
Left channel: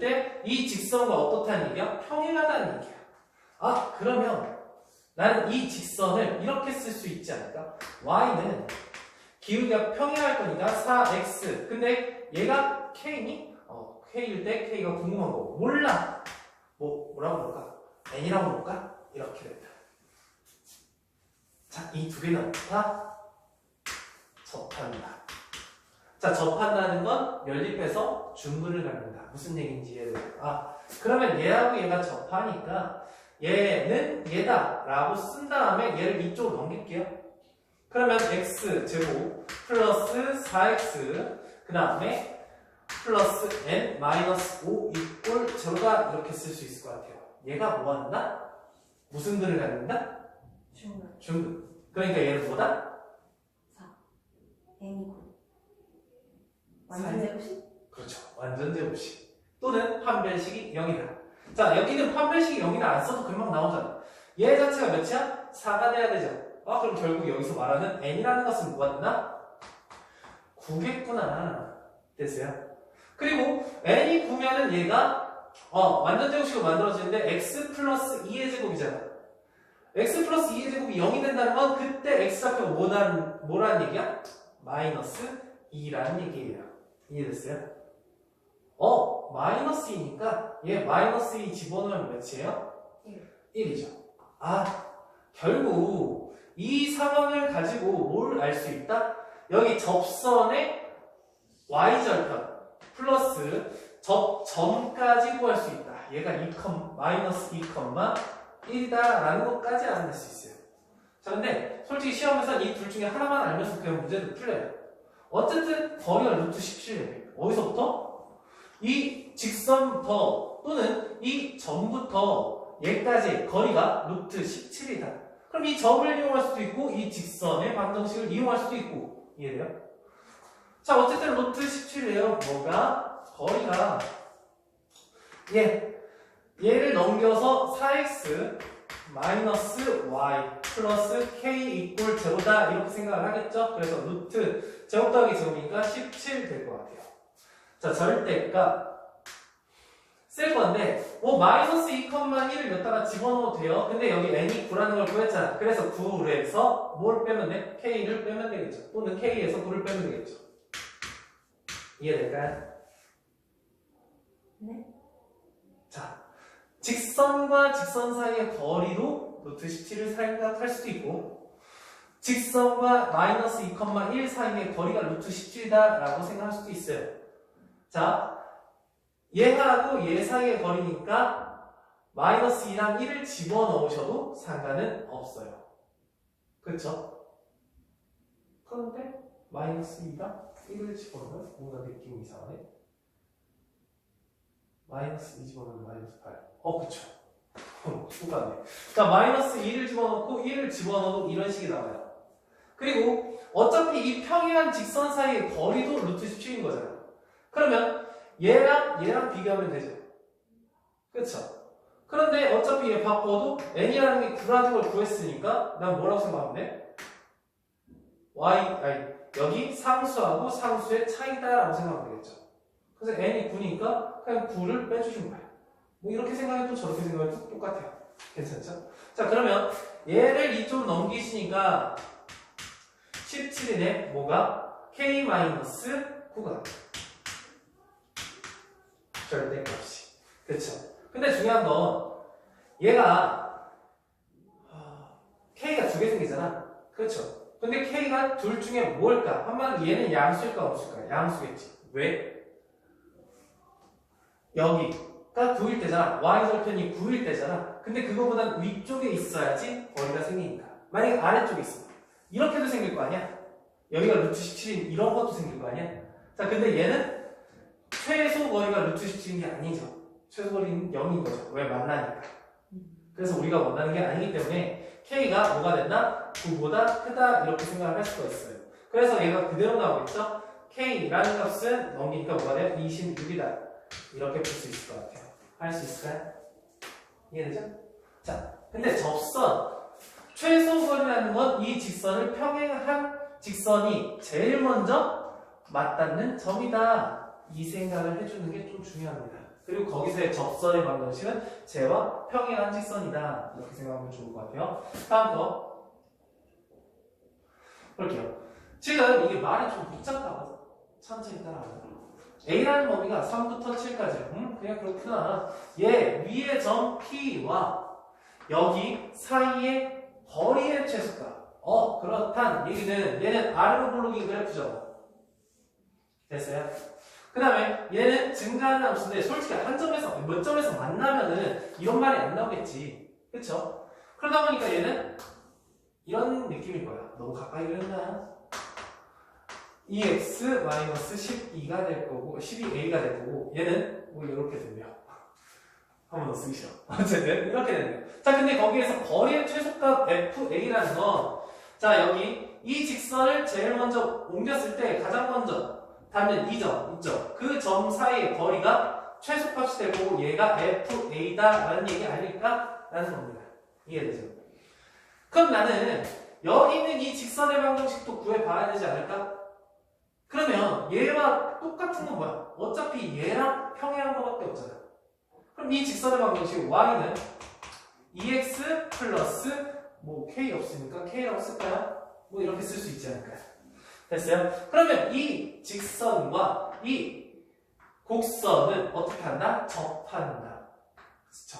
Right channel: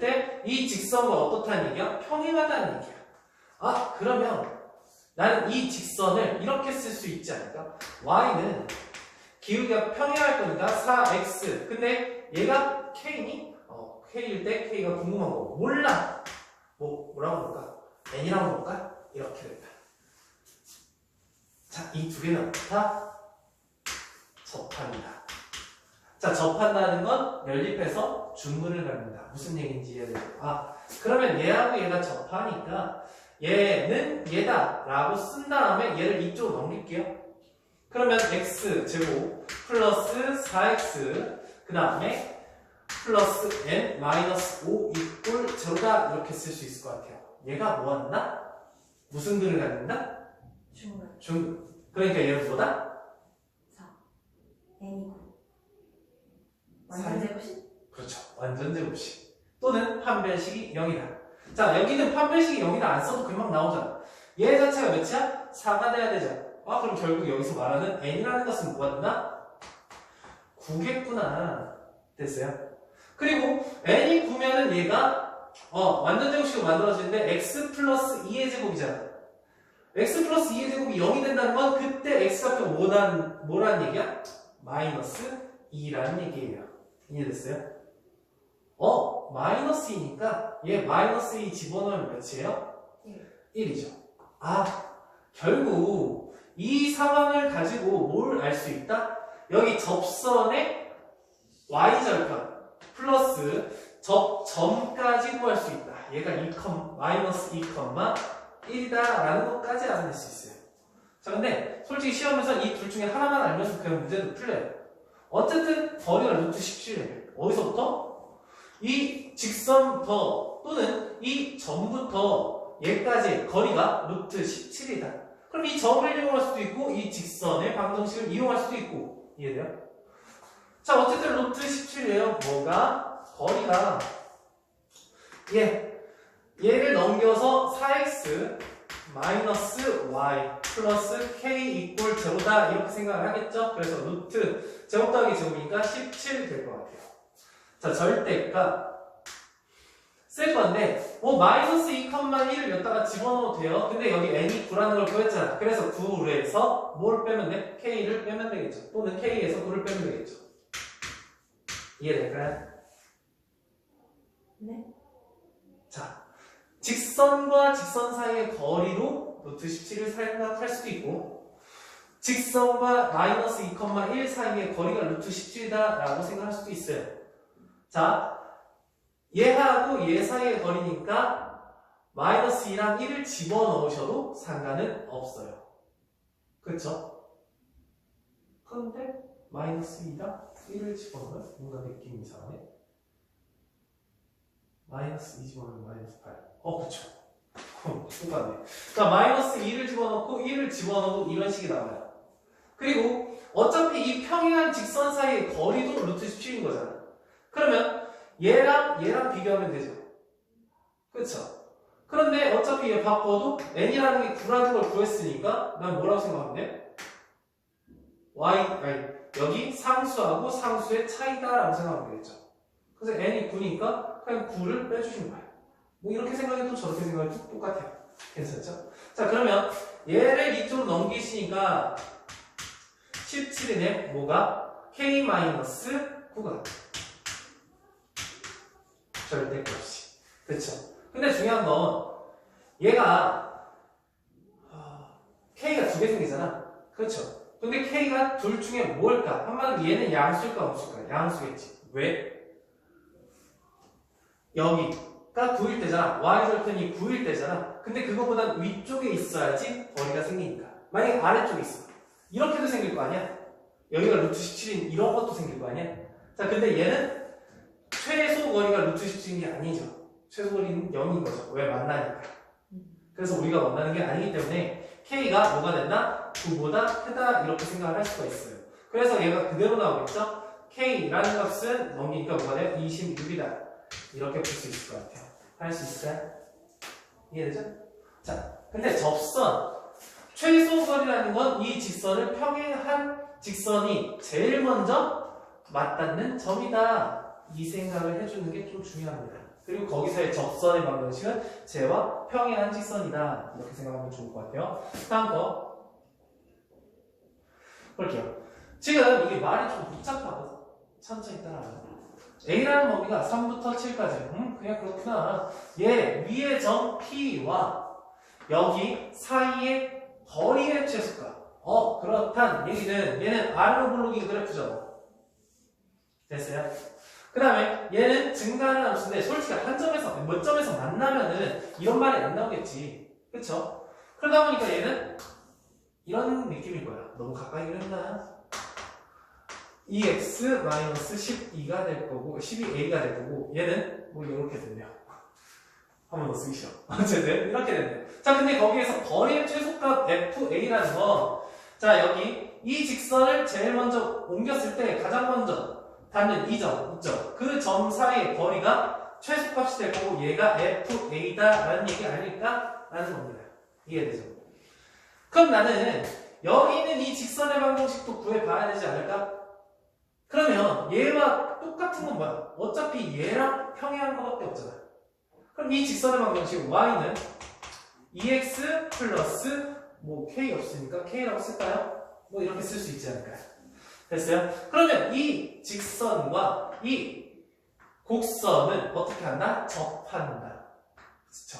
때 이 직선과 어떻다는 얘기야? 평행하다는 얘기야. 아, 그러면 나는 이 직선을 이렇게 쓸 수 있지 않을까? y는 기울기가 평행할 거니까 4x. 근데 얘가 k니? k일 때 k가 궁금한 거 몰라. 뭐라고 볼까? n이라고 볼까? 이렇게 된다. 자, 이 두 개는 다 접한다. 자, 접한다는 건 연립해서 중근을 갖는다. 무슨 얘기인지 이해돼요? 아, 그러면 얘하고 얘가 접하니까 얘는 얘다 라고 쓴 다음에 얘를 이쪽으로 넘길게요. 그러면 x 제곱 플러스 4x 그 다음에 플러스 n 마이너스 5 이꼴 제로다 이렇게 쓸 수 있을 것 같아요. 얘가 뭐 한다? 무슨 근을 갖는다? 중근. 중근. 그러니까 얘는 뭐다? 4 n이고 완전 제곱식? 그렇죠. 완전 제곱식. 또는 판별식이 0이다. 자, 여기는 판별식이 0이다 안 써도 금방 나오잖아. 얘 자체가 몇이야? 4가 돼야 되죠. 아, 그럼 결국 여기서 말하는 n이라는 것은 뭐가 되나? 9겠구나. 됐어요? 그리고 n이 9면은 얘가 완전 제곱식으로 만들어지는데 x 플러스 2의 제곱이잖아. x 플러스 2의 제곱이 0이 된다는 건 그때 x좌표가 뭐라는 얘기야? 마이너스 2라는 얘기예요. 이해됐어요? 마이너스 2니까 얘 마이너스 2 집어넣으면 몇이에요? 1이죠. 아, 결국 이 상황을 가지고 뭘 알 수 있다? 여기 접선의 y절편 플러스 접점까지 구할 수 있다. 얘가 마이너스 2,1이다 라는 것까지 알아낼 수 있어요. 자, 근데 솔직히 시험에서 이 둘 중에 하나만 알면서 그냥 문제도 풀려요. 어쨌든 거리가 루트 17이에요. 어디서부터? 이 직선부터 또는 이 점부터 얘까지 거리가 루트 17이다. 그럼 이 점을 이용할 수도 있고 이 직선의 방정식을 이용할 수도 있고 이해돼요? 자, 어쨌든 루트 17이에요. 뭐가? 거리가 얘를 넘겨서 4x 마이너스 y 플러스 k 이꼴 제로다 이렇게 생각을 하겠죠? 그래서 루트 제곱 더하기 제곱이니까 17 될 것 같아요. 자, 절대값 쓸 건데 마이너스 2,1을 여기다가 집어넣어도 돼요. 근데 여기 n이 9라는 걸 구했잖아. 그래서 9에서 뭘 빼면 돼? k를 빼면 되겠죠. 또는 k에서 9를 빼면 되겠죠. 이해될까요? 네. 자, 직선과 직선 사이의 거리로 루트 17을 생각할 수도 있고 직선과 마이너스 2,1 사이의 거리가 루트 17이다 라고 생각할 수도 있어요. 자, 얘하고 얘 사이의 거리니까 마이너스 2랑 1을 집어넣으셔도 상관은 없어요. 그쵸? 그런데 마이너스 2랑 1을 집어넣으면 뭔가 느낌이 이상하네. 마이너스 2 집어넣으면 마이너스 8. 그쵸. 똑같네. 자, 마이너스 2를 집어넣고 1을 집어넣으면 이런 식이 나와요. 그리고 어차피 이 평행한 직선 사이의 거리도 루트 17인 거잖아. 그러면 얘랑 비교하면 되죠. 그쵸? 그런데 어차피 얘 바꿔도 n이라는 게 9라는 걸 구했으니까 난 뭐라고 생각하면 돼? 여기 상수하고 상수의 차이다 라고 생각하면 되겠죠. 그래서 n이 9니까 그냥 9를 빼주신 거야. 뭐 이렇게 생각해도 저렇게 생각해도 똑같아요. 괜찮죠? 자, 그러면 얘를 이쪽으로 넘기시니까 17이네. 뭐가? k-9가 절대값이. 그쵸? 근데 중요한 건 얘가 k가 두 개 생기잖아. 그쵸? 근데 k가 둘 중에 뭘까? 한마디로 얘는 양수일까 없을까? 양수겠지. 왜? 여기가 9일 때잖아. y절편이 9일 때잖아. 근데 그거보단 위쪽에 있어야지 거리가 생기니까. 만약에 아래쪽에 있어. 이렇게도 생길 거 아니야? 여기가 루트 17인 이런 것도 생길 거 아니야? 자, 근데 얘는 최소 거리가 루트 17이 아니죠. 최소 거리는 0인 거죠. 왜? 만나니까. 그래서 우리가 원하는 게 아니기 때문에 k가 뭐가 된다? 9보다 크다 이렇게 생각을 할 수가 있어요. 그래서 얘가 그대로 나오겠죠? k라는 값은 넘기니까 뭐가 돼요? 26이다. 이렇게 볼 수 있을 것 같아요. 할 수 있을까요? 이해되죠? 자, 근데 접선 최소 거리라는 건 이 직선을 평행한 직선이 제일 먼저 맞닿는 점이다. 이 생각을 해주는 게 좀 중요합니다. 그리고 거기서의 접선의 방정식은 쟤와 평행한 직선이다. 이렇게 생각하면 좋을 것 같아요. 다음 거 볼게요. 지금 이게 말이 좀 복잡하거든. 천천히 따라와요. A라는 범위가 3부터 7까지. 그냥 그렇구나. 얘 위의 점 P와 여기 사이의 거리의 최소가. 그렇단 얘기는 얘는 아래로 굴르기 그래프잖아. 됐어요? 그 다음에 얘는 증가하는 함수인데 솔직히 한 점에서 몇 점에서 만나면은 이런 말이 안 나오겠지. 그쵸? 그러다 보니까 얘는 이런 느낌인 거야. 너무 가까이 그렸나? 2x-12가 될 거고 12a가 될 거고 얘는 뭐 이렇게 된대요. 한 번 더 쓰기 싫어. 어쨌든 이렇게 된대요. 자, 근데 거기에서 거리의 최소값 fa라는 건 자, 여기 이 직선을 제일 먼저 옮겼을 때 가장 먼저 닿는 이 점 있죠? 그 점 사이의 거리가 최소값이 될 거고 얘가 fa다 라는 얘기 아닐까? 라는 겁니다. 이해되죠? 그럼 나는 여기 있는 이 직선의 방정식도 구해봐야 되지 않을까? 그러면 얘와 똑같은 건 뭐야? 어차피 얘랑 평행한 거밖에 없잖아. 그럼 이 직선의 방정식 y는 2x 플러스 뭐 k 없으니까 k라고 쓸까요? 뭐 이렇게 쓸 수 있지 않을까요? 됐어요? 그러면 이 직선과 이 곡선은 어떻게 한다? 접한다. 그렇죠?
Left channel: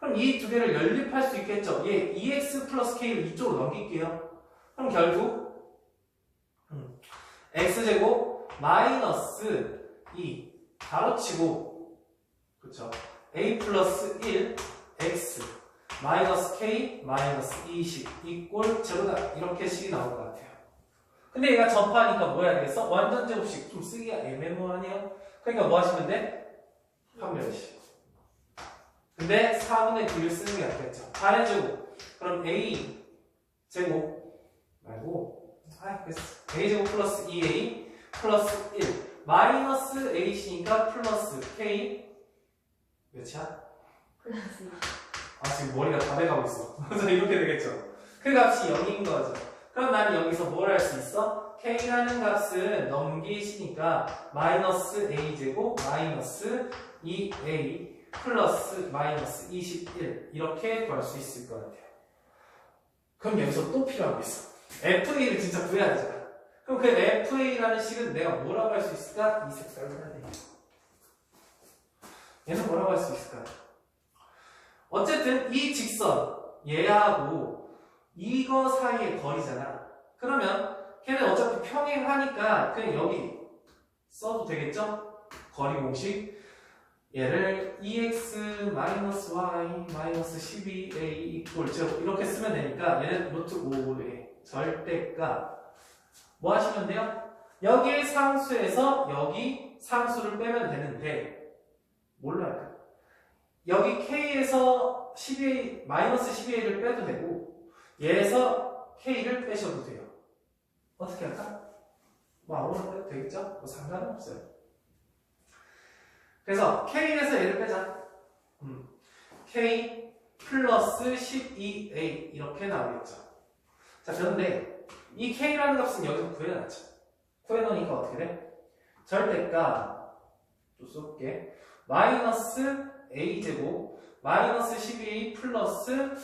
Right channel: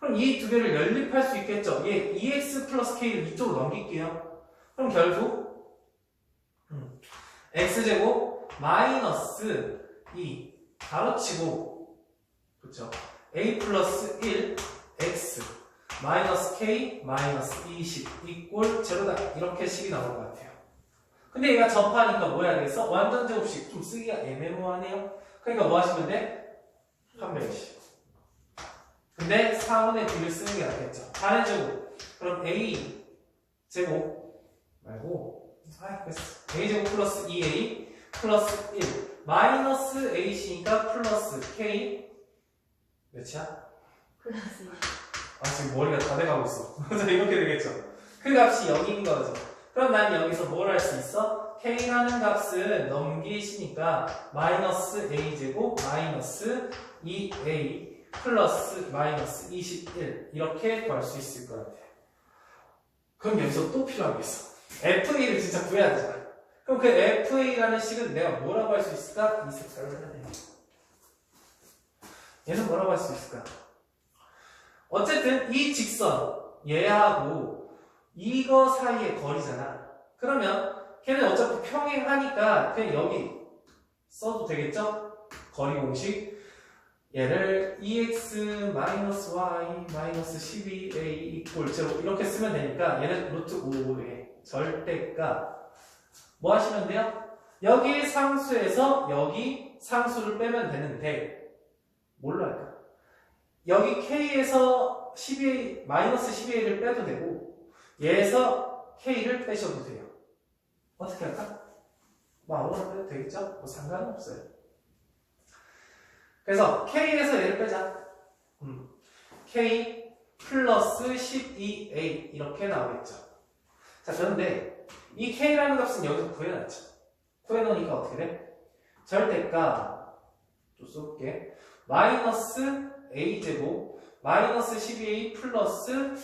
그럼 이 두 개를 연립할 수 있겠죠? 얘 2x 플러스 k를 이쪽으로 넘길게요. 그럼 결국 x제곱 마이너스 2 가로치고 그렇죠? a 플러스 1 x 마이너스 k 마이너스 20 이꼴 제로다. 이렇게 식이 나올 것 같아요. 근데 얘가 접하니까 뭐 해야 되겠어? 완전 제곱식 좀 쓰기가 애매모호하네요. 그러니까 뭐 하시면 돼? 판별식. 근데 4분의 9를 쓰는 게 낫겠죠. 4의 제곱. 그럼 a 제곱 말고 a 제곱 플러스 2a 플러스 1 마이너스 ac니까 플러스 k 몇이야? 플러스 지금 머리가 다 돼가고 있어. 이렇게 되겠죠. 그 값이 0인 거죠. 그럼 난 여기서 뭘 할 수 있어? k라는 값을 넘기시니까 마이너스 a제곱 마이너스 2a 플러스 마이너스 21 이렇게 구할 수 있을 것 같아요. 그럼 여기서 또 필요한 게 있어. FA를 진짜 구해야 되잖아. 그럼 그 FA라는 식은 내가 뭐라고 할 수 있을까? 이 색깔을 해야 돼. 얘는 뭐라고 할 수 있을까? 어쨌든 이 직선 얘하고 이거 사이의 거리잖아. 그러면 걔는 어차피 평행하니까 그냥 여기 써도 되겠죠? 거리 공식 얘를 EX-Y-12A equal 0 이렇게 쓰면 되니까 얘는 루트 5의 절대값 뭐 하시면 돼요? 여기 상수에서 여기 상수를 빼면 되는데 뭘로 할까? 여기 K에서 12A, 마이너스 12A를 빼도 되고 얘에서 K를 빼셔도 돼요. 어떻게 할까? 뭐 아무거나 빼도 되겠죠? 뭐 상관은 없어요. 그래서 K에서 얘를 빼자. K 플러스 12A 이렇게 나오겠죠. 자, 그런데 이 K라는 값은 여기서 구해놨죠. 구해놓으니까 어떻게 돼? 절대값 또 쏠게. 마이너스 A제곱 마이너스 12A 플러스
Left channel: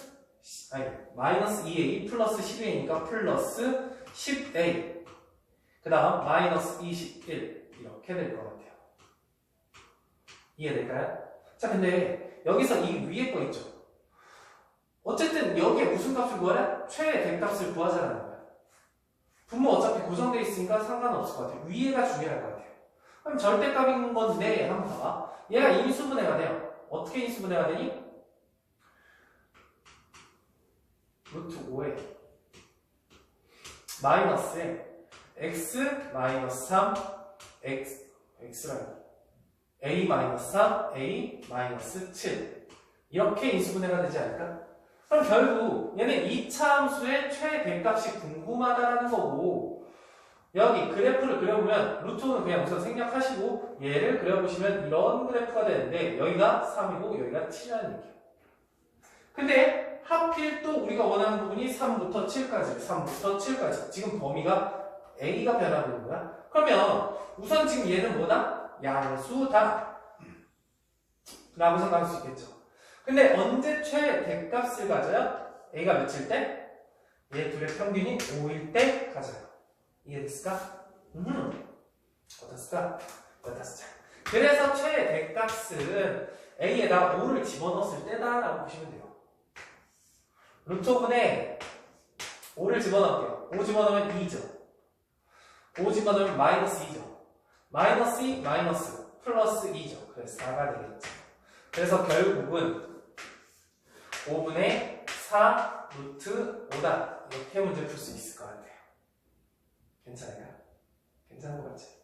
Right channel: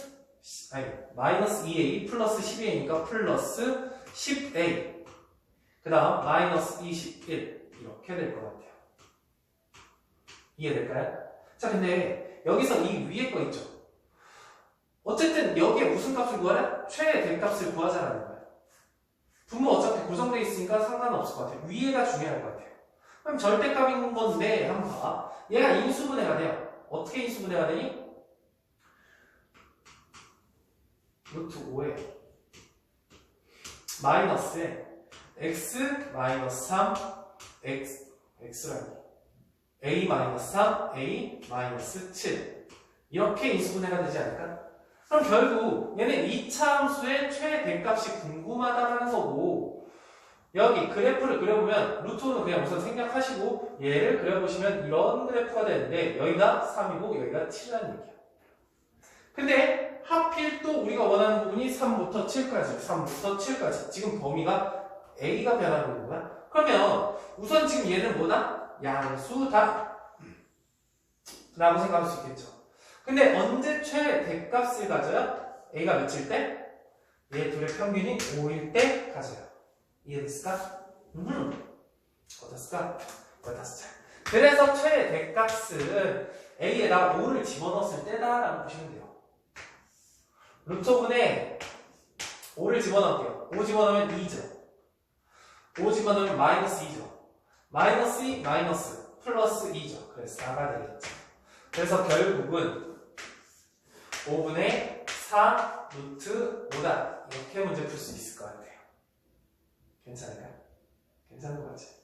마이너스 2A 플러스 12A니까 플러스 10A 그 다음 마이너스 21 이렇게 될 것 같아요. 이해될까요? 자, 근데 여기서 이 위에 거 있죠? 어쨌든 여기에 무슨 값을 구하래? 최대값을 구하자는 거야. 분모 어차피 고정되어 있으니까 상관없을 것 같아요. 위에가 중요할 것 같아요. 그럼 절대값인 건데 한번 봐봐. 얘가 인수분해가 돼요. 어떻게 인수분해가 되니? 루트 5에 마이너스에 x 마이너스 3 x라니 a 마이너스 3 a 마이너스 7 이렇게 인수분해가 되지 않을까? 그럼 결국 얘는 2차 함수의 최대값이 궁금하다는 거고 여기 그래프를 그려보면 루트는 그냥 우선 생략하시고 얘를 그려보시면 이런 그래프가 되는데 여기가 3이고 여기가 7이라는 얘기야. 근데 하필 또 우리가 원하는 부분이 3부터 7까지 지금 범위가 A가 변하는 거야. 그러면 우선 지금 얘는 뭐다? 양수다 라고 생각할 수 있겠죠. 근데 언제 최대값을 가져요? A가 몇일 때? 얘 둘의 평균이 5일 때 가져요. 이해됐을까? 어땠을까? 어땠을까? 그래서 최대값은 A에다 5를 집어넣었을 때다라고 보시면 돼요. 루트분에 5를 집어넣을게요. 5 집어넣으면 2죠. 5 집어넣으면 마이너스 2죠. 마이너스 2, 마이너스 플러스 2죠. 그래서 4가 되겠죠. 그래서 결국은 5분의 4 루트 5다. 이렇게 문제 풀 수 있을 것 같아요. 괜찮아요? 괜찮은 것 같지?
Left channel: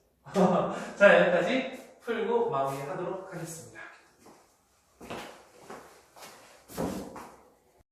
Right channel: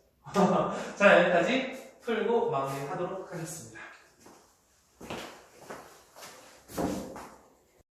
자, 여기까지 풀고 마무리하도록 하겠습니다.